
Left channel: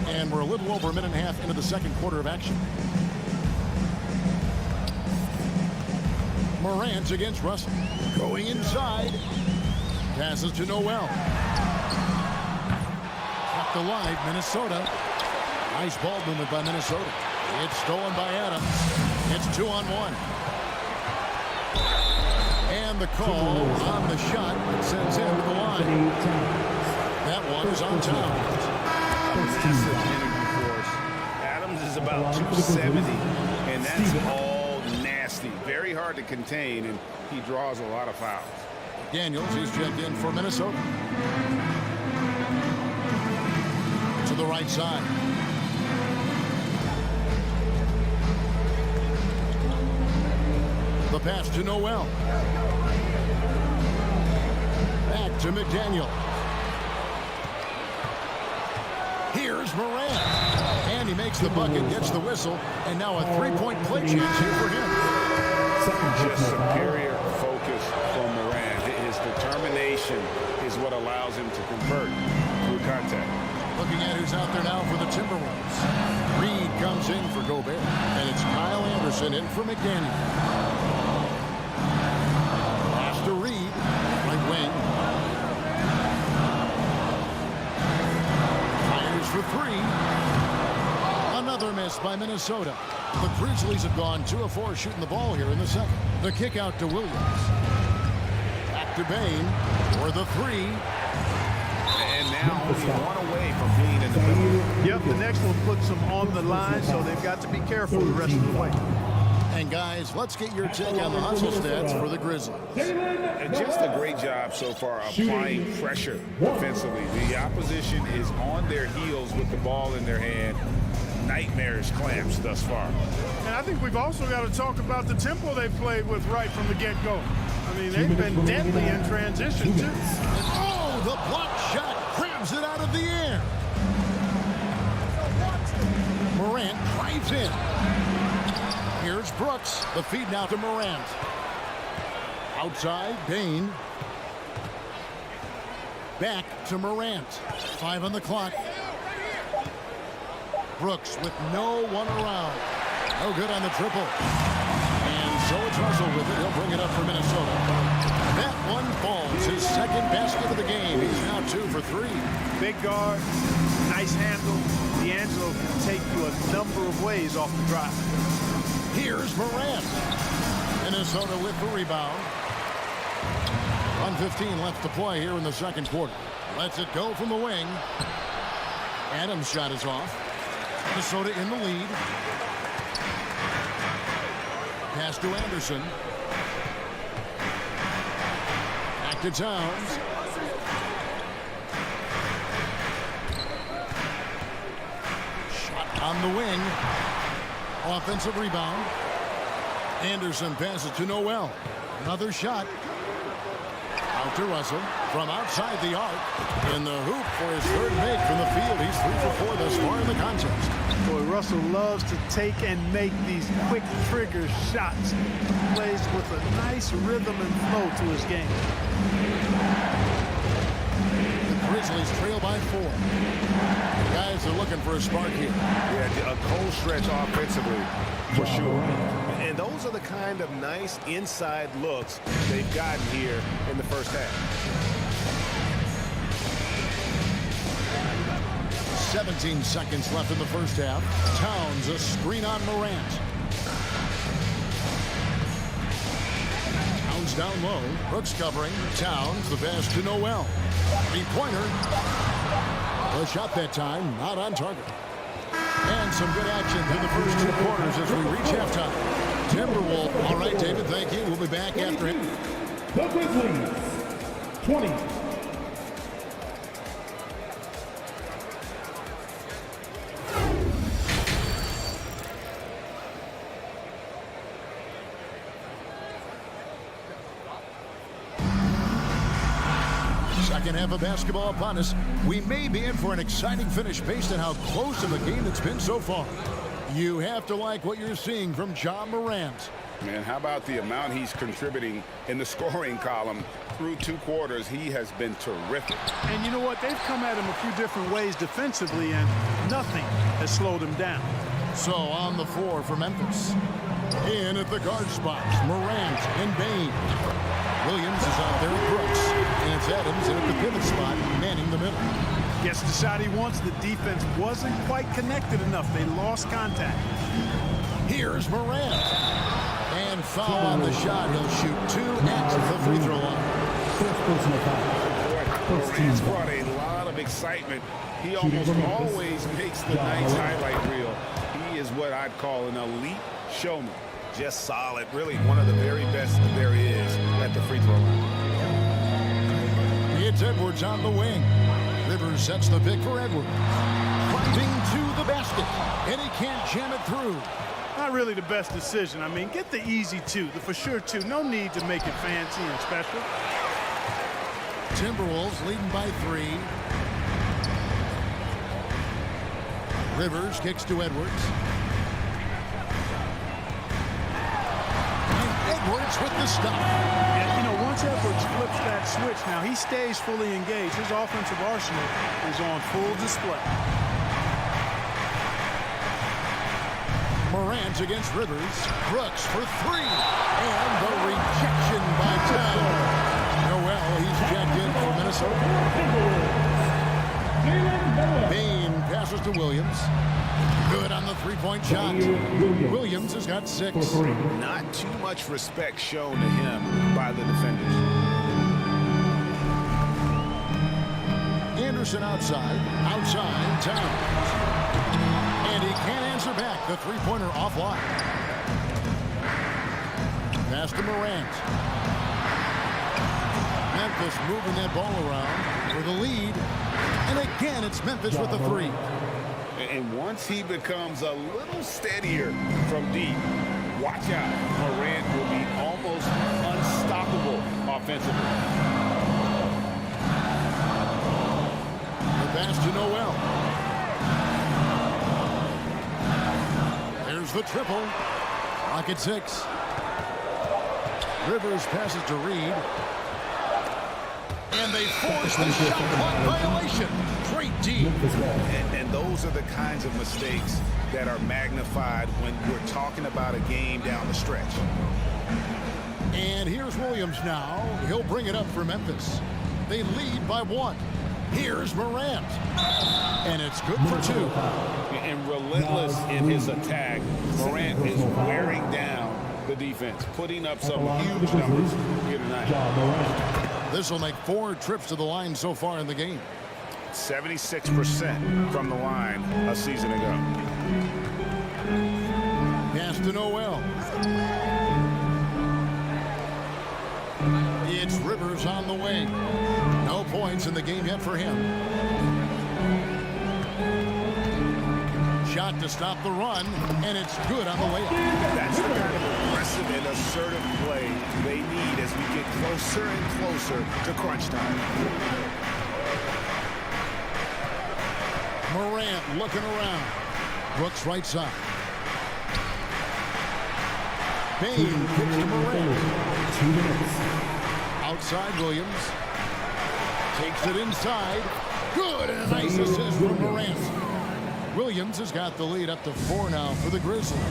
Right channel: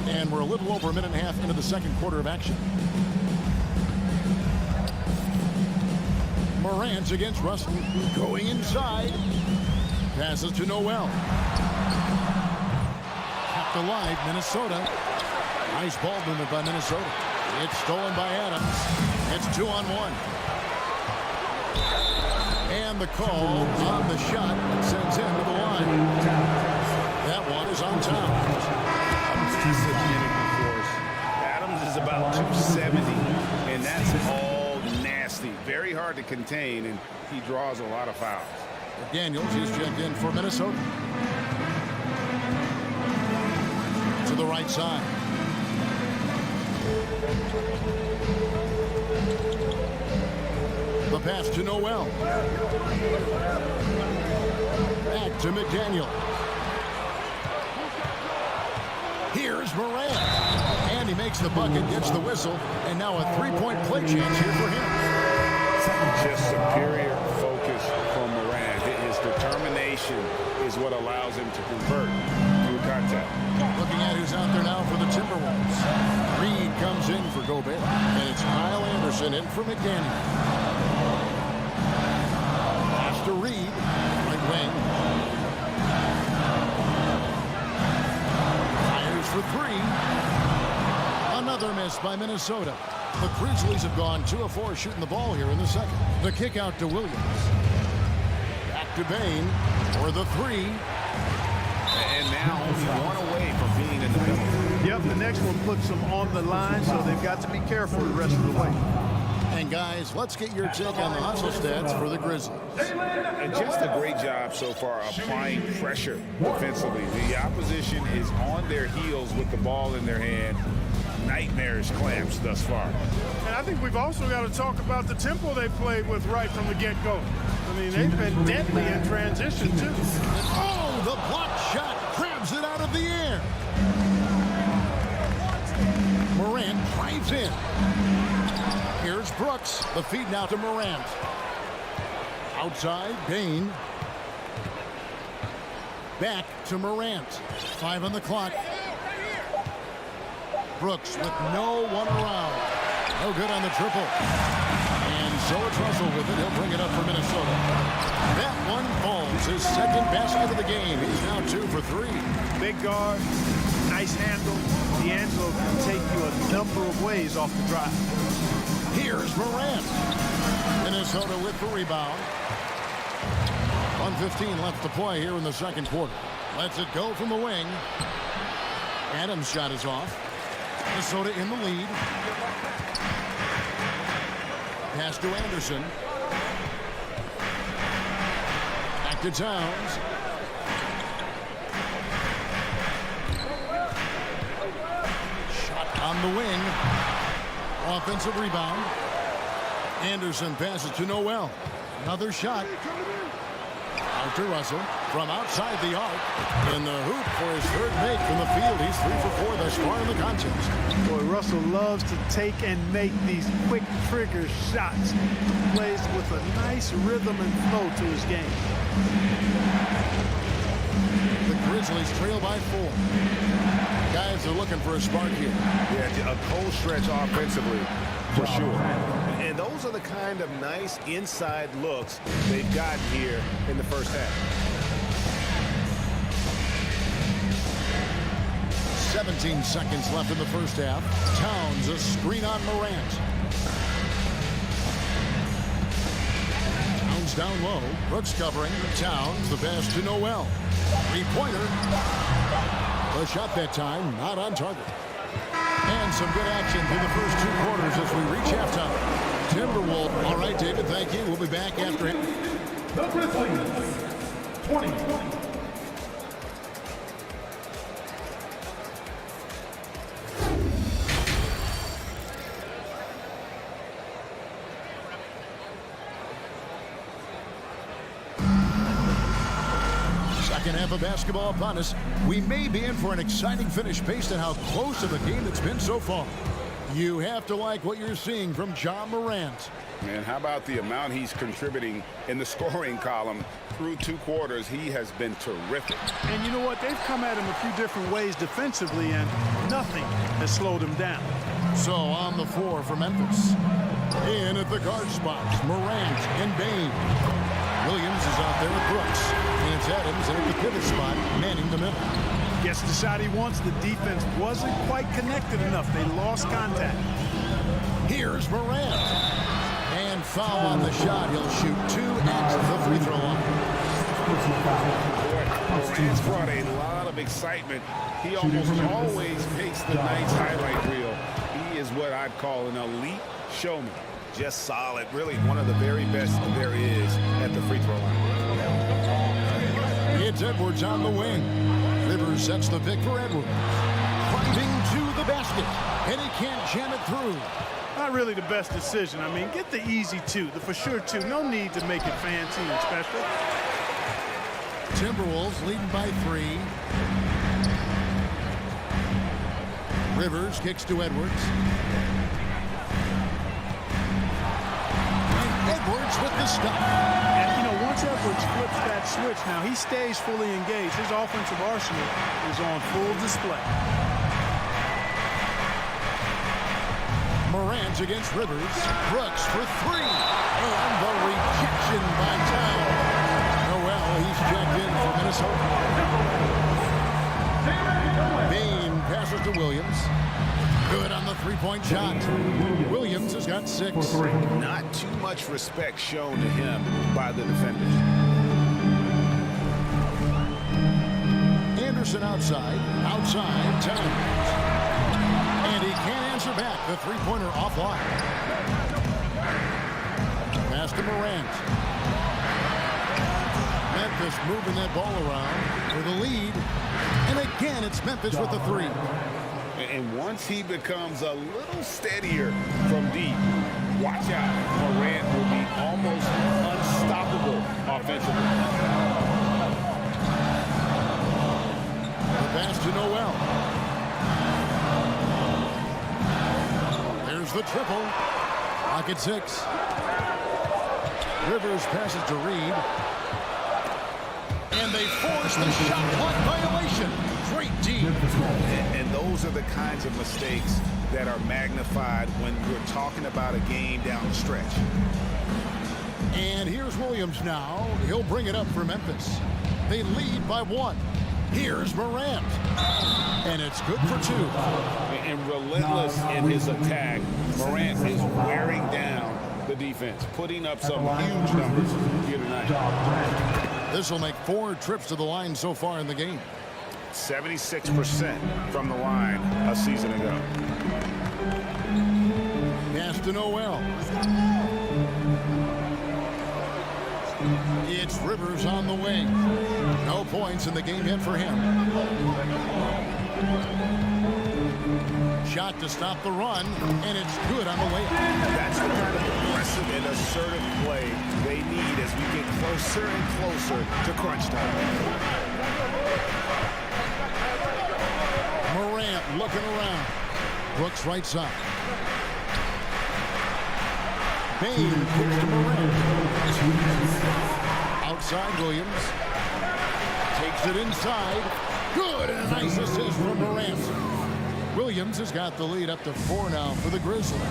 And we're a little over a minute and a half into the second quarter of action. Morant against Russell. Going inside. Passes to Noel. Kept alive, Minnesota. Nice ball movement by Minnesota. It's stolen by Adams. It's 2-on-1. And the call on the shot that sends him to the line. That one is on Towns. A massive energy force. Adams is about 270, and that's all nasty. Very hard to contain, and he draws a lot of fouls. Daniels, he's checked in for Minnesota. To the right side. The pass to Noel. Back to McDaniel. Here's Morant. And he makes the bucket, gets the whistle, and now a 3-point play chance here for him. Just superior focus from Morant. His determination is what allows him to convert through contact. Looking at who's out there now for the Timberwolves. Reed comes in for Gobert. And it's Kyle Anderson in for McDaniel. Pass to Reed. Right wing. Fires for 3. Another miss by Minnesota. The Grizzlies have gone 2 of 4 shooting the ball here in the second. The kick out to Williams. Back to Bain for the 3. And now only one away from being in the middle. Yep, the next one puts them on the line, so they've got to be careful the rest of the way. And guys, let's get your take on the hustle stats for the Grizzlies. Just a great job so far applying pressure defensively. The opposition is on their heels with the ball in their hand. Nightmarish clamps thus far. And I think we've also got to talk about the tempo they played with right from the get-go. I mean, they've been deadly in transition, too. Oh, the block shot grabs it out of the air. Morant drives in. Here's Brooks. The feed now to Morant. Outside, Bain. Back to Morant. 5 on the clock. Brooks with no one around. No good on the triple. And so it's Russell with it. He'll bring it up for Minnesota. That one falls. His second basket of the game. He's now 2 for 3. Big guard, nice handle. D'Angelo can take you a number of ways off the drive. Here's Morant. Minnesota with the rebound. 1:15 left to play here in the second quarter. Lets it go from the wing. Adams' shot is off. Minnesota in the lead. Pass to Anderson. Back to Towns. Shot on the wing. Offensive rebound. Anderson passes to Noel. Another shot. Out to Russell from outside the arc. In the hoop for his third make from the field. He's 3 for 4 thus far in the contest. Boy, Russell loves to take and make these quick trigger shots. Plays with a nice rhythm and flow to his game. The Grizzlies trail by 4. Guys are looking for a spark here. Yeah, a cold stretch offensively for sure. And those are the kind of nice inside looks they've gotten here in the first half. 17 seconds left in the first half. Towns a screen on Morant. Towns down low. Brooks covering. Towns the pass to Noel. 3-pointer. The shot that time not on target. And some good action through the first 2 quarters as we reach halftime. Timberwolves. All right, David, thank you. We'll be back after him. The Grizzlies, 20. Second half of basketball upon us. We may be in for an exciting finish based on how close of a game it's been so far. You have to like what you're seeing from Ja Morant. Man, how about the amount he's contributing in the scoring column through 2 quarters? He has been terrific. And you know what? They've come at him a few different ways defensively, and nothing has slowed him down. So on the floor for Memphis. In at the guard spots, Morant and Bain. Williams is out there with Brooks. And it's Adams in at the pivot spot, manning the middle. Gets the shot he wants. The defense wasn't quite connected enough. They lost contact. Here's Morant. And foul on the shot. He'll shoot 2 at the free throw line. Boy, Morant's brought a lot of excitement. He almost always makes the night's highlight reel. He is what I'd call an elite showman. Just solid. Really one of the very best there is at the free throw line. It's Edwards on the wing. Rivers sets the pick for Edwards. Driving to the basket. And he can't jam it through. Not really the best decision. I mean, get the easy 2, the for sure 2. No need to make it fancy and special. Timberwolves leading by 3. Rivers kicks to Edwards. And Edwards with the stop. Yeah, you know, once Edwards flips that switch, now he stays fully engaged. His offensive arsenal is on full display. Morant against Rivers. Brooks for 3. And the rejection by Towns. Noel, he's checked in for Minnesota. Bain passes to Williams. Good on the three-point shot. Williams has got 6. Not too much respect shown to him by the defenders. Anderson outside Towns. And he can't answer back. The three-pointer offline. Pass to Morant. Memphis moving that ball around for the lead. And again, it's Memphis with the 3. And once he becomes a little steadier from deep, watch out. Morant will be almost unstoppable offensively. The pass to Noel. There's the triple. Clock at 6. Rivers passes to Reed. And they force the shot clock violation. Great D. And those are the kinds of mistakes that are magnified when we're talking about a game down the stretch. And here's Williams now. He'll bring it up for Memphis. They lead by 1. Here's Morant. And it's good for 2. And relentless in his attack, Morant is wearing down the defense, putting up some huge numbers here tonight. This will make 4 trips to the line so far in the game. 76% from the line a season ago. Pass to Noel. It's Rivers on the wing. No points in the game yet for him. Shot to stop the run, and it's good on the layup. That's the kind of aggressive and assertive play they need as we get closer and closer to crunch time. Morant looking around. Brooks right side. Bain kicks to Morant. Outside Williams. Takes it inside. Good, and a nice assist from Morant. Williams has got the lead up to 4 now for the Grizzlies.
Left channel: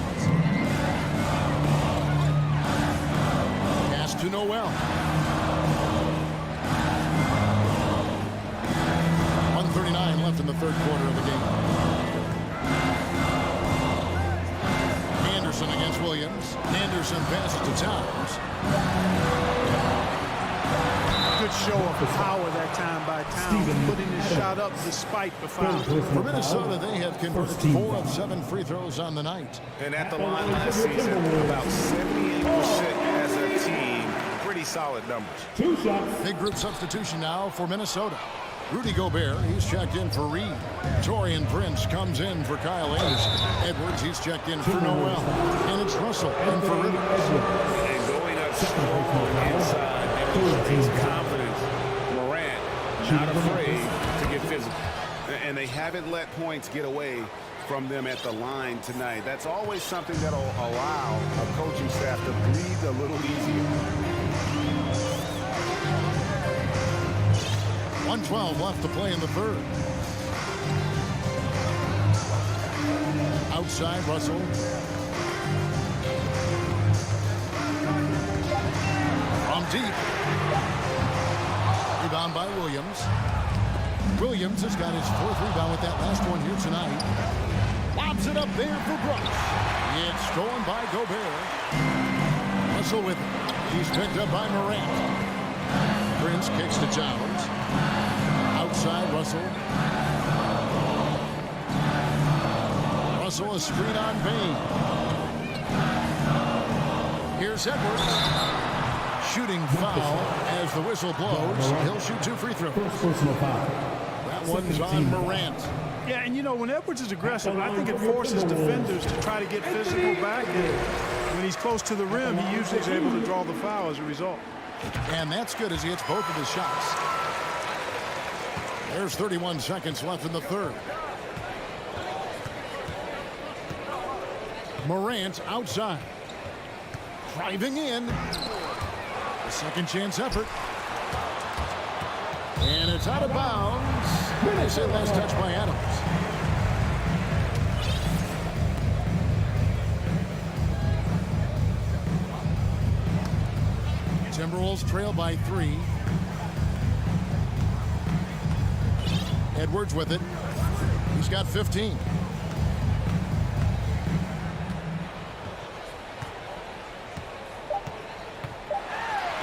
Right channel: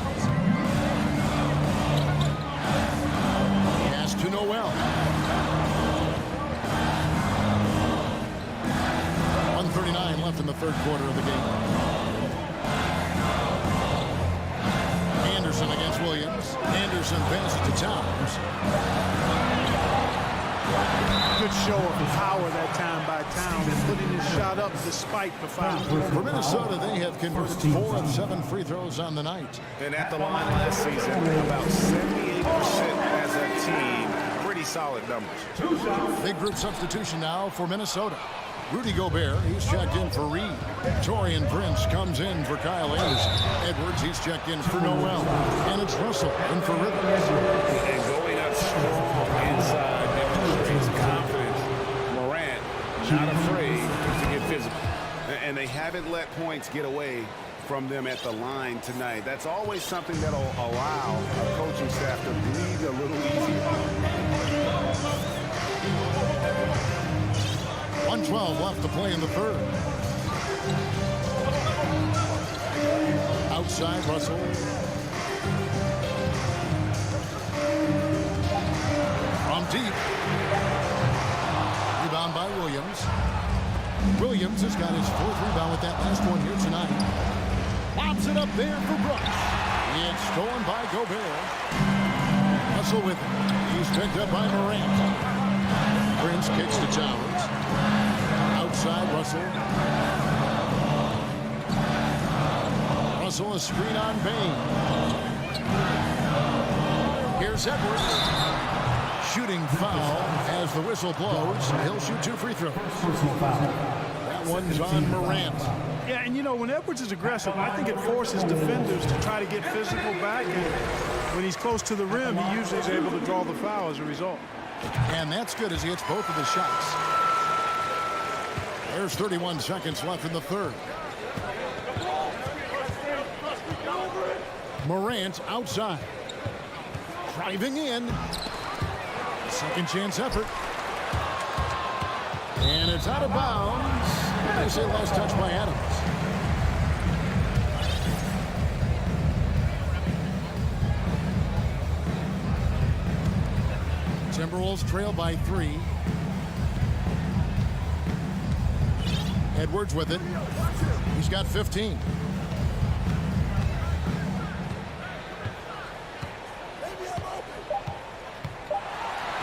Pass to Noel. 1:39 left in the third quarter of the game. Anderson against Williams. Anderson passes to Towns. Good show of power that time by Towns, putting his shot up despite the foul. For Minnesota, they have converted 4 of 7 free throws on the night. And at the line last season, about 78% as a team. Pretty solid numbers. Big group substitution now for Minnesota. Rudy Gobert, he's checked in for Reed. Torian Prince comes in for Kyle Anderson. Edwards, he's checked in for Noel. And it's Russell in for Rivers. And going up strong inside demonstrates confidence. Morant, not afraid to get physical. And they haven't let points get away from them at the line tonight. That's always something that'll allow a coaching staff to breathe a little easier. 1:12 left to play in the third. Outside Russell. From deep. Rebound by Williams. Williams has got his 4th rebound with that last one here tonight. Lobs it up there for Brooks. It's stolen by Gobert. Russell with it. He's picked up by Morant. Prince kicks to Towns. Outside Russell. Russell a screen on Bain. Here's Edwards. Shooting foul as the whistle blows. He'll shoot 2 free throws. That one's on Morant. Yeah, and you know, when Edwards is aggressive, I think it forces defenders to try to get physical back. And when he's close to the rim, he usually is able to draw the foul as a result. And that's good as he hits both of his shots. There's 31 seconds left in the third. Morant outside. Driving in. A second chance effort. And it's out of bounds. They say last touch by Adams. Timberwolves trail by 3. Edwards with it. He's got 15.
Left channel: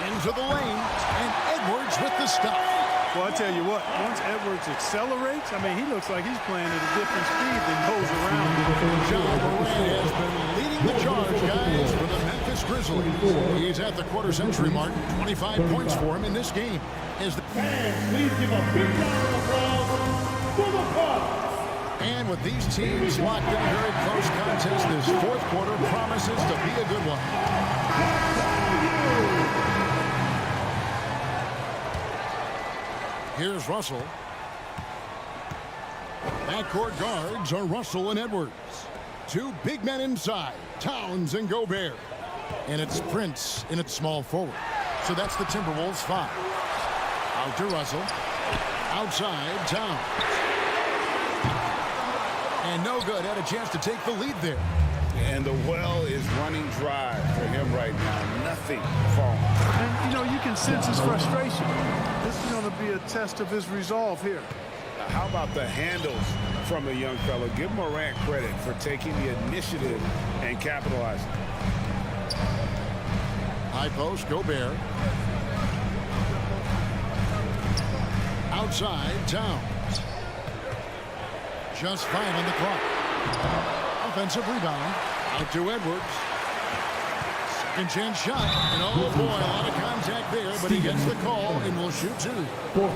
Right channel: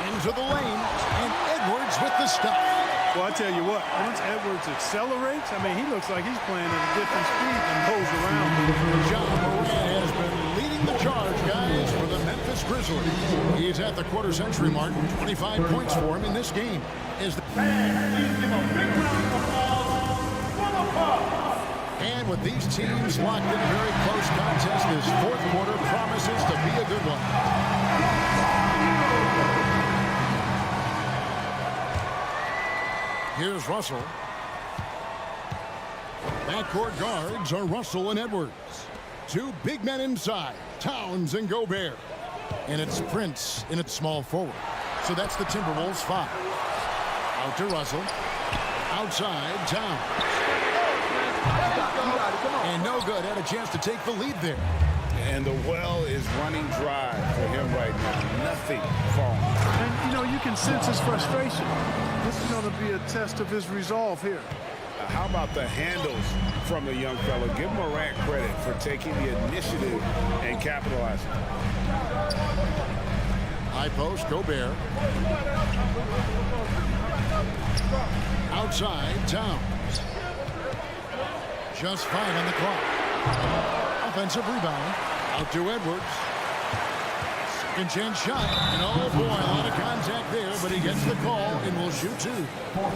Into the lane, and Edwards with the stop. Well, I tell you what, once Edwards accelerates, I mean, he looks like he's playing at a different speed than those around him. John Moran has been leading the charge, guys, for the Memphis Grizzlies. He's at the quarter-century mark. 25 points for him in this game. Please give a big round of applause for the Bucks. And with these teams locked in a very close contest, this fourth quarter promises to be a good one. Here's Russell. Backcourt guards are Russell and Edwards. Two big men inside, Towns and Gobert. And it's Prince in its small forward. So that's the Timberwolves 5. Out to Russell. Outside, Towns. And no good. Had a chance to take the lead there. And the well is running dry for him right now. Nothing falling. And, you know, you can sense his frustration. This is going to be a test of his resolve here. How about the handles from the young fella? Give Morant credit for taking the initiative and capitalizing. High post, Gobert. Outside, Towns. Just 5 on the clock. Offensive rebound. Out to Edwards. Second chance shot. And oh boy, a lot of contact there, but he gets the call and will shoot 2.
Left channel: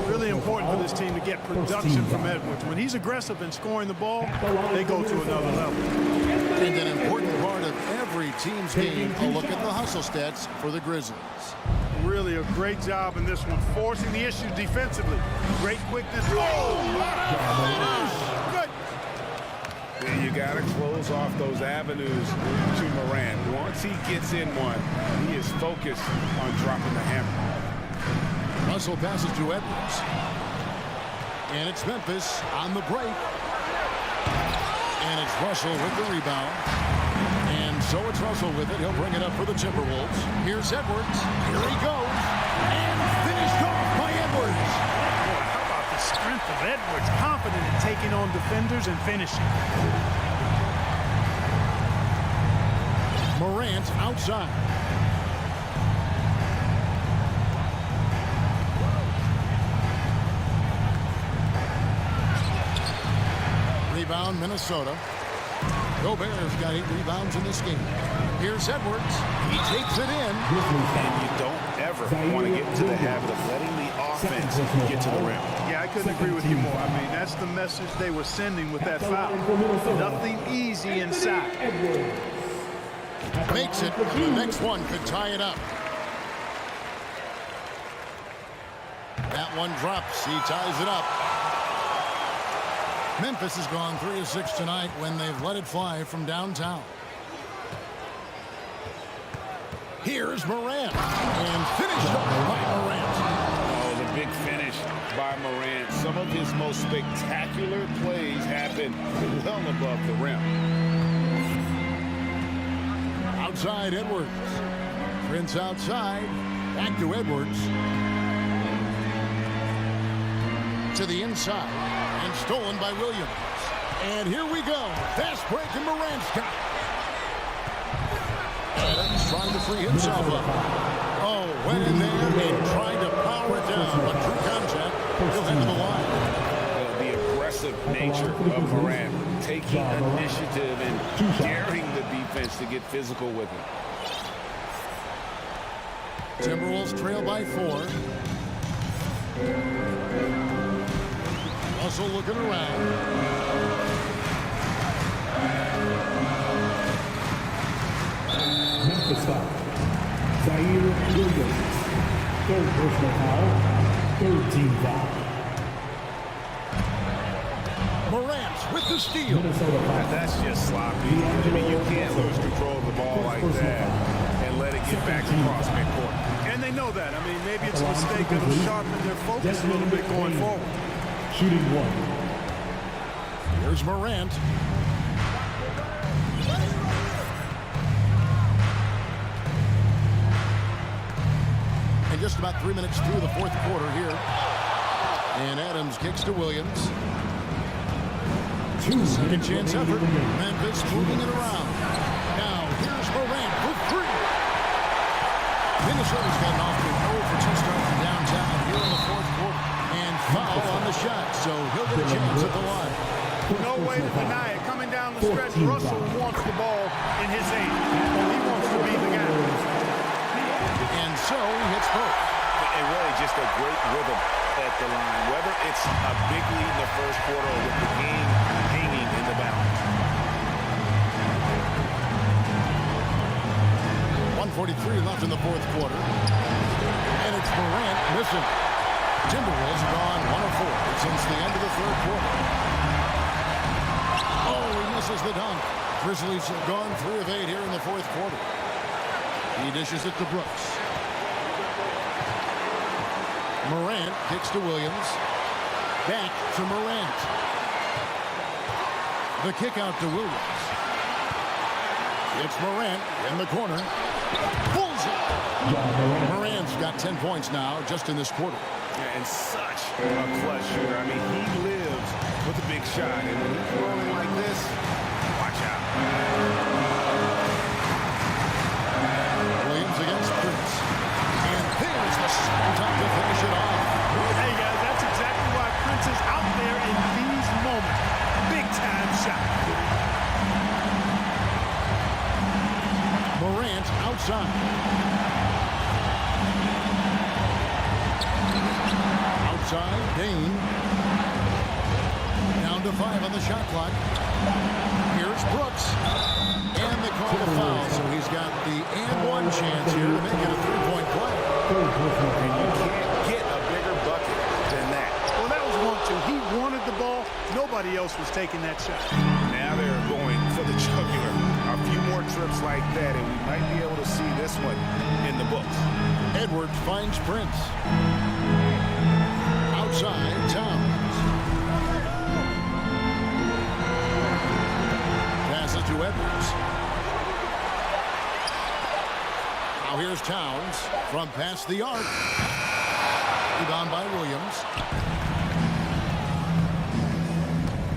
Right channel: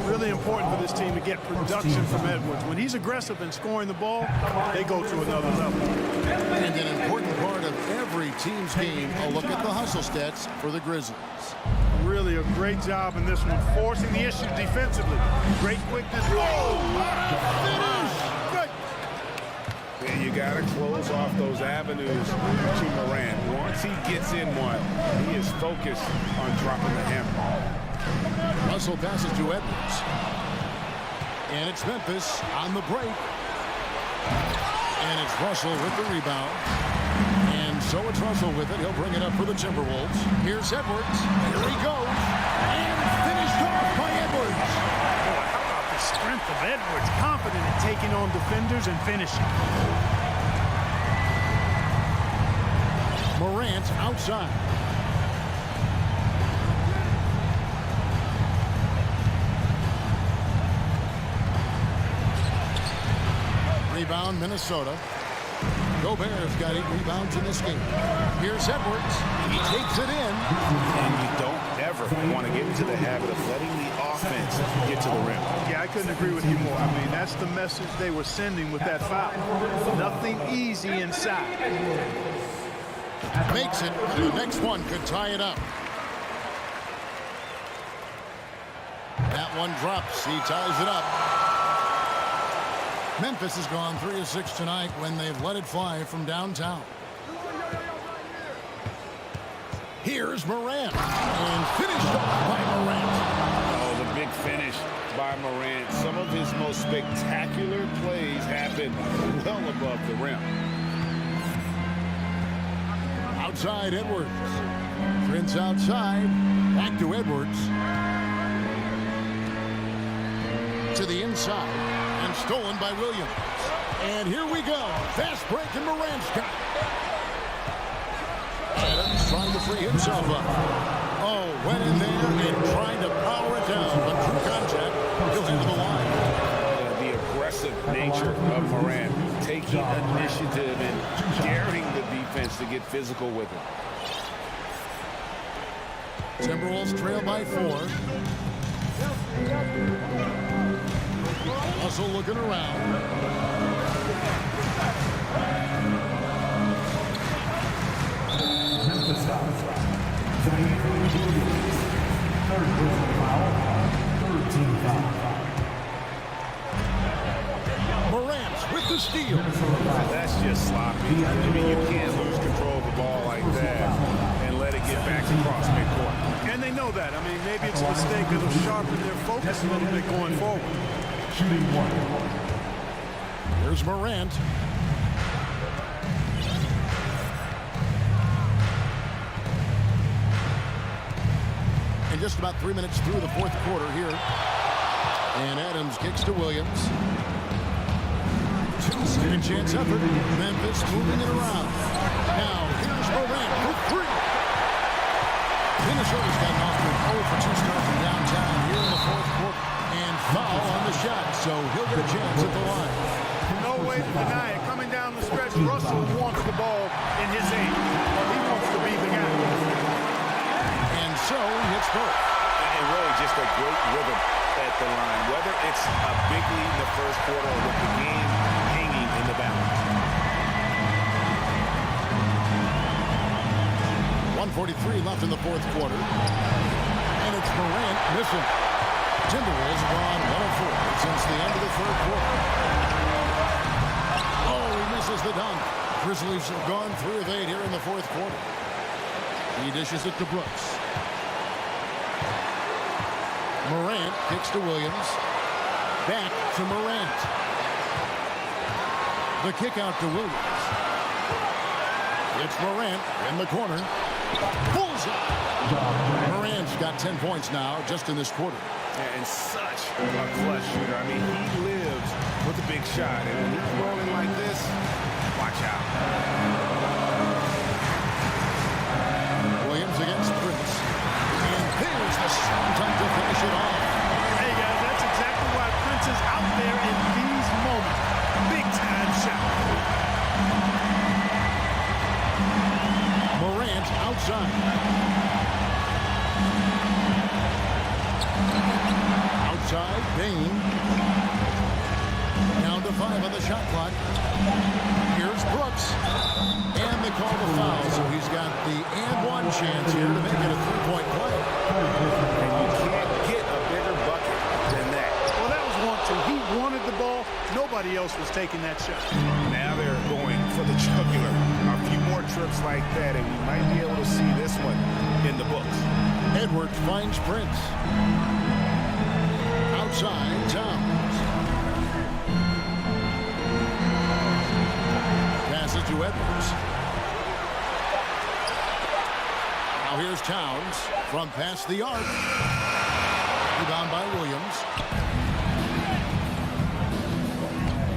Really important for this team to get production from Edwards. When he's aggressive in scoring the ball, they go to another level. And an important part of every team's game, a look at the hustle stats for the Grizzlies. Really a great job in this one, forcing the issue defensively. Great quickness. Oh, what a finish! Good. You got to close off those avenues to Morant. Once he gets in one, he is focused on dropping the hammer. Russell passes to Edwards. And it's Memphis on the break. And it's Russell with the rebound. And so it's Russell with it. He'll bring it up for the Timberwolves. Here's Edwards. Here he goes. And finished off by Edwards. Boy, how about the strength of Edwards? Confident in taking on defenders and finishing. Morant outside. Rebound, Minnesota. Gobert's got 8 rebounds in this game. Here's Edwards. He takes it in. And you don't ever want to get into the habit of letting the offense get to the rim. Yeah, I couldn't agree with you more. I mean, that's the message they were sending with that foul. Nothing easy inside. Makes it, and the next one could tie it up. That one drops. He ties it up. Memphis has gone 3 of 6 tonight when they've let it fly from downtown. Here's Morant. And finished off by Morant. Oh, the big finish by Morant. Some of his most spectacular plays happen well above the rim. Outside Edwards. Prince outside. Back to Edwards. To the inside. And stolen by Williams. And here we go. Fast break and Morant's got it. Adams trying to free himself up. Oh, went in there and tried to power it down. But true contact, he'll head to the line. The aggressive nature of Morant. Taking initiative and daring the defense to get physical with him. Timberwolves trail by 4. Russell looking around. Memphis foul. Zaire Williams. 3rd personal foul. 3rd team foul. Morant with the steal. That's just sloppy. I mean, you can't lose control of the ball like that and let it get back across midcourt. And they know that. I mean, maybe it's a mistake that'll sharpen their focus a little bit going forward. Shooting 1. Here's Morant. And just about 3 minutes through the 4th quarter here. And Adams kicks to Williams. Second chance effort. Memphis moving it around. Now here's Morant for three. Minnesota's gotten off to an 0 for 2 start from downtown here in the fourth quarter. And foul on the shot, so he'll get a chance at the line. No way to deny it. Coming down the stretch, Russell wants the ball in his aim. Well, he wants to be the guy. And so he hits both. And really just a great rhythm at the line, whether it's a big lead in the first quarter or with the game hanging in the balance. 1:43 left in the fourth quarter. And it's Morant missing. Timberwolves have gone 1 of 4 since the end of the third quarter. Oh, he misses the dunk. Grizzlies have gone 3 of 8 here in the fourth quarter. He dishes it to Brooks. Morant kicks to Williams. Back to Morant. The kick out to Williams. It's Morant in the corner. Bullseye! Morant's got 10 points now just in this quarter. Yeah, and such a clutch shooter. I mean, he lives with a big shot, and when he's rolling like this, watch out. Williams against Prince. And there's the second time to finish it off. Hey, guys, that's exactly why Prince is out there in these moments. Big-time shot. Morant outside. Outside, Dane. Down to 5 on the shot clock. Here's Brooks. And they call the foul, so he's got the and-one chance here to make it a 3-point play. And you can't get a bigger bucket than that. Well, that was 1-2. He wanted the ball. Nobody else was taking that shot. Now they're going for the jugular. A few more trips like that, and we might be able to see this one in the books. Edwards finds Prince. Outside, Towns. Passes to Edwards. Now here's Towns from past the arc. Rebound by Williams.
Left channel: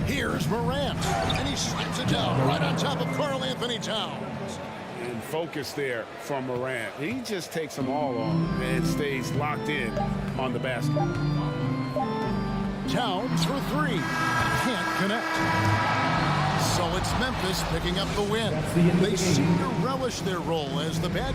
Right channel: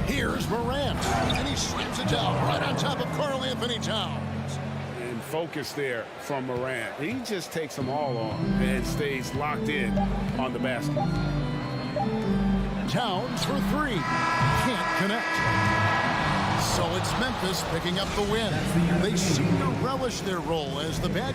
Here's Morant, and he slams it down right on top of Karl Anthony Towns. And focus there from Morant. He just takes them all on and stays locked in on the basket. Towns for 3. Can't connect. So it's Memphis picking up the win. They seem to relish their role as the bad